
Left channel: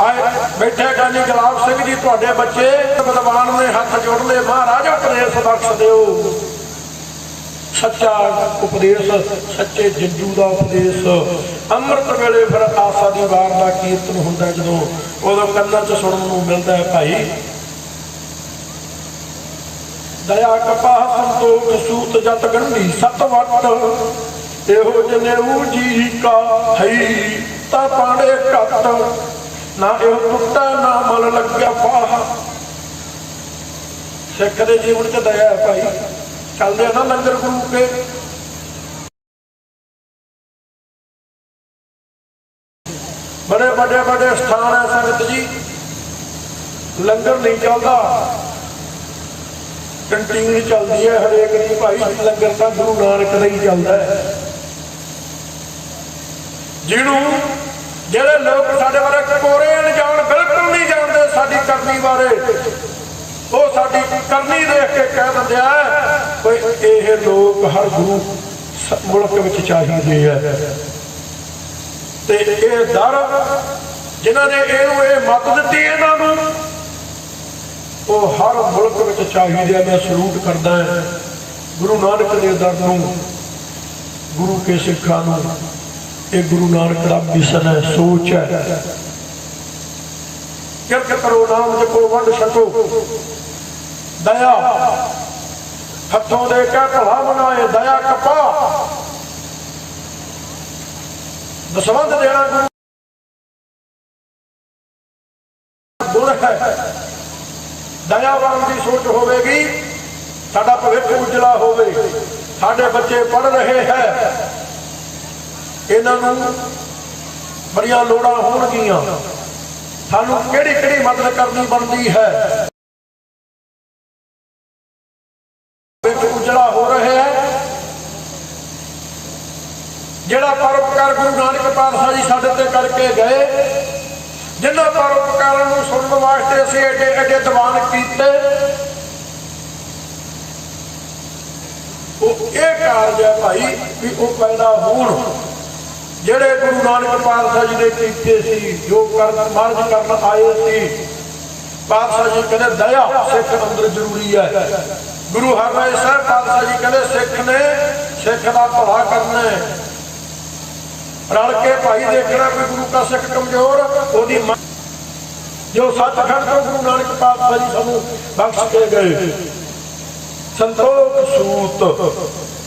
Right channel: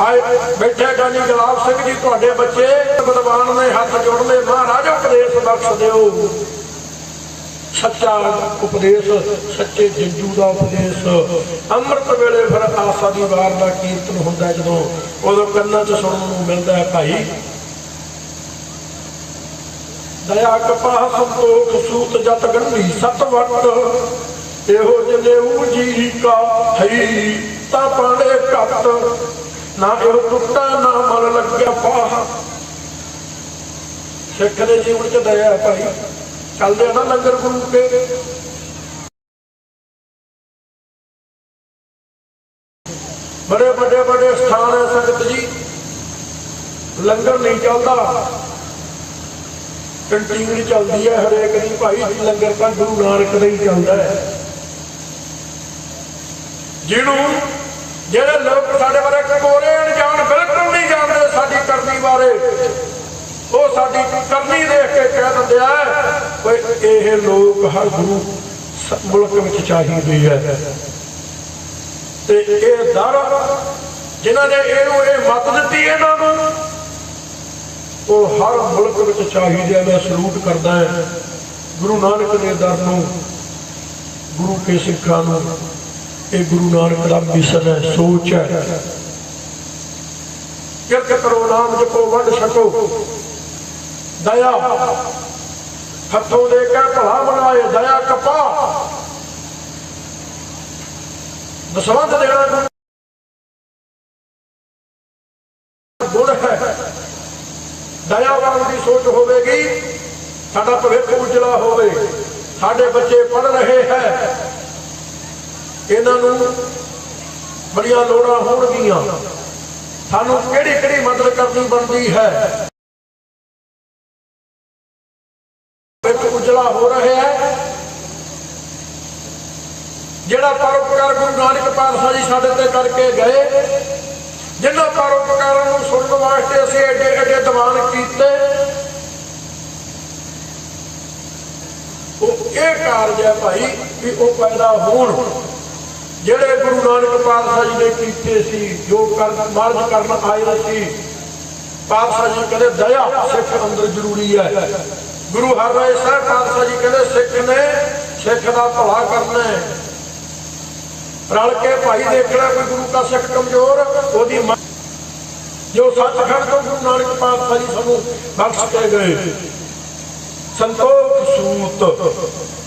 ਆਏ ਬੈਠੇ ਗਾਨੀ ਗੁਲਾਬ ਸਿੰਘ ਜੀ, ਤੁਹਾਡੇ ਬੱਚੇ ਵਿਦਵਾਨ ਨੇ, ਹੱਥ ਜੋੜ ਲਏ, ਮਹਾਰਾਜ ਉਪਦੇਸ਼ ਬਖਸ਼ ਦਿਓ। ਸੱਚਾ ਉਪਦੇਸ਼, ਸੱਚੇ ਜੰਜੂ ਦਾ ਉਪਦੇਸ਼। ਅੰਮ੍ਰਿਤ ਵੇਲੇ ਫਿਰ ਆਸਾ ਦੀ ਵਾਰ ਦਾ ਕੀਰਤਨ ਹੁੰਦਾ, ਜਦੋਂ ਉਦੋਂ ਕੰਨਾਂ 'ਚ ਸੁਣਨ ਨੂੰ ਮਿਲਦਾ ਹੈ ਭਾਈ। ਦਇਆ ਕਪਾਹ ਸੰਤੋਖ ਸੂਤ ਜਤ ਗੰਢੀ ਸਤ ਵਟ, ਇਹੋ ਜਨੇਊ ਜੀ ਕਾ ਹੈ ਤਾਂ ਪਾਣੇ ਘੱਟ, ਨਾ ਇਹੋ ਟੁੱਟਾ ਨਾ ਮਨ ਲੱਗਿਆ ਪਾਹ। ਸਿੱਖ ਦੇ ਜੀਵਨ 'ਚ ਦਇਆ ਭਾਈ। ਚੱਲਦੇ ਆ ਨਾ ਲੰਗਰ ਗੁਰੂ ਕੇ, ਬੜੇ ਵੱਡੇ ਵੱਡੇ ਸਥਾਨ ਹੈ ਸੰਗਤ ਜੀ, ਲੰਗਰ ਨਹੀਂ ਚੱਲਦਾ, ਕੰਟੀਨ ਚੱਲਦੀ ਹੈ ਹਰੇਕ ਦੀ ਭਾਈ। ਲੰਗਰ ਤਾਂ ਗੁਰੂ ਨਾਨਕ ਦਾ ਹੀ ਚੱਲਦਾ ਹੈ। ਜਿਹਨੂੰ ਜਿਹੜੇ ਲੋਕ ਸਾਡੇ ਬਾਰੇ ਕੋਰੇ ਅਣਜਾਣ, ਬਿਲਕੁਲ ਨਹੀਂ ਜਾਣਦੇ ਸਾਡੀ ਕਰਨੀ ਬਾਰੇ, ਉਹ ਸਾਡੀ ਕਰਨੀ ਦੇਖ ਕੇ ਕਹਿ ਦਿੰਦੇ ਆ ਵੀ ਇਹ ਲੋਕ ਹਰ ਗੁਰੂ ਮੁਲਕ ਵਿੱਚ ਚਾਹੀਦੇ ਹੈ। ਤੇ ਇਹ ਦਰ ਜਿਨ੍ਹਾਂ ਨੇ ਇਹਨੂੰ ਇਹ ਮੱਤ ਦਿੱਤੀ ਇਹਨਾਂ ਨੂੰ, ਉਹ ਹਰ ਮੁਲਕ ਵਿੱਚ ਚਾਹੀਦੇ ਆ। ਮੈਂ ਸਲੂਟ ਕਰਦਾ ਹੈ ਗੁਰੂ ਨਾਨਕ ਦੇ ਦਰ ਨੂੰ, ਗੁਰੂ ਕੇ ਸਿੱਖਾਂ ਨੂੰ। ਇਹ ਗੁਰੂ ਨਾਨਕ ਦਾ ਮਿਸ਼ਨ ਹੈ, ਸੋਚ ਹੈ। ਕਿਰਤ ਕਰੋ ਨਾਮ ਜਪੋ ਵੰਡ ਛਕੋ, ਦਇਆ ਹੱਥੋਂ ਦੇ ਕੇ ਭਲਾ ਬਣਾਏ, ਦਇਆ ਕਪਾ ਦਸਵੰਧ ਦੇਣਾ ਗੁਰ ਹੈ। ਦਇਆ ਕਰਨ ਦੀ ਸੋਚ ਹੋਵੇਗੀ, ਸਾਡਾ ਭਵਿੱਖ ਉਜਲਾ ਹੋਵੇ। ਸਾਡੇ ਬੱਚੇ ਪੜ੍ਹ ਰਹੇ ਹੈ, ਇਹਨਾਂ ਨੂੰ ਬੜੀਆਂ ਲੋੜਾਂ ਹੋਣਗੀਆਂ, ਸਾਨੂੰ ਕਿਹੜੀ ਕਿਹੜੀ ਮਦਦ ਕਰਨੀ ਬਣਦੀ ਹੈ। ਉਜਲਾ ਹੋ ਰਿਹਾ ਹੈ। ਜਿਹੜਾ ਪਰਉਪਕਾਰ ਗੁਰੂ ਨਾਨਕ ਪਾਤਸ਼ਾਹ ਜੀ ਸਾਡੇ ਤੇ ਕਰਕੇ ਗਏ, ਜਿਨ੍ਹਾਂ ਪਰਉਪਕਾਰਾਂ ਨੂੰ ਸੁਣਨ ਵਾਸਤੇ ਅਸੀਂ ਏਡੇ ਏਡੇ ਦੀਵਾਨ ਕੀਤੇ, ਉਹ ਇਹ ਕਾਰਜ ਹੈ ਭਾਈ ਵੀ ਉਹ ਪੈਦਾ ਹੋਣ ਜਿਹੜੇ ਗੁਰੂ ਨਾਨਕ ਪਾਤਸ਼ਾਹ ਜੀ ਨੇ ਕੀਤੇ ਸੀ, ਜੋ ਮਾਰਜ ਕਰਨ ਆਏ ਸੀ। ਪਾਤਸ਼ਾਹ ਜੀ ਕਹਿੰਦੇ ਦਇਆ ਸਿੱਖ ਅੰਦਰ ਜ਼ਰੂਰੀ ਹੈ। ਗੁਰੂ ਹਰਿਰਾਏ ਸਾਹਿਬ ਪਾਤਸ਼ਾਹ ਜੀ ਕਹਿੰਦੇ ਸਿੱਖ ਦਾ ਭਲਾ ਕਰਨਾ ਹੈ, ਰਲ ਕੇ ਭਾਈ ਦੇਖਣਾ ਕੋਈ ਗੁਰੂ ਦਾ ਸਿੱਖ ਕਮਜ਼ੋਰ ਉਹਦੀ ਜੋ ਸੱਚਖੰਡ ਤੋਂ ਗੁਰੂ ਨਾਨਕ ਪਾਤਸ਼ਾਹ ਜੀ ਸਾਨੂੰ ਬਖਸ਼ ਕੇ ਗਏ ਸੰਤੋਖ ਸੂਤ।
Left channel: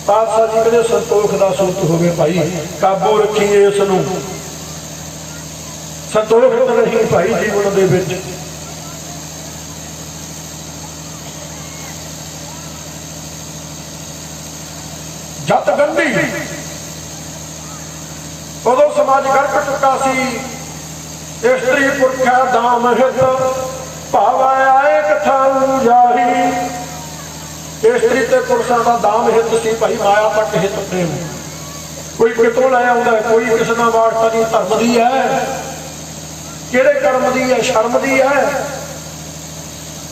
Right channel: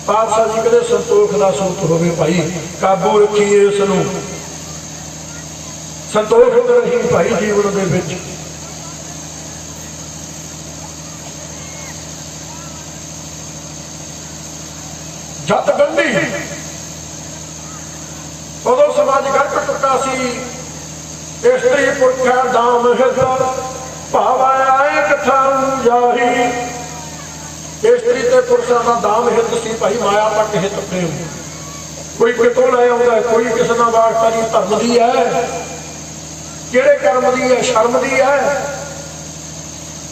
ਪਾਤਸ਼ਾਹ ਜੀ ਕਹਿੰਦੇ ਸੰਤੋਖ ਦਾ ਸੂਤ ਹੋਵੇ ਭਾਈ, ਕਾਬੂ ਰੱਖੀਏ ਇਸ ਨੂੰ, ਸੰਤੋਖ ਰਹੀ ਭਾਈ ਜੀਵਨ ਦੇ ਵਿੱਚ। ਜਦ ਗੰਢੀ ਉਦੋਂ ਸਮਾਜ ਗੜਕ ਚੁੱਕਾ ਸੀ। ਇਸਤਰੀ ਪੁਰਖਾ ਦਾਮ ਹਿਤ ਭਾਵ ਆਏ ਕਥਾ ਜਾਹੀ। ਇਸਤਰੀ ਤੇ ਪੁਰਸ਼ਾਂ ਦਾ ਦਾਮ ਹਿਤ ਸੀ ਭਾਈ, ਮਾਇਆ ਤੱਕ ਹਿਤ ਪ੍ਰੇਮ। ਕੋਈ ਕਿਤੋਂ ਲੈ ਆਉਂਦਾ, ਕੋਈ ਕਿਸੇ ਨਾਲ ਵਾਸਤਾ ਨਹੀਂ। ਧਰਮ ਦੀ ਹੈ, ਕਿਹੜੇ ਕਰਮ ਦੀ ਹੈ? ਸ਼ਰਮ ਦੀ ਹੈ।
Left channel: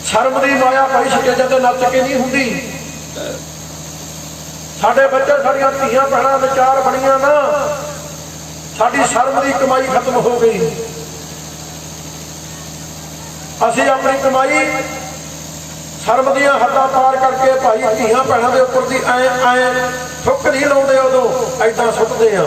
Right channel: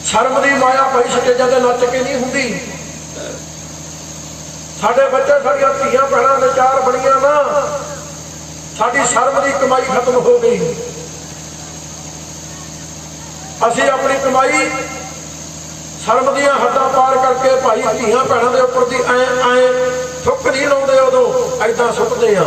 ਸ਼ਰਮ ਦੀ ਮਾਇਆ ਭਾਈ ਸਟੇਜਾਂ ਤੇ ਨੱਚ ਕੇ ਨਹੀਂ ਹੁੰਦੀ। ਸਾਡੇ ਬੱਚੇ ਸਾਡੀਆਂ ਧੀਆਂ ਭੈਣਾਂ ਵਿਚਾਰ ਬਣੀਆਂ ਨਾ, ਸਾਡੀ ਸ਼ਰਮ ਦੀ ਕਮਾਈ ਖਤਮ ਹੋ ਗਈ। ਅਸੀਂ ਆਪਣੀ ਕਮਾਈ ਸ਼ਰਮ ਦੀਆਂ ਹੱਦਾਂ ਪਾਰ ਕਰਕੇ ਭਾਈ ਧੀਆਂ ਭੈਣਾਂ ਦੇ ਉੱਪਰ ਦੀ ਐ ਥੁੱਕ ਨਹੀਂ ਲਾਉਂਦੇ, ਉਦੋਂ ਐਦਾਂ ਸੁੱਟਦੇ ਆ।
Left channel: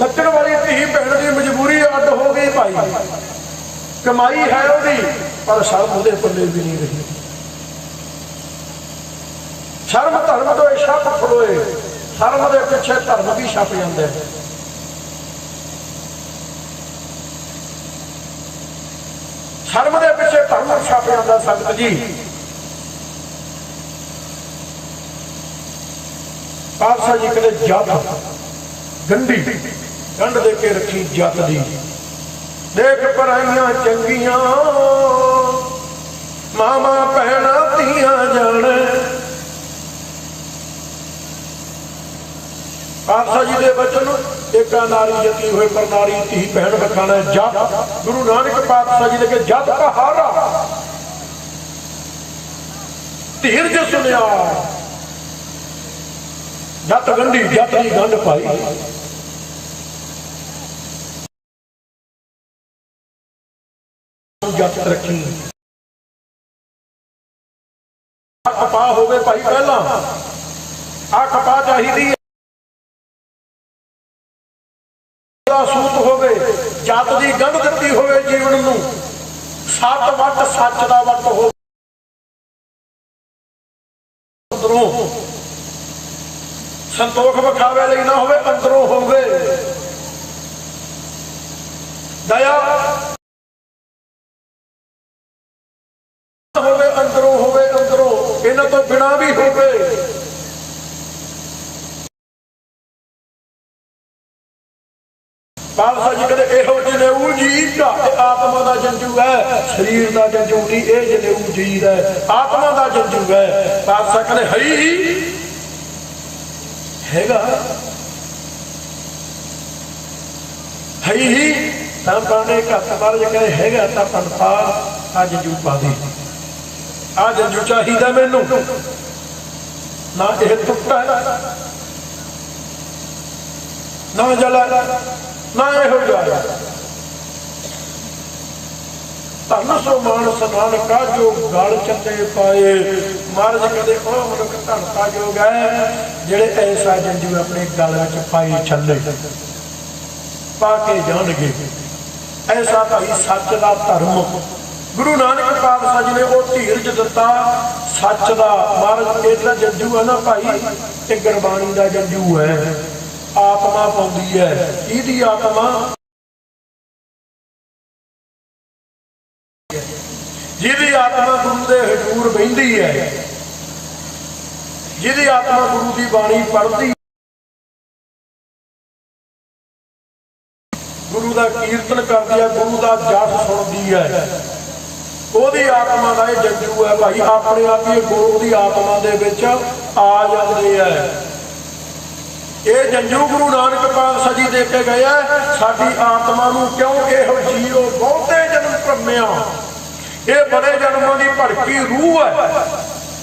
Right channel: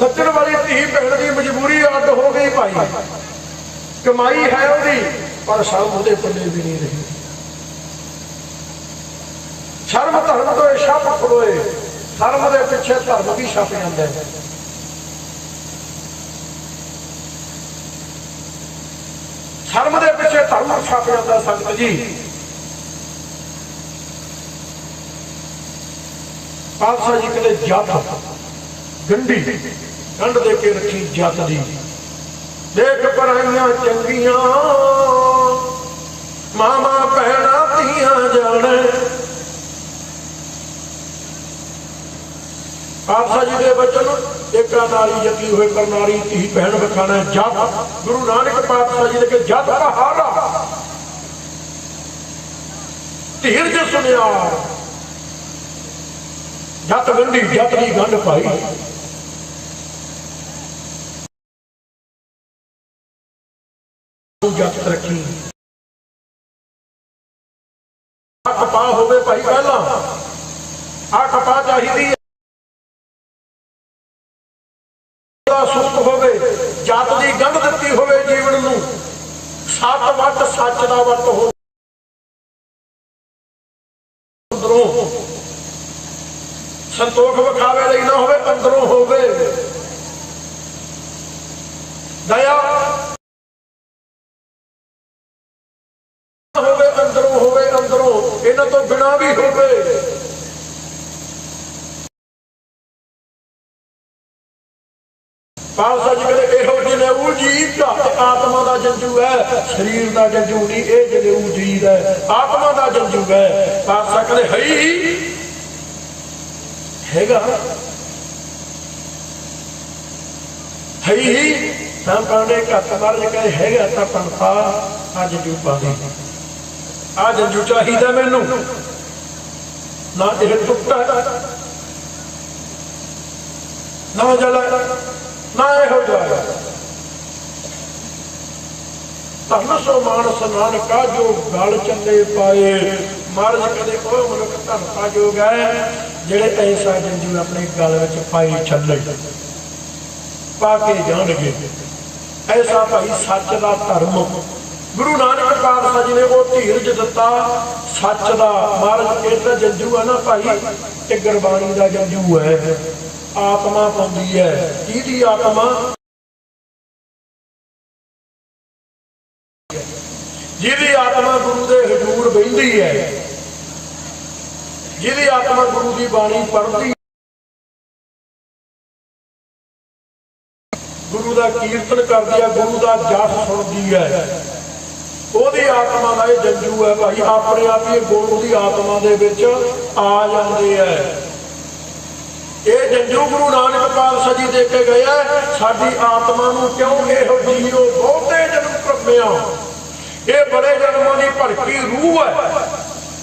ਨੱਚਣ ਵਾਲੀ ਧੀ ਭੈਣ ਦੀ ਮਜਬੂਰੀ ਅੱਡ ਹੋ ਗਈ ਭਾਈ, ਕਮਾਈ ਹੈ ਉਹਦੀ ਪਰ ਸ਼ਰਮ ਉਹਦੇ ਪੱਲੇ ਵੀ ਨਹੀਂ ਰਹੀ। ਸ਼ਰਮ ਧਰਮ ਤੋਂ ਛੱਪ ਖੜੋਏ, ਸ਼ਰਮ ਦੇ ਪਿੱਛੇ ਧਰਮ ਵੀ ਛੱਪ ਜਾਂਦਾ ਹੈ। ਸ਼ਰਮ ਦੇ ਪਿੱਛੇ ਧਰਮ ਛੱਪ ਜਾਂਦਾ ਸੰਗਤ ਜੀ। ਪਾਤਸ਼ਾਹ ਜੀ ਕਹਿੰਦੇ ਜੱਤ ਗੰਢੀ ਗੰਢ ਦੇ ਕੇ ਰੱਖੀ ਜੱਤ ਦੀ। ਦੇਖ ਪਰਾਈਆਂ ਚੰਗੀਆਂ ਮਾਮਾ ਭੈਣਾਂ ਧੀਆਂ ਜਾਣੇ। ਪਾਤਸ਼ਾਹ ਜੀ ਦੇ ਬਚਨ ਏਕਾ ਨਾਲੀ ਜਤੀ ਹੋਏ ਪਰ ਨਾਰੀ ਧੀ ਭੈਣ ਬਖਾਣਾ ਜੱਤ। ਗੁਰੂ ਨਾਨਕ ਪਾਤਸ਼ਾਹ ਜੀ ਦੇ ਕੇ ਜੱਤ ਪਹਾਰਾ ਧੀਰਜ ਸੁਨਿਆ। ਜੱਤ ਗੰਢੀ ਜੱਤ ਦੀ ਗੰਢ ਪਾਈ। ਜੱਤ ਰੱਖੀ ਖਪਾ ਹੋਵੇ ਭਾਈ, ਪਹਿਲਾਂ ਆ ਖਪਾ ਚਾਹੀਦੀ ਹੈ। ਸੂਤ ਹੋਵੇ, ਜੱਤ ਦੀ ਗੰਢ ਦਿੱਤੀ ਹੋਵੇ ਜੀਵਨ ਨੂੰ। ਸੱਤ ਵੱਟ ਸੱਚ ਦਾ ਵੱਟ ਹੋਵੇ, ਅੰਦਰੋਂ ਸੰਤੋਖ ਵਿਖਾਵੇ ਲਈ ਨਾ ਹੋਵੇ, ਅੰਦਰੋਂ ਹੋਵੇ ਦਇਆ ਹੋਵੇ, ਅੰਦਰੋਂ ਹੋਵੇ, ਅੰਦਰੋਂ ਇਹਨਾਂ ਤੋਂ ਬਿਨਾਂ ਵੀ ਹੋਵੇ। ਪਾਤਸ਼ਾਹ ਜੀ ਕਹਿੰਦੇ ਇਹੋ ਜਨੇਊ ਜੀਵ ਦਾ ਆਤਮਾ ਦਾ ਜੰਜੂ ਹੈ, ਸਰੀਰ ਦਾ ਜੰਜੂ ਨਹੀਂ। ਇਹ ਜਨੇਊ ਜੀਵ ਹੈ, ਆਤਮਾ ਦਾ ਜੰਜੂ ਹੈ। ਪਾਤਸ਼ਾਹ ਕਹਿੰਦੇ ਹੈਗਾ ਹੈ ਹੀ ਤਾਂ ਪਾਉਣੇ ਘੱਟ ਮਾਰੇ ਕਹੇ ਹੈਗਾ ਤਾਂ ਪੰਥਾ ਅੱਜ ਜੂ ਪਾਦੀ। ਆ ਜੰਜੂ ਚਾਹੀਦਾ ਮੈਨੂੰ, ਨਾ ਇਹ ਟੁੱਟਾ ਨਾ ਜਲਾ ਨਾ ਇਹੋ ਜਾਏ। ਧਨ ਸੋ ਮਾਨਸ ਨਾਨਕਾ ਜੋ ਗਲ ਚੱਲੇ ਪਾਏ। ਮਹਾਰਾਜ ਕਹਿੰਦੇ ਉਹ ਮਨੁੱਖ ਧੰਤਾ ਜੋਗ ਹੈ ਜਿਹੜੇ ਐਸਾ ਜੰਜੂ ਆਪਣੇ ਗਲ ਵਿੱਚ ਪਾਈ ਚੱਲੇ, ਪਾ ਕੇ ਜਾਣਗੇ। ਐਸਾ ਭਾਈ ਸੱਚ ਦਾ ਧਰਮ ਗੁਰੂ ਨਾਨਕ ਪਾਤਸ਼ਾਹ ਜੀ ਨੇ ਉਹ ਧੀਰਜ ਦਿੱਤਾ ਸੱਚ ਦਾ। ਮਹਾਰਾਜ ਇਹਦਾ ਜੰਜੂ ਹੈ ਨਾ ਭਾਈ, ਇਹ ਗੁਰਬਾਣੀ ਦਾ ਜੰਜੂ ਹੈ। ਆਤਮਾ ਪਾਉਂਦੀ ਹੈ, ਇਹਦੀ ਆਤਮਾ ਜਿਹਦੀ ਆਤਮਾ ਗੁਰੂ ਦੇ ਹਜ਼ੂਰ ਬਹਿੰਦੀ ਹੈ, ਜਿਹਦੀ ਆਤਮਾ ਗੁਰੂ ਦੀ ਬਾਣੀ ਪੜ੍ਹਦੀ, ਗੁਰੂ ਦਾ ਕੀਰਤਨ ਕਰਦੀ ਹੈ, ਗੁਰੂ ਦਾ ਜਪ ਸੁਣਦੀ ਹੈ, ਉਹਦੀ ਆਤਮਾ ਦਾ ਇਹ ਜੰਜੂ ਹੈ ਭਾਈ। ਆਪਣੇ ਆਪ ਹੀ ਗੁਰੂ ਦੀ ਆਤਮਾ ਦੇ ਵਿੱਚ ਆ ਜਾਂਦੇ ਹੈ। ਇਹ ਜੰਜੂ ਗੁਰੂ ਨਾਨਕ ਪਾਤਸ਼ਾਹ ਜੀ ਦੇ ਕੇ ਗਏ ਆ ਸਾਡੀ ਆਤਮਾ ਨੂੰ। ਕਿਉਂ ਇਹੋ ਜੀਓ ਬਹੁਤੇ ਜਨਮ ਭਰਮਿਆ ਇਹ ਬੜੇ ਜਨਮਾਂ ਦੀ ਭੜਕੀ ਰੂਹ ਹੈ।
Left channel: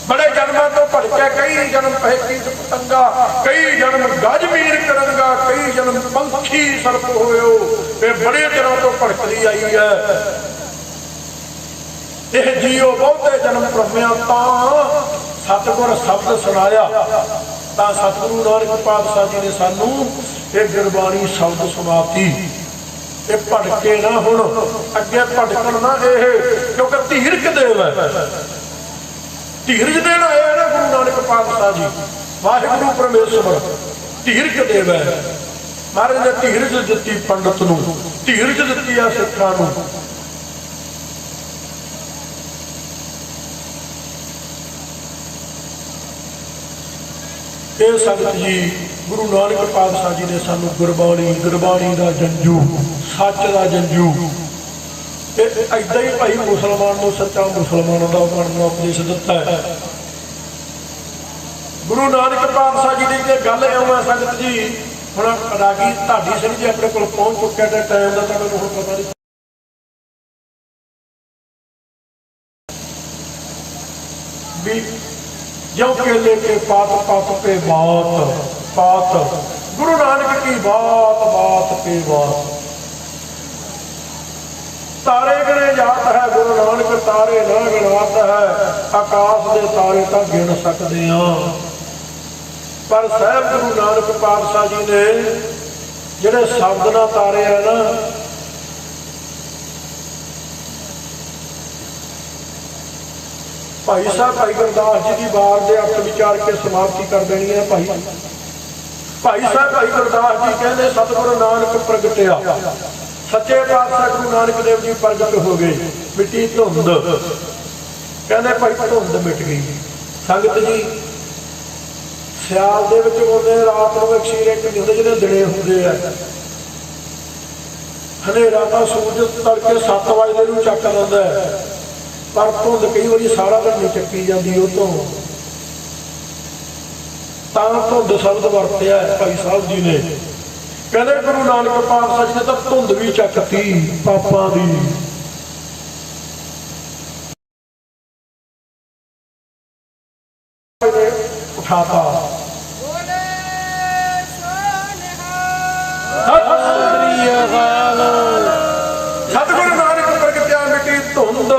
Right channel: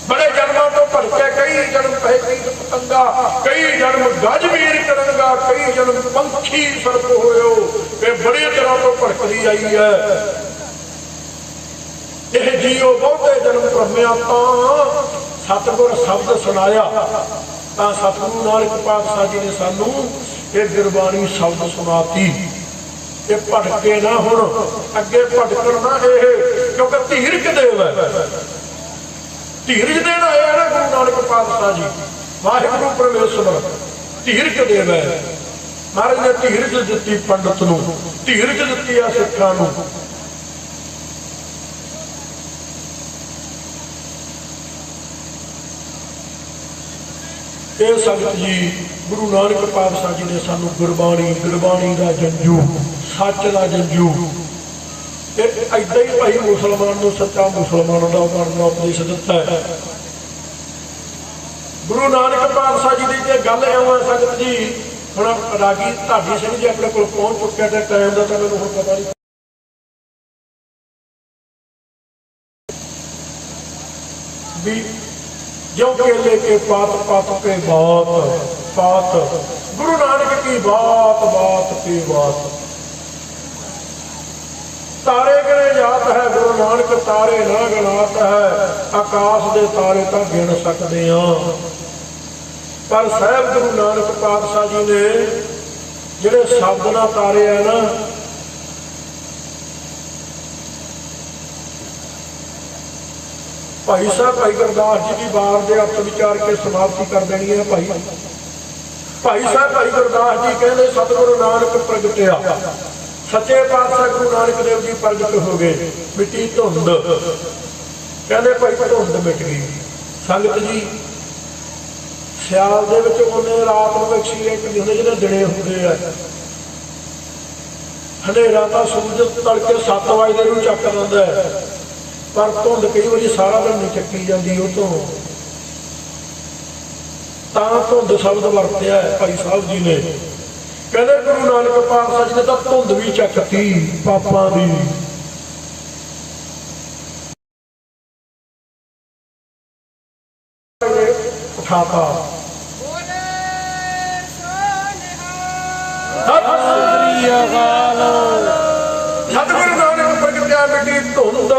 ਬੜੇ ਜਨਮਾਂ ਤੋਂ ਭੜਕਿਆ, ਕਈ ਜਨਮ ਪਹਿਕੀ ਪਤੰਗਾ, ਕਈ ਜਨਮ ਗਜਵੀਰ ਕਰੰਗਾ, ਕਈ ਜਨਮ ਪੰਖੀ ਸਰਪ ਹੋਇਓ। ਇਹ ਬੜੇ ਦਿਨਾਂ ਤੋਂ ਭੜਕਦੀ ਆਈ ਹੈ। ਇਹ ਜੀਓ ਬਹੁਤੇ ਜਨਮ ਭਰਮਿਆ ਤਾਂ ਸਤਿਗੁਰ ਸ਼ਬਦ ਸੁਣਾਇਆ, ਤਾਂ ਸਤਿਗੁਰੂ ਨਾਨਕ ਪਾਤਸ਼ਾਹ ਜੀ ਨੇ ਸਾਨੂੰ ਇਹ ਗੁਰਬਾਣੀ ਸ਼ਬਦ ਸੁਣਾਤੀ। ਇਹ ਭੜਕੇ ਨਾ ਹੁਣ, ਅੱਗੇ ਭੜਕਣ ਨਾ ਇਹ, ਕਿਉਂਕਿ ਧੀਰਜ ਦੇਵ ਹੈ। ਧੀਰਜ ਦੇਣ ਆਇਆ ਨਾ ਗੁਰੂ ਨਾਨਕ ਪਾਤਸ਼ਾਹ ਜੀ, ਵਾਹਿਗੁਰੂ ਪਰਮੇਸ਼ਵਰ ਧੀਰਜ ਦੇਵ ਹੈ। ਮਹਾਰਾਜ ਨੇ ਧੀਰਜ ਦਿੱਤੀ ਪੰਡਤ ਨੂੰ, ਧੀਰਜ ਦਿੱਤੀ ਆ ਸਿੱਖਾਂ ਨੂੰ। ਇਹ ਸੰਗਤ ਜੀ, ਗੁਰੂ ਨਾਨਕ ਪਾਤਸ਼ਾਹ ਜੀ ਨੇ ਸਾਨੂੰ ਗੁਰਬਾਣੀ ਦਾ ਜੰਜੂ, ਸੱਚ ਦਾ ਜੰਜੂ, ਤੇ ਏਦਾਂ ਹੀ ਭਾਈ ਮੁਸਲਮਾਨ ਨੂੰ ਸੱਚਾ ਮੁਸਲਮਾਨਾਂ ਦਾ ਬਣਨ ਦਾ ਉਪਦੇਸ਼ ਦਿੱਤਾ ਹੈ। ਗੁਰੂ ਨਾਨਕ ਪਾਤਸ਼ਾਹ ਜੀ ਦੀ ਤੇ ਗੱਲ ਐਵੇਂ ਸੰਗਤ ਜੀ, ਹੁਣ ਰਾਗੀ ਢਾਡੀ ਸਿੰਘ ਜੀ ਆਪਣੇ ਕੋਲ ਪਹੁੰਚ ਚੁੱਕਿਆ ਤੇ ਟਾਈਮ ਦਾ ਤਾਂ ਮੈਨੂੰ ਹੁਣ ਪਤਾ ਨਹੀਂ। ਵੀ जो केले के पात पात पे बात पात, गुरु नानक की बात बात पे बात। तारे गिने जात है गुरु नानक, तारे ना गिनात है। आकाश दे तारे तो गिन सकते हैं, पर साहब गुरु नानक पातशाह जी ने जिहड़े शब्द नाल तारे है ना, भाई साहब भाई गुरदास जी की बार के अर्थ विचार के समाप्ति कर देनी है। भाई साहब भाई गुरदास जी कहने सतगुरु नानक प्रगटिया, सच्चे पातशाह गुरु नानक देव जी प्रगट हो गए। मिट्टी धुंध, कहने भाई धुंध मिट गई। संगत जी सियाल दे विच आउंदे, रात नूं अखीरे च जिहड़े दिने हुंदे आ, हनेरा तां सूरज तड़के 7 वजे नूं चक लैंदा है, पर धुंध कई बार सारा दिन नहीं चक्की जाती। उतों धुंध शब्द वरत्या भाई साहब जी ने, कहते गुरु नानक पातशाह जी ने तो धुंध भी चकती पापां दी। उठाता सतगुरु नानक प्रगटिया, मिट्टी धुंध,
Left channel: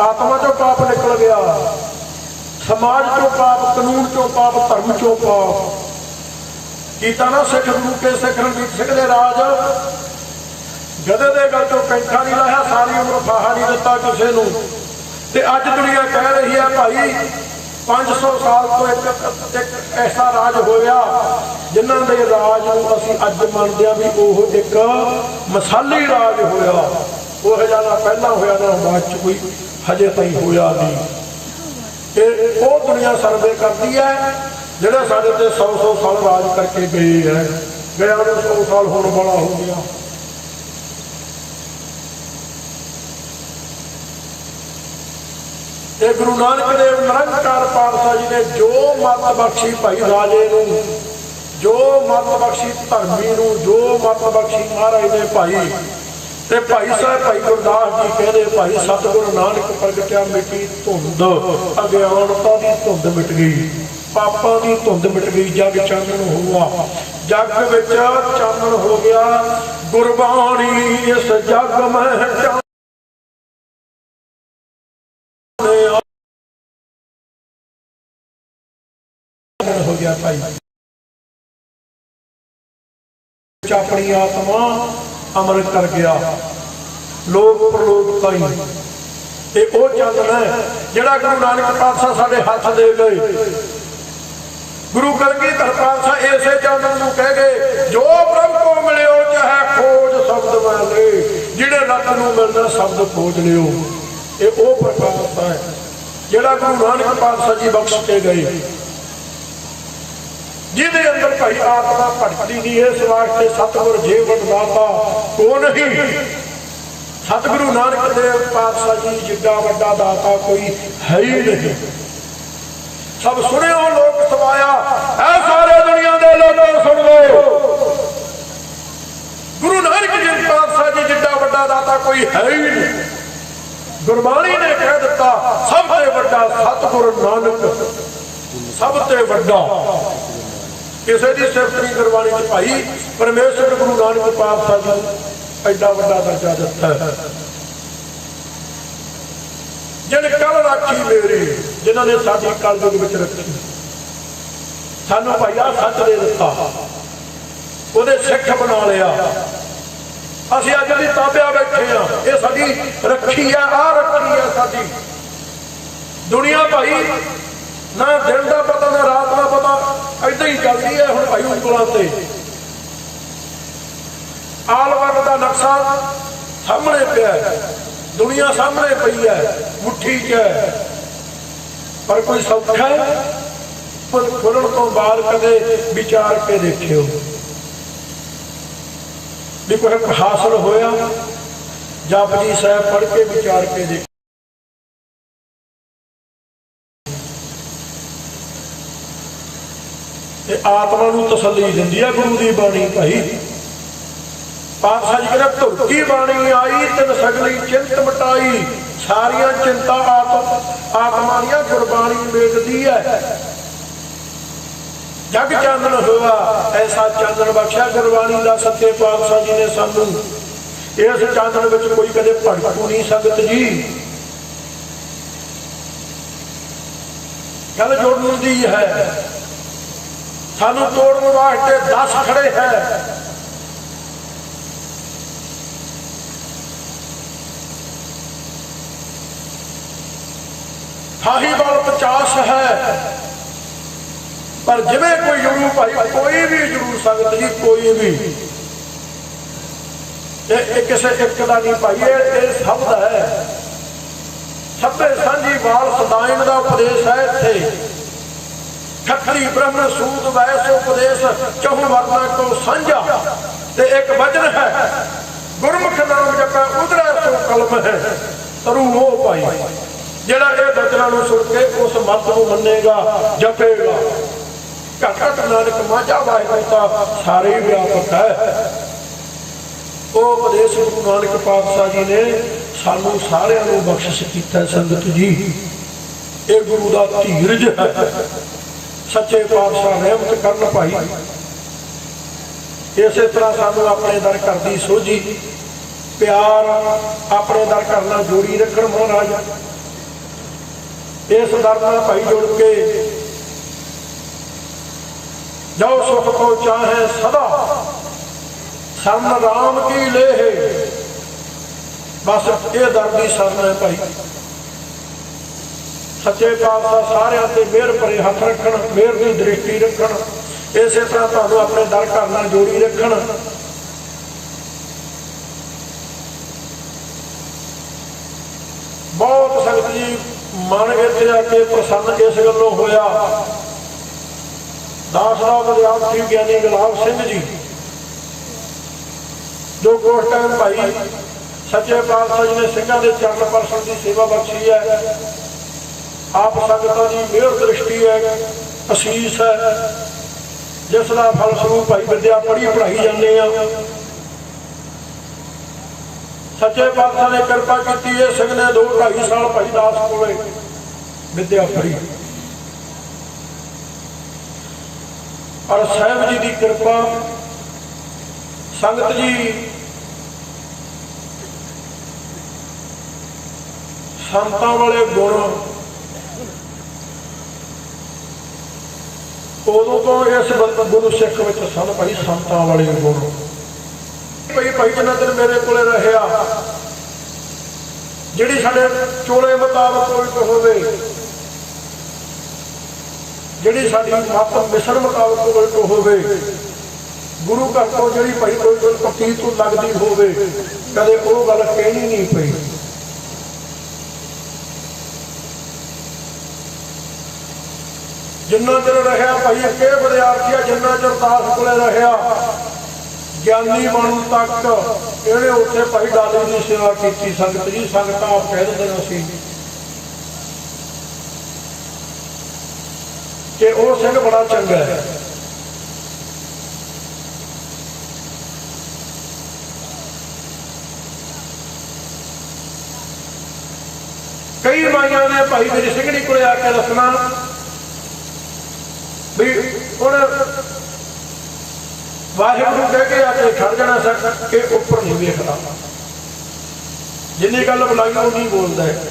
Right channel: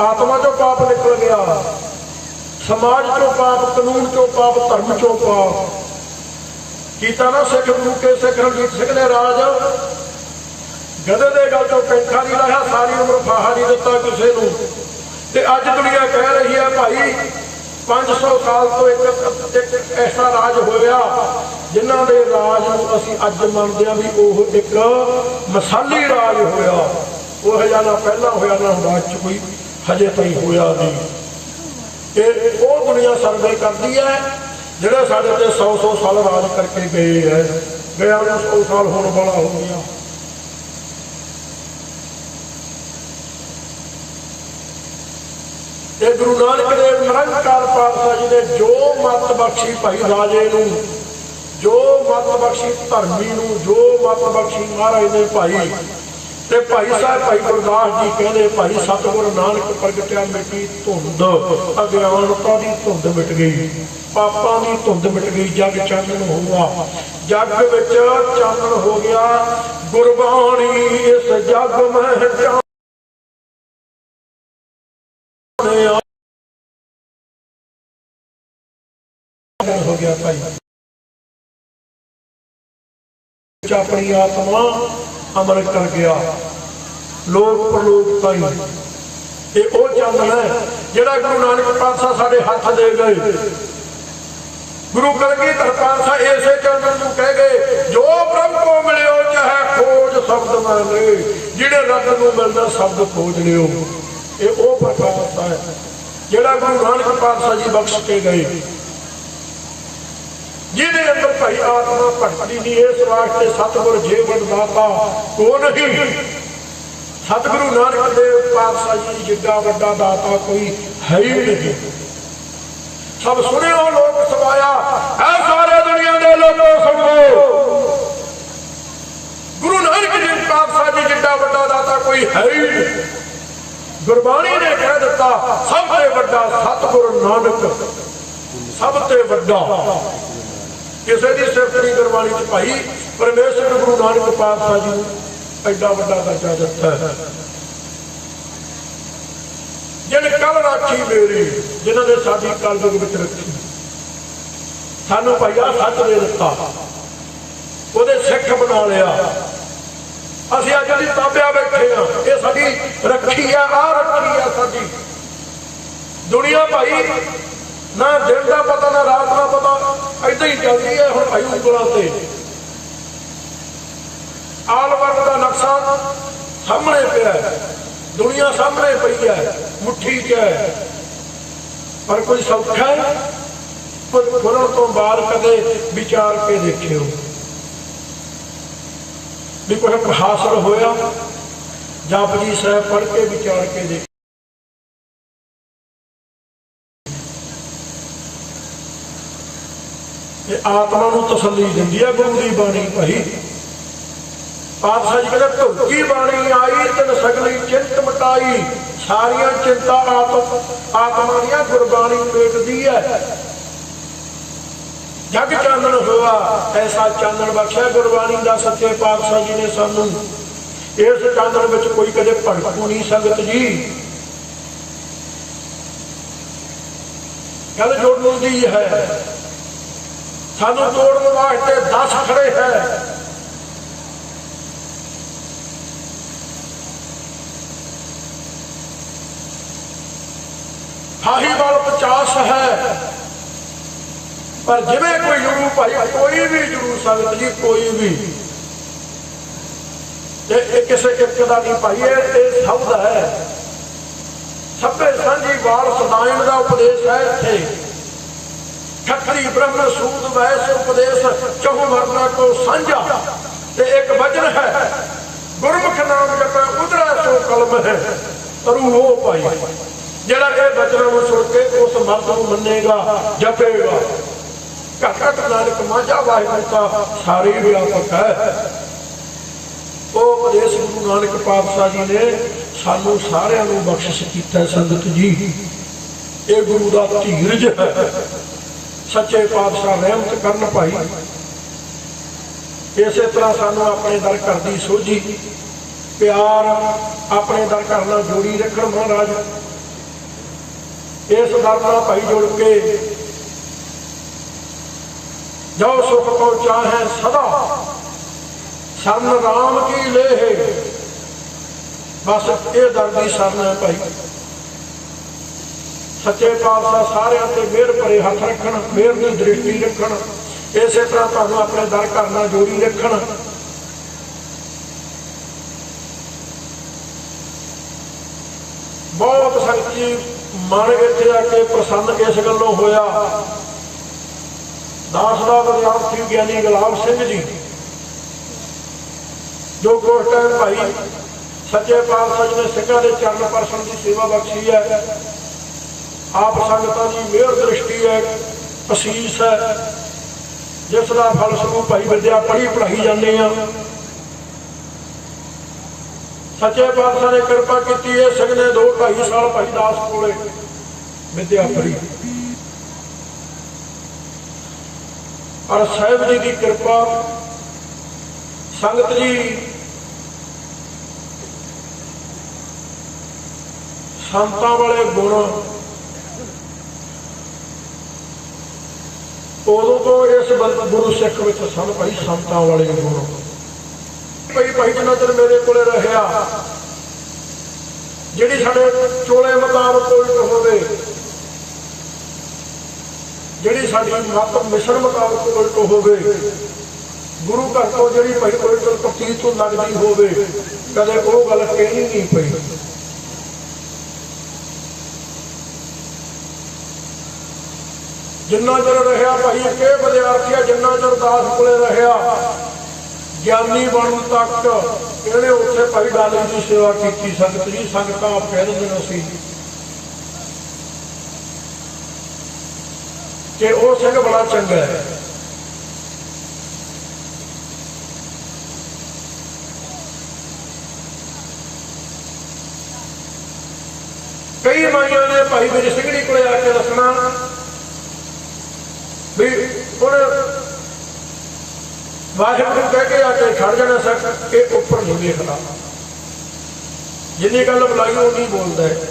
आत्मा चो पाप निकल गया, समाज चो पाप, कानून चो पाप, धर्म चो पाप कीता ना। सिख गुरु के सिख रणजीत सिंह ने राज, गधे दे गल चो कैंठा नहीं लाया, सारी उम्र फाहा नहीं दिता किसी नूं। ते अज दुनिया कह रही है भाई 500 साल तो एक ऐसा राज होया जिन्हां दे राज नूं असीं अज मनदे हां भी ओह एक मसाली राज होया। ओह जिहा ना पहलां होया ना बाद च कोई हजे ताईं होया नहीं। ये वो दुनिया सर्वे करती है जिहड़े साडे ते 100 साल राज करके गए है। गया 100 साल होने वाला हो गया। ये गुरु नानक देव निरंकार पातशाह जी ने जो मत बख्शी भाई राजे नूं, जो मत बख्शी धर्मी नूं, जो मत बख्शी महाराज ने भाई, ते भाई साहब भाई गुरदास जी कहते भाई सतगुरु नानक प्रगटिया, मिट्टी धुंध, अज्ञानता की धुंध मिट गई, पापां की धुंध मिट गई, जग चानण हुआ, जग विच चानण हो गया। गुरबाणी इस जग में हो गया भाई, अपनी आत्मा अमृत कर गया। लोक प्रलोक ताई ये वो चानण है जिहड़ा गुरु नानक पातशाह साडे हथ दे गए। गुरु कलगीधर पातशाह इसे चानण नूं कह गए, जो ब्रह्म को मिलियो चाहे खोज शब्द मैं ले, जिहड़े रब नूं मिलदा शब्द खोज लियो। ये वो प्रकाश है जिहड़ा गुरु नानक पातशाह जी बख्श के गए, जिहदे अंदर भाई आत्मा भटकती नहीं है। इस वास्ते सतगुर जीवन दाता को नहीं, सतगुरु नानक देव पातशाह जी जिड्डा वड्डा दाता कोई है ही नहीं। सब सुनियो लोक सवाया, ऐ सारे दुनिया के लोगों सुन लो, गुरु नानक देव पातशाह जी जिड्डा वड्डा दाता कोई है ही नहीं। ਗੁਰਬਾਣੀ ਨੇ ਕਹਿ ਦਿੱਤਾ ਸਭ ਤੋਂ ਵੱਡਾ ਸਤਿਗੁਰੂ ਨਾਨਕ, ਸਭ ਤੋਂ ਵੱਡਾ। ਕਿਸੇ ਦੀ ਸਿਫਤ ਨਹੀਂ ਗੁਰਬਾਣੀ ਚ ਭਾਈ, ਪਰਮੇਸ਼ਰ ਗੁਰੂ ਨਾਨਕ ਪਾਤਸ਼ਾਹ ਜੀ ਨੂੰ ਐਡਾ ਵੱਡਾ ਦਰਜਾ ਦਿੱਤਾ ਹੈ। ਜਿਨ ਕੱਲ ਰਾਖੀ ਮੇਰੀ, ਜਿਨ੍ਹਾਂ ਨੇ ਸਾਡੀ ਕਲਯੁਗ ਵਿੱਚ ਰੱਖੀ, ਸਾਨੂੰ ਭਾਈਆ ਸੱਚ ਦੇ ਦਿੱਤਾ, ਉਹਦੇ ਸਿੱਖ ਬਣਾ ਲਿਆ। ਅਸੀਂ ਅੱਜ ਦੀ ਤਾਬਿਆ ਬੈਠੇ ਆ, ਇਹ ਸਾਡੀ ਰੱਖੀ ਆ ਰੱਖੀ ਆ ਸਾਡੀ। ਦੁਨੀਆ ਭਾਈ ਨਾ ਦਿਨ ਦਾ ਪਤਾ ਨਾ ਰਾਤ ਦਾ ਪਤਾ, ਏਦਾਂ ਹੀ ਚੱਲਦੀ ਹੈ। ਹੁਣ ਭਾਈ ਉਂਗਲਾਂ ਤੇ ਆਲਵਰ ਦਾ ਨਕਸ਼ਾ ਸਾਹਮਣੇ ਪਿਆ, ਦੁਨੀਆ ਸਾਹਮਣੇ ਪਈ ਹੈ, ਮੁੱਠੀ 'ਚ ਹੈ, ਪਰ ਕੋਈ ਸੌਖਾ ਖੁਰਨ ਤੋਂ ਬਾਅਦ ਕਦੇ ਵਿਚਾਰ ਕੇ ਦੇਖਿਓ ਵੀ ਕੋਈ ਹਾਸਲ ਹੋਇਆ? ਜਪਜੀ ਸਾਹਿਬ ਪੜ੍ਹ ਕੇ ਵਿਚਾਰ ਕੇ ਦੇਖੋ। ਤੇ ਆਤਮਾ ਨੂੰ ਤਸੱਲੀ ਦਿੰਦੀ ਹੈ ਗੁਰੂ ਦੀ ਬਾਣੀ ਭਾਈ। ਪਾਤਸ਼ਾਹ ਜੀ ਕਹਿੰਦੇ ਧੁਰਕੀ ਬਾਣੀ ਆਈ ਤਿਨ ਸਗਲੀ ਚਿੰਤ ਮਟਾਈ, ਸਾਰੀਆਂ ਚਿੰਤਾ ਆਤਮਾ ਦੀਆਂ ਗੁਰਬਾਣੀ ਵੇਖਦੀ ਹੈ। ਜਗ ਚਾਨਣ ਹੋਆ ਐਸਾ ਚਾਨਣ ਬਖਸ਼ਿਆ ਗੁਰਬਾਣੀ ਦਾ ਸੱਚੇ ਪਾਤਸ਼ਾਹ ਜੀ ਨੇ ਸਾਨੂੰ। ਇਸ ਚਾਨਣ ਵਿੱਚ ਕੋਈ ਕਦੇ ਭਟਕ ਨਹੀਂ ਸੰਗਤ ਜੀ। ਗੱਲ ਜੋੜਨ ਦੀ ਹੈ, ਸਾਨੂੰ ਤੋੜਨ ਵਾਸਤੇ 10 ਖੜੇ ਹੈ। ਸਾਹੀਵਾਲ 50 ਹੈ, ਪਰ ਜਿਵੇਂ ਕੋਈ ਜਰੂ ਭਾਈ, ਕੋਈ ਵੀ ਜਰੂ ਸੰਗਤ ਜੀ, ਕੋਈ ਵੀ ਤੇ ਇਹ ਕਿਸੇ ਇੱਕ ਦਾ ਨਹੀਂ ਭਾਈ, ਇਹ ਸਭ ਦਾ ਹੈ। ਸਭੇ ਸਾਂਝੀ ਵਾਲ ਸਦਾਇਣ ਦਾ ਉਪਦੇਸ਼ ਹੈ ਇੱਥੇ। ਖੱਤਰੀ ਬ੍ਰਹਮ ਸੂਦ ਵੈਸ ਉਪਦੇਸ਼ ਚਹੁ ਮਰਨਾ ਕੋ ਸਾਂਝਾ, ਤੇ ਇੱਕ ਵਚਨ ਹੈ ਗੁਰਮੁਖ ਨਾਮ ਜਪੈ ਉਧਰਾ ਸੋ ਕਲਮ ਹੈ। ਤਰੂ ਉਹ ਭਾਈ ਜਿਹੜਾ ਇਹ ਬਚਨਾਂ ਨੂੰ ਸੁਣ ਕੇ ਉਸ ਮਤ ਨੂੰ ਮੰਨੇਗਾ, ਜਪੇਗਾ। ਘਟ ਨਾਨਕ ਮਾਝਾ ਵਾਹਿਗੁਰੂ ਦਾ ਸਾਰੇ ਵਿਆਪਕ ਹੈ। ਉਹ ਉਪਦੇਸ਼ ਗੁਰੂ ਨਾਨਕ ਪਾਤਸ਼ਾਹ ਜੀ ਨੇ ਸਾਨੂੰ ਸਾਰਿਆਂ ਨੂੰ ਬਖਸ਼ਿਸ਼ ਕੀਤਾ ਸੰਗਤ ਜੀ। ਇਹ ਗੁਰੂ ਦਾ ਧੀਰਜ ਹੈ। ਸੱਚੇ ਪਾਤਸ਼ਾਹ ਰਹਿਮਤ ਕਰਨ ਭਾਈ। ਇਸੇ ਤਰ੍ਹਾਂ ਸਾਨੂੰ ਆਪਣੇ ਦਰ ਘਰ ਦੀ ਸੋਝੀ ਪਿਆਰ ਆਪਣੇ ਦਰ ਘਰ ਨਾਲ ਜੋੜੀ ਰੱਖਣ ਮਹਾਰਾਜ। ਇਸ ਦਰ ਨਾਲ ਭਾਈ ਜੁੜ ਕੇ ਜੋ ਸੁਖ ਕੋ ਚਾਹੇ ਸਦਾ ਸਰਨ ਰਾਮ ਕੀ ਲੇਹ, ਬਸ ਇਹ ਦਰ ਦੀ ਸ਼ਰਨ ਹੈ ਭਾਈ। ਸੱਚੇ ਪਾਤਸ਼ਾਹ ਸਾਰਿਆਂ ਤੇ ਮਿਹਰ ਭਰੇ ਹੱਥ ਰੱਖਣ, ਮਿਹਰ ਦੀ ਦ੍ਰਿਸ਼ਟੀ ਰੱਖਣ। ਇਸੇ ਤਰ੍ਹਾਂ ਤੁਹਾਨੂੰ ਆਪਣੇ ਦਰ ਘਰ ਨਾਲ ਜੋੜੀ ਰੱਖਣ। ਬਹੁਤ ਸੰਗਤ ਜੀ ਮਨ ਇੱਥੇ ਆ ਕੇ ਪ੍ਰਸੰਨ ਇਸ ਗੱਲੋਂ ਹੋਇਆ। ਦਾਸ ਦਾ ਵਿਦਿਆਰਥੀ ਗਿਆਨੀ ਗੁਲਾਬ ਸਿੰਘ ਜੀ, ਜੋ ਉਸ ਟਾਈਮ ਭਾਈ ਸੱਚੇ ਪਾਤਸ਼ਾਹ ਜੀ ਨੇ ਸਿੰਘਾਂ ਦੇ ਚਰਨ ਪਰਸਨ ਦੀ ਸੇਵਾ ਬਖਸ਼ੀ ਹੈ। ਆਪ ਸੰਗਤਾਂ ਦੀ ਮਿਹਰ ਦ੍ਰਿਸ਼ਟੀ ਹੈ, ਅਸੀਸ ਹੈ, ਜਿਸ ਦਾ ਫਲ ਸਰੂਪ ਭਾਈ ਵਿਦਿਆ ਪੜ੍ਹੀ ਪੜ੍ਹਾਈ ਜਾਂਦੇ ਆ। ਸੱਚੇ ਪਾਤਸ਼ਾਹ ਨੇ ਕਿਰਪਾ ਕੀਤੀ ਹੈ। ਸਿੰਘ ਨੇ 2-2.5 ਸਾਲ ਭਾਈ ਦਾਸ ਕੋਲੇ ਵਿਦਿਆ ਪੜ੍ਹੀ। ਔਰ ਸਾਹਿਬ ਜੀ ਦੀ ਕਿਰਪਾ ਸੰਗਤ ਜੀ ਸੰਤਾਂ ਵਾਲੇ ਗੁਣ ਉਦੋਂ ਤੋਂ ਇਸ ਗੁਰੂ ਸਿੱਖ ਵਿੱਚ ਸਨ ਭਾਈ। ਸੰਤਾਂ ਵਾਲੇ ਗੁਣ ਭਾਈ ਜਿੰਨਾ ਚਿਰ ਮੇਰੇ ਕੋਲੇ ਰਹਿਆ, ਜਿਹੜੀ ਸਾਡੇ ਚੋਲੇ ਮੁਤਾਬਕ ਕੋਈ ਹੋਵੇ, ਜਿਹੜੀ ਸਾਡੀ ਮਤ ਮਿਸ਼ਨ ਮੁਤਾਬਕ ਕੋਈ ਹੋਵੇ, ਗੁਰੂ ਘਰ ਤੋਂ ਜਿਹੜੀ ਭਾਈ ਕੋਈ ਪੱਟੀ ਤੋਂ ਲੱਗਦੀ ਹੋਵੇ, ਕਦੇ ਉਹ ਗੱਲ ਕਹਿਣੀ ਨਹੀਂ ਪਈ। ਜਿੰਨਾ ਚਿਰ ਰਹਿਆ ਭਾਈ ਅੱਗੇ ਵਿਦਿਆਰਥੀ, ਜਿੰਨਾ ਚਿਰ ਦਾਸ ਕੋਲੇ ਰਹਿਆ, ਗਿਆਨੀ ਬਣਨ ਤੱਕ ਇਹਨੇ ਉੱਥੇ ਭਾਈ ਦਾਦੇ ਦੀ ਸੇਵਾ ਕੀਤੀ। ਸੰਗਤ ਜੀ ਸੰਗਤਾਂ ਆਪ ਕਹਿ ਦਿੰਦੇ ਸੀ ਕਿ ਉਹ ਸਿੰਘ ਬੜਾ ਚੰਗਾ ਹੈ। ਕਈ ਮਾਈਆਂ ਨੇ ਭਾਈ ਮੇਰੀ ਸਿੰਘਣੀ ਕੋਲੇ ਆ ਕੇ ਦੱਸਣਾ ਵੀ ਉਹਨੇ ਵਾਹਿਗੁਰੂ ਕਹਿ ਕੇ ਆ ਕੇ ਖੜ ਜਾਣਾ ਸਕ ਇਹ ਉੱਪਰ ਨਹੀਂ ਵੇਖਦਾ, ਜਿੰਨੀ ਗੱਲ ਬੁਲਾਈ ਉਨੀ ਬੋਲਦਾ ਹੈ।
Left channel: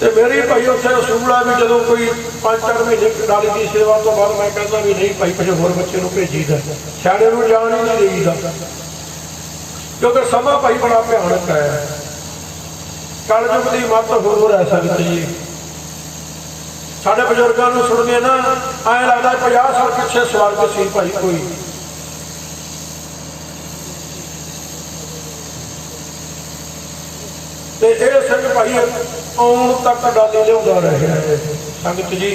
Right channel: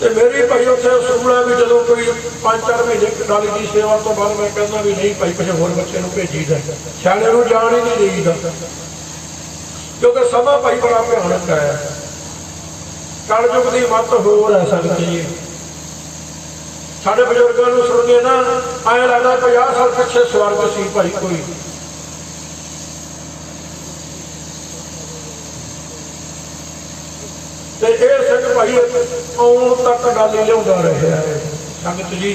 ਤੇ ਮੇਰੀ ਭਾਈ ਉੱਥੇ ਅਸੂਲ ਹੈ ਵੀ ਜਦੋਂ ਕੋਈ 5-4 ਮਹੀਨੇ ਕਾਲੀ ਦੀ ਸੇਵਾ ਤੋਂ ਬਾਅਦ ਮੈਂ ਕਹਿੰਦਾ ਵੀ ਨਹੀਂ ਭਾਈ ਕਿਸੇ ਹੋਰ ਬੱਚੇ ਨੂੰ ਭੇਜੀਦਾ, ਸਿਆਣੇ ਨੂੰ ਜਾਣ ਹੀ ਨਹੀਂ ਦੇਈਦਾ, ਕਿਉਂਕਿ ਸਮਾਂ ਭਾਈ ਬੜਾ ਭਿਆਨਕ ਹੈ। ਕਲਯੁਗ ਦੀ ਮੱਤ ਹੋਰ ਹੈ ਸੰਗਤ ਜੀ। ਸਾਡੇ ਬਜ਼ੁਰਗਾਂ ਨੂੰ ਸੁਣ ਕੇ ਨਾ ਐਂ ਲੱਗਦਾ 50 ਸਾਲ ਪਿੱਛੇ ਸਵਰਗ ਸੀ ਭਾਈ ਕੋਈ। ਤੇ ਇਹ ਸਿੰਘ ਭਾਈ ਆਉਣ ਤੱਕ ਗੱਲ ਹੀ ਲਿਆਉਂਦਾ ਰਿਹਾ ਹੈ ਸੰਗਤ ਜੀ।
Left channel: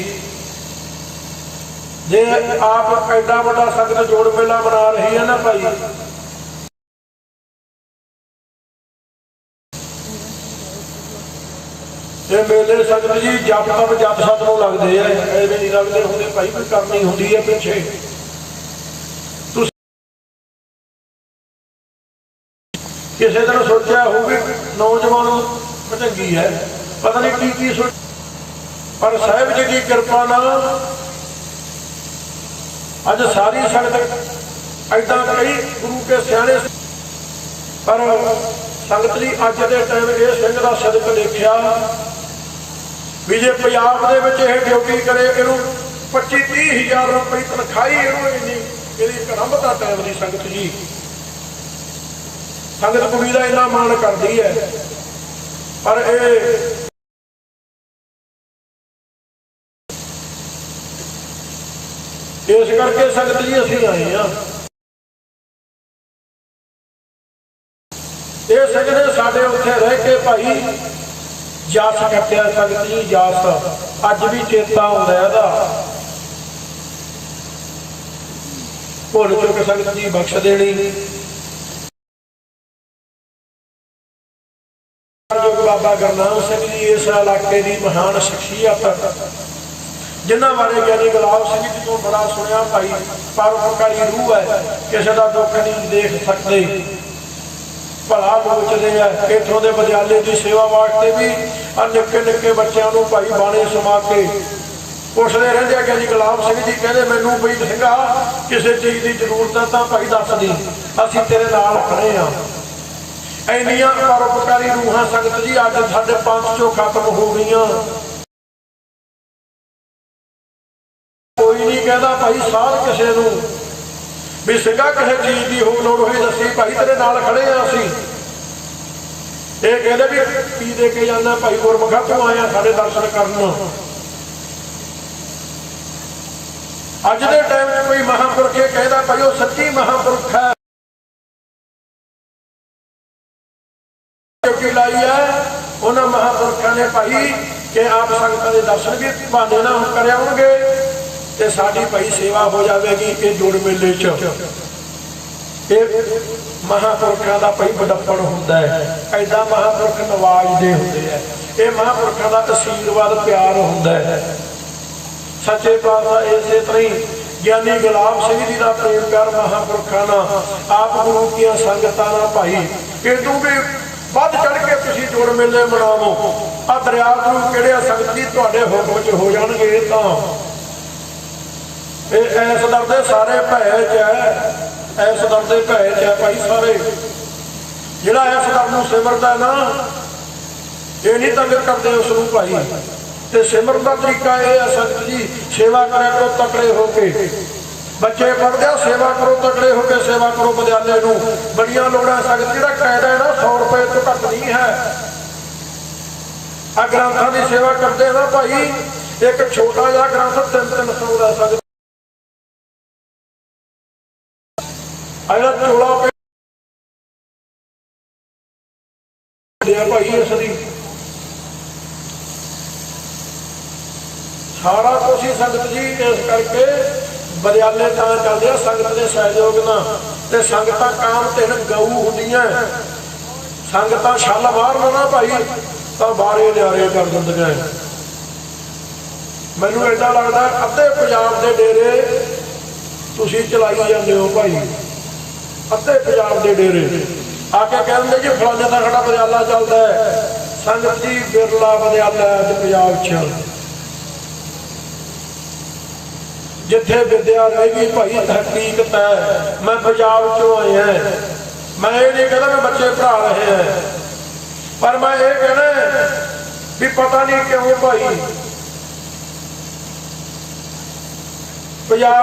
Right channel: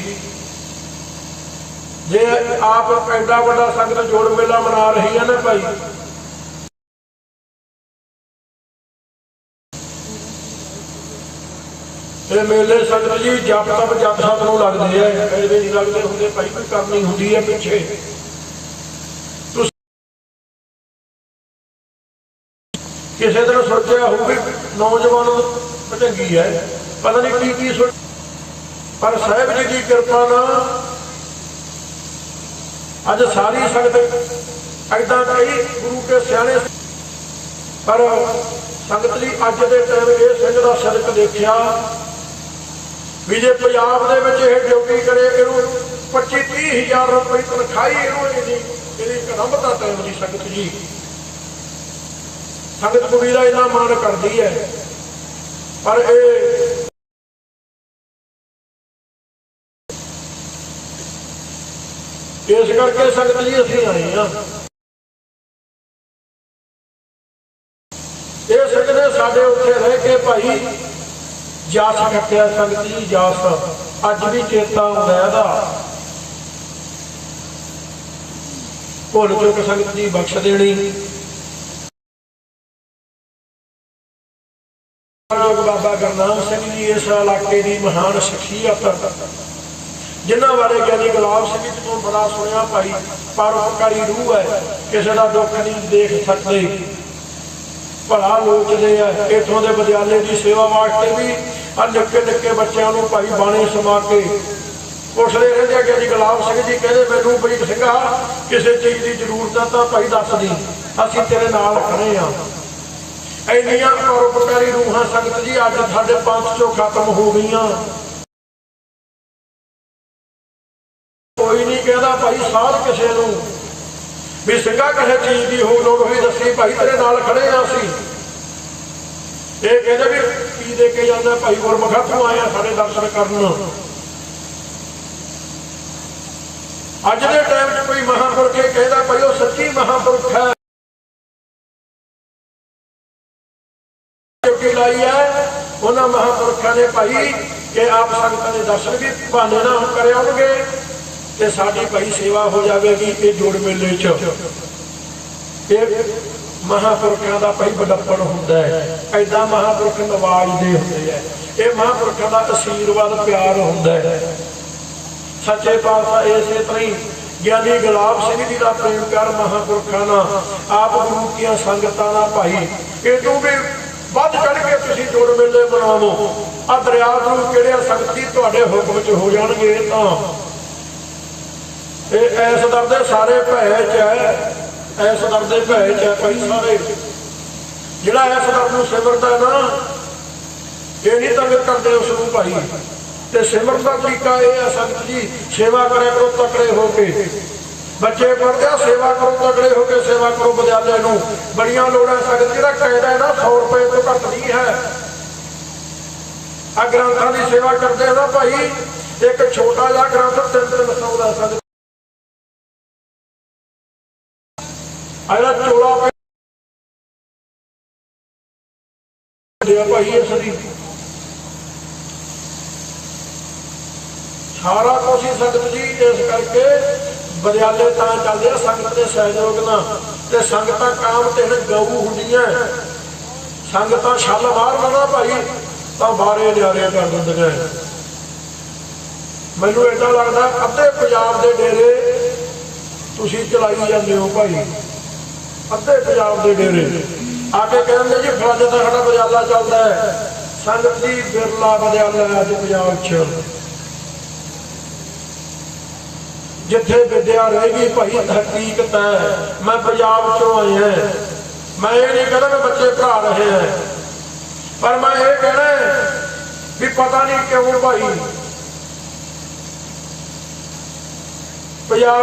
ਜੇ ਆਪ ਐਡਾ ਵੱਡਾ ਸੰਗਤ ਜੋੜ ਮੇਲਾ ਬਣਾ ਰਹੀ ਹੈ ਨਾ ਭਾਈ, ਇਹ ਮੇਲੇ ਸੰਗਤ ਜੀ ਜਪ ਤਪ ਜਪ ਸਤ ਨੂੰ ਲੱਗਦੇ ਆ, ਇਹਦੇ ਨਹੀਂ ਲੱਗਦੇ ਹੁੰਦੇ ਭਾਈ, ਕੋਈ ਕਰਨੀ ਹੁੰਦੀ ਹੈ ਪਿੱਛੇ। ਕਿਸੇ ਦਿਨ ਸੋਚਿਆ ਹੋਊ ਵੀ ਨੌਜਵਾਨ ਭਜੰਗੀ ਹੈ, ਪਤਾ ਨਹੀਂ ਕੀ ਸੋਚ, ਪਰ ਸਾਹਿਬ ਜੀ ਦੀ ਕਿਰਪਾ ਨਾਲ ਅੱਜ ਸਾਰੀ ਸੰਗਤ ਏਦਾਂ ਕਈ ਗੁਰੂ ਕੇ ਸਿਆਣੇ, ਪਰ ਸੰਗਤ ਜੀ ਅੱਜ ਦੇ ਟਾਈਮ ਇਹ ਸਿੰਘ ਦਾ ਸਦਕ ਦੇਖਿਆ ਵੀ ਜੇ ਪੰਜਾਬ ਦੇ ਵਿੱਚ ਇਹ ਡਿਊਟੀ ਕਰੇ, ਇਹਨੂੰ 25-30 ਹਜ਼ਾਰ ਰੁਪਏ ਤਨਖਾਹੀ ਇਹਦੀ ਕਰਮ ਦਾ ਟਾਈਮ ਦੀ ਸੰਗਤ ਜੀ। ਸੰਗਤ ਕੁੜੀ ਦਾ ਇੰਨਾ ਮਾਣ ਕਰਦੀ ਹੈ, ਪਰ ਇਹ ਇਸ ਕਰਕੇ ਸੰਗਤ ਜੀ ਅਸੀਂ ਆਏ ਹਾਂ। ਇਹ ਸਿੰਘ ਨੇ ਸਾਡੇ ਉੱਥੇ ਰਹਿ ਕੇ ਭਾਈ ਜਸ ਕੱਟਿਆ ਸੰਗਤ ਜੀ, ਜਸ ਅੱਜ ਵੀ ਚੇਤਾ ਆਉਂਦਾ ਇਹਦਾ। ਭੁੱਲ ਚੁੱਕ ਸੰਗਤ ਜੀ ਬਖਸ਼ ਦੇਣੀ। ਬਾਬਾ ਗੁਰਨਾਮ ਸਿੰਘ ਜੀ ਇਸ ਇਲਾਕੇ ਦੀ ਮਹਾਨ ਸ਼ਖਸੀਅਤ, ਜਿਨ੍ਹਾਂ ਬਾਰੇ ਗਿਆਨੀ ਗੁਲਾਬ ਸਿੰਘ ਜੀ ਤੋਂ ਬੜਾ ਸੁਣਿਆ ਭਾਈ। ਪਰਉਪਕਾਰੀ ਰੂਹ ਹੈ, ਕਿਸੇ ਦਾ ਦੁੱਖ ਨਹੀਂ ਦੇਖ ਸਕਦੇ, ਭਲਾ ਲੋਚਦੇ ਆ। ਇੱਥੋਂ ਦੇ ਵਿਦਿਆਲੇ ਦੀ ਸੇਵਾ ਵਾਸਤੇ ਵੀ ਆ ਨਿੱਕੇ ਨਿੱਕੇ ਬੱਚਿਆਂ ਨੂੰ ਭਾਈ ਬਾਣੀ ਸਮਾ ਕੇ ਪੁੱਛਦੇ ਰਹਿੰਦੇ ਆ। ਗਿਆਨੀ ਗੁਲਾਬ ਸਿੰਘ ਜੀ ਕਹਿੰਦੇ ਮੈਨੂੰ ਬਈ ਸਿੰਘਾ ਕਿਸੇ ਚੀਜ਼ ਦੀ ਜ਼ਰੂਰਤ ਤਾਂ ਭਾਈ ਦੱਸ ਦੀ, ਅਸੀਂ ਤੇਰੇ ਨਾਲ ਖੜੇ ਆ। ਇੰਨੀਆਂ ਪਰਉਪਕਾਰੀ ਰੂਹਾਂ ਸੰਗਤ ਜੀ ਅੱਜ ਸਾਡੇ ਪੰਥ ਚੋਂ ਖਤਮ ਹੋ ਗਈਆਂ। ਕੋਈ ਨਹੀਂ ਕਹਿੰਦਾ ਭਾਈ ਸਾਧ ਕਿਸੇ ਨੂੰ ਵੀ ਸਿੰਘਾ ਕਿਸੇ ਚੀਜ਼ ਦੀ ਹੋ ਲੋੜ ਹੋਈ ਦੱਸੀ ਭਾਈ ਤੇਰੇ ਨਾਲ ਖੜੇ ਆ ਅਸੀਂ। ਇਹ ਕਹਿੰਦੇ ਵੀ ਕੀ ਦੇ ਕੇ ਜਾਂਦਾ ਭਾਈ ਗੁਰਮੁਖਾ ਤੂੰ ਆਇਆ ਸਾਡੇ ਦਰਸ਼ਨ ਕਰਨ। ਅੱਜ ਦੇ ਟਾਈਮ 'ਚ ਕੋਈ ਮਹਾਂਪੁਰਖ ਇਹ ਕਹਿੰਦਾ ਭਾਈ ਉਹ ਸੱਚੀ ਮਹਾਂਪੁਰਖ ਹੈ। ਲਾਈ ਹੈ ਉਹਨਾਂ ਮਹਾਂਪੁਰਖਾਂ ਨੇ ਭਾਈ ਕਿ ਆਪ ਸੰਗਤਾਂ ਦੇ ਦਰਸ਼ਨ ਵੀ ਬਹਾਨੇ ਨਾਲ ਕਰਿਆਉਂਗੇ ਤੇ ਸਾਡੀ ਭਾਈ ਸੇਵਾ ਹੋ ਜਾਵੇਗੀ। ਇਹ ਜੋੜ ਮੇਲੇ 'ਚ ਇਹ ਮਹਾਂਪੁਰਖਾਂ ਦਾ ਭਾਈ ਬੜਪਣ ਹੁੰਦਾ ਹੈ। ਐਦਾਂ ਮਹਾਂਪੁਰਖ ਨਵਾਜ਼ਦੇ ਹੁੰਦੇ ਆ। ਇਹ ਮਹਾਂਪੁਰਖਾਂ ਦਾ ਆਸ਼ੀਰਵਾਦ ਪਿਆਰ ਹੁੰਦਾ ਹੈ। ਸੱਚੇ ਪਾਤਸ਼ਾਹ ਇਸੇ ਤਰ੍ਹਾਂ ਹੀ ਗਿਆਨੀ ਗੁਲਾਬ ਸਿੰਘ ਜੀ ਦਾ ਪ੍ਰੇਮ ਕਰ ਮਹਾਂਪੁਰਖਾਂ ਨਾਲ, ਆਪ ਗੁਰੂ ਦੀਆਂ ਸੰਗਤਾਂ ਨਾਲ ਭਾਈ ਇਹਨੂੰ ਵੀ ਵੱਧ ਚੜ ਕੇ ਤੁਸੀਂ ਜੋੜ ਮੇਲੇ ਮਨਾਵੋ। ਆ ਦਰਿਆ ਨੂੰ ਕਿਹੜਿਆ ਸੰਗਤੀ ਤੁਹਾਡੇ ਹੁਕਮ 'ਚ ਹੋ ਜਾਣਗੇ। ਇਹ ਤਾਂ ਇਹ ਇਸ ਦਰ ਦੇ ਸਾਰੇ ਭੈ 'ਚ ਹੈ, ਇਸ ਦਰ ਦੇ ਭੈ 'ਚ ਹੈ ਭਾਈ ਸਾਰੇ। ਜਿਹੜਾ ਇਸ ਦਰ ਨੂੰ ਸਿਮਰਦਾ ਨਾ, ਇਹ ਨਹੀਂ ਤੰਗ ਕਰਦੇ ਉਸ ਨੂੰ ਭਾਈ। ਤੇ ਸਿਮਰਨ ਦਾ ਤਰੀਕਾ ਇਹ ਹੈ ਸੰਗਤ ਜੀ, ਸੇਵਾ ਕਰਿਆ ਕਰੋ ਤਕੜੇ ਹੋ ਕੇ। ਬੱਚੇ ਪੜ੍ਹਦੇ ਆ, ਸੇਵਾ ਕਰੋ ਤਕੜੇ ਹੋ ਕੇ, ਸੇਵਾ ਕਰੋ ਵਿਦਿਆਲੇ ਨੂੰ। ਬੜੀਆਂ ਲੋੜਾਂ ਸੰਗਤ ਜਿਹੜਾ ਕਾਇਦਾ ਹੈ ਨਾ 100 ਰੁਪਏ ਤੋਂ ਘੱਟ ਨਹੀਂ ਹੈ। ਆ ਗ੍ਰੰਥਾਂ ਦੀ ਸੇਵਾ ਕਰਦੇ ਆ ਨਾ ਭਾਈ, ਇੱਕ ਛੋਟਾ ਜਿਹਾ ਗ੍ਰੰਥ 300 ਦਾ ਸੰਗਤ ਅਗਲਾ ਚੋਲਾ ਦੇ ਭਾਈ। ਇਸ ਦੀ ਸਾਰਾ ਕੁਛ ਹੀ ਸੰਗਤ ਜੀ ਇਸ ਕਰਕੇ ਵਿਦਿਆਲੇ ਤਾਂ ਚੱਲਦੇ ਆ ਸੰਗਤ ਦੇ ਸਹਿਯੋਗ ਨਾਲ। ਤੇ ਸੰਗਤਾਂ ਕਾਮ ਤੇ ਗਊ ਹੁੰਦੀਆਂ, ਸੰਗਤਾਂ ਛੱਲ ਬਾਹਰ ਨਾ ਭਾਈ ਤਾਂ ਬਾਰੇ ਨਿਆਰੇ ਕਰ ਦਿੰਦੀਆਂ। ਮੈਨੂੰ ਏਦਾਂ ਲੱਗਦਾ ਅੱਧੇ ਪੰਜਾਬ ਦੇ ਡੇਰੇ ਤੁਸੀਂ ਚਲਾਈ ਜਾਂਦੇ ਹੋ ਭਾਈ, ਅੱਧੇ ਪੰਜਾਬ ਦੇ ਡੇਰੇ। आके कहते जी फलाने का साडा विद्याला चलता है। संगत जी बिरला विद्याला अज पंजाब च जिथे विद्या रहेगी भाई हकीकत है। मैं पंजाब चो आया, मैं ये नहीं कहना मैं बच्चे पढ़ा रहे हैं, पर मैं ये कहना भी पता नहीं क्यों भाई पंजाब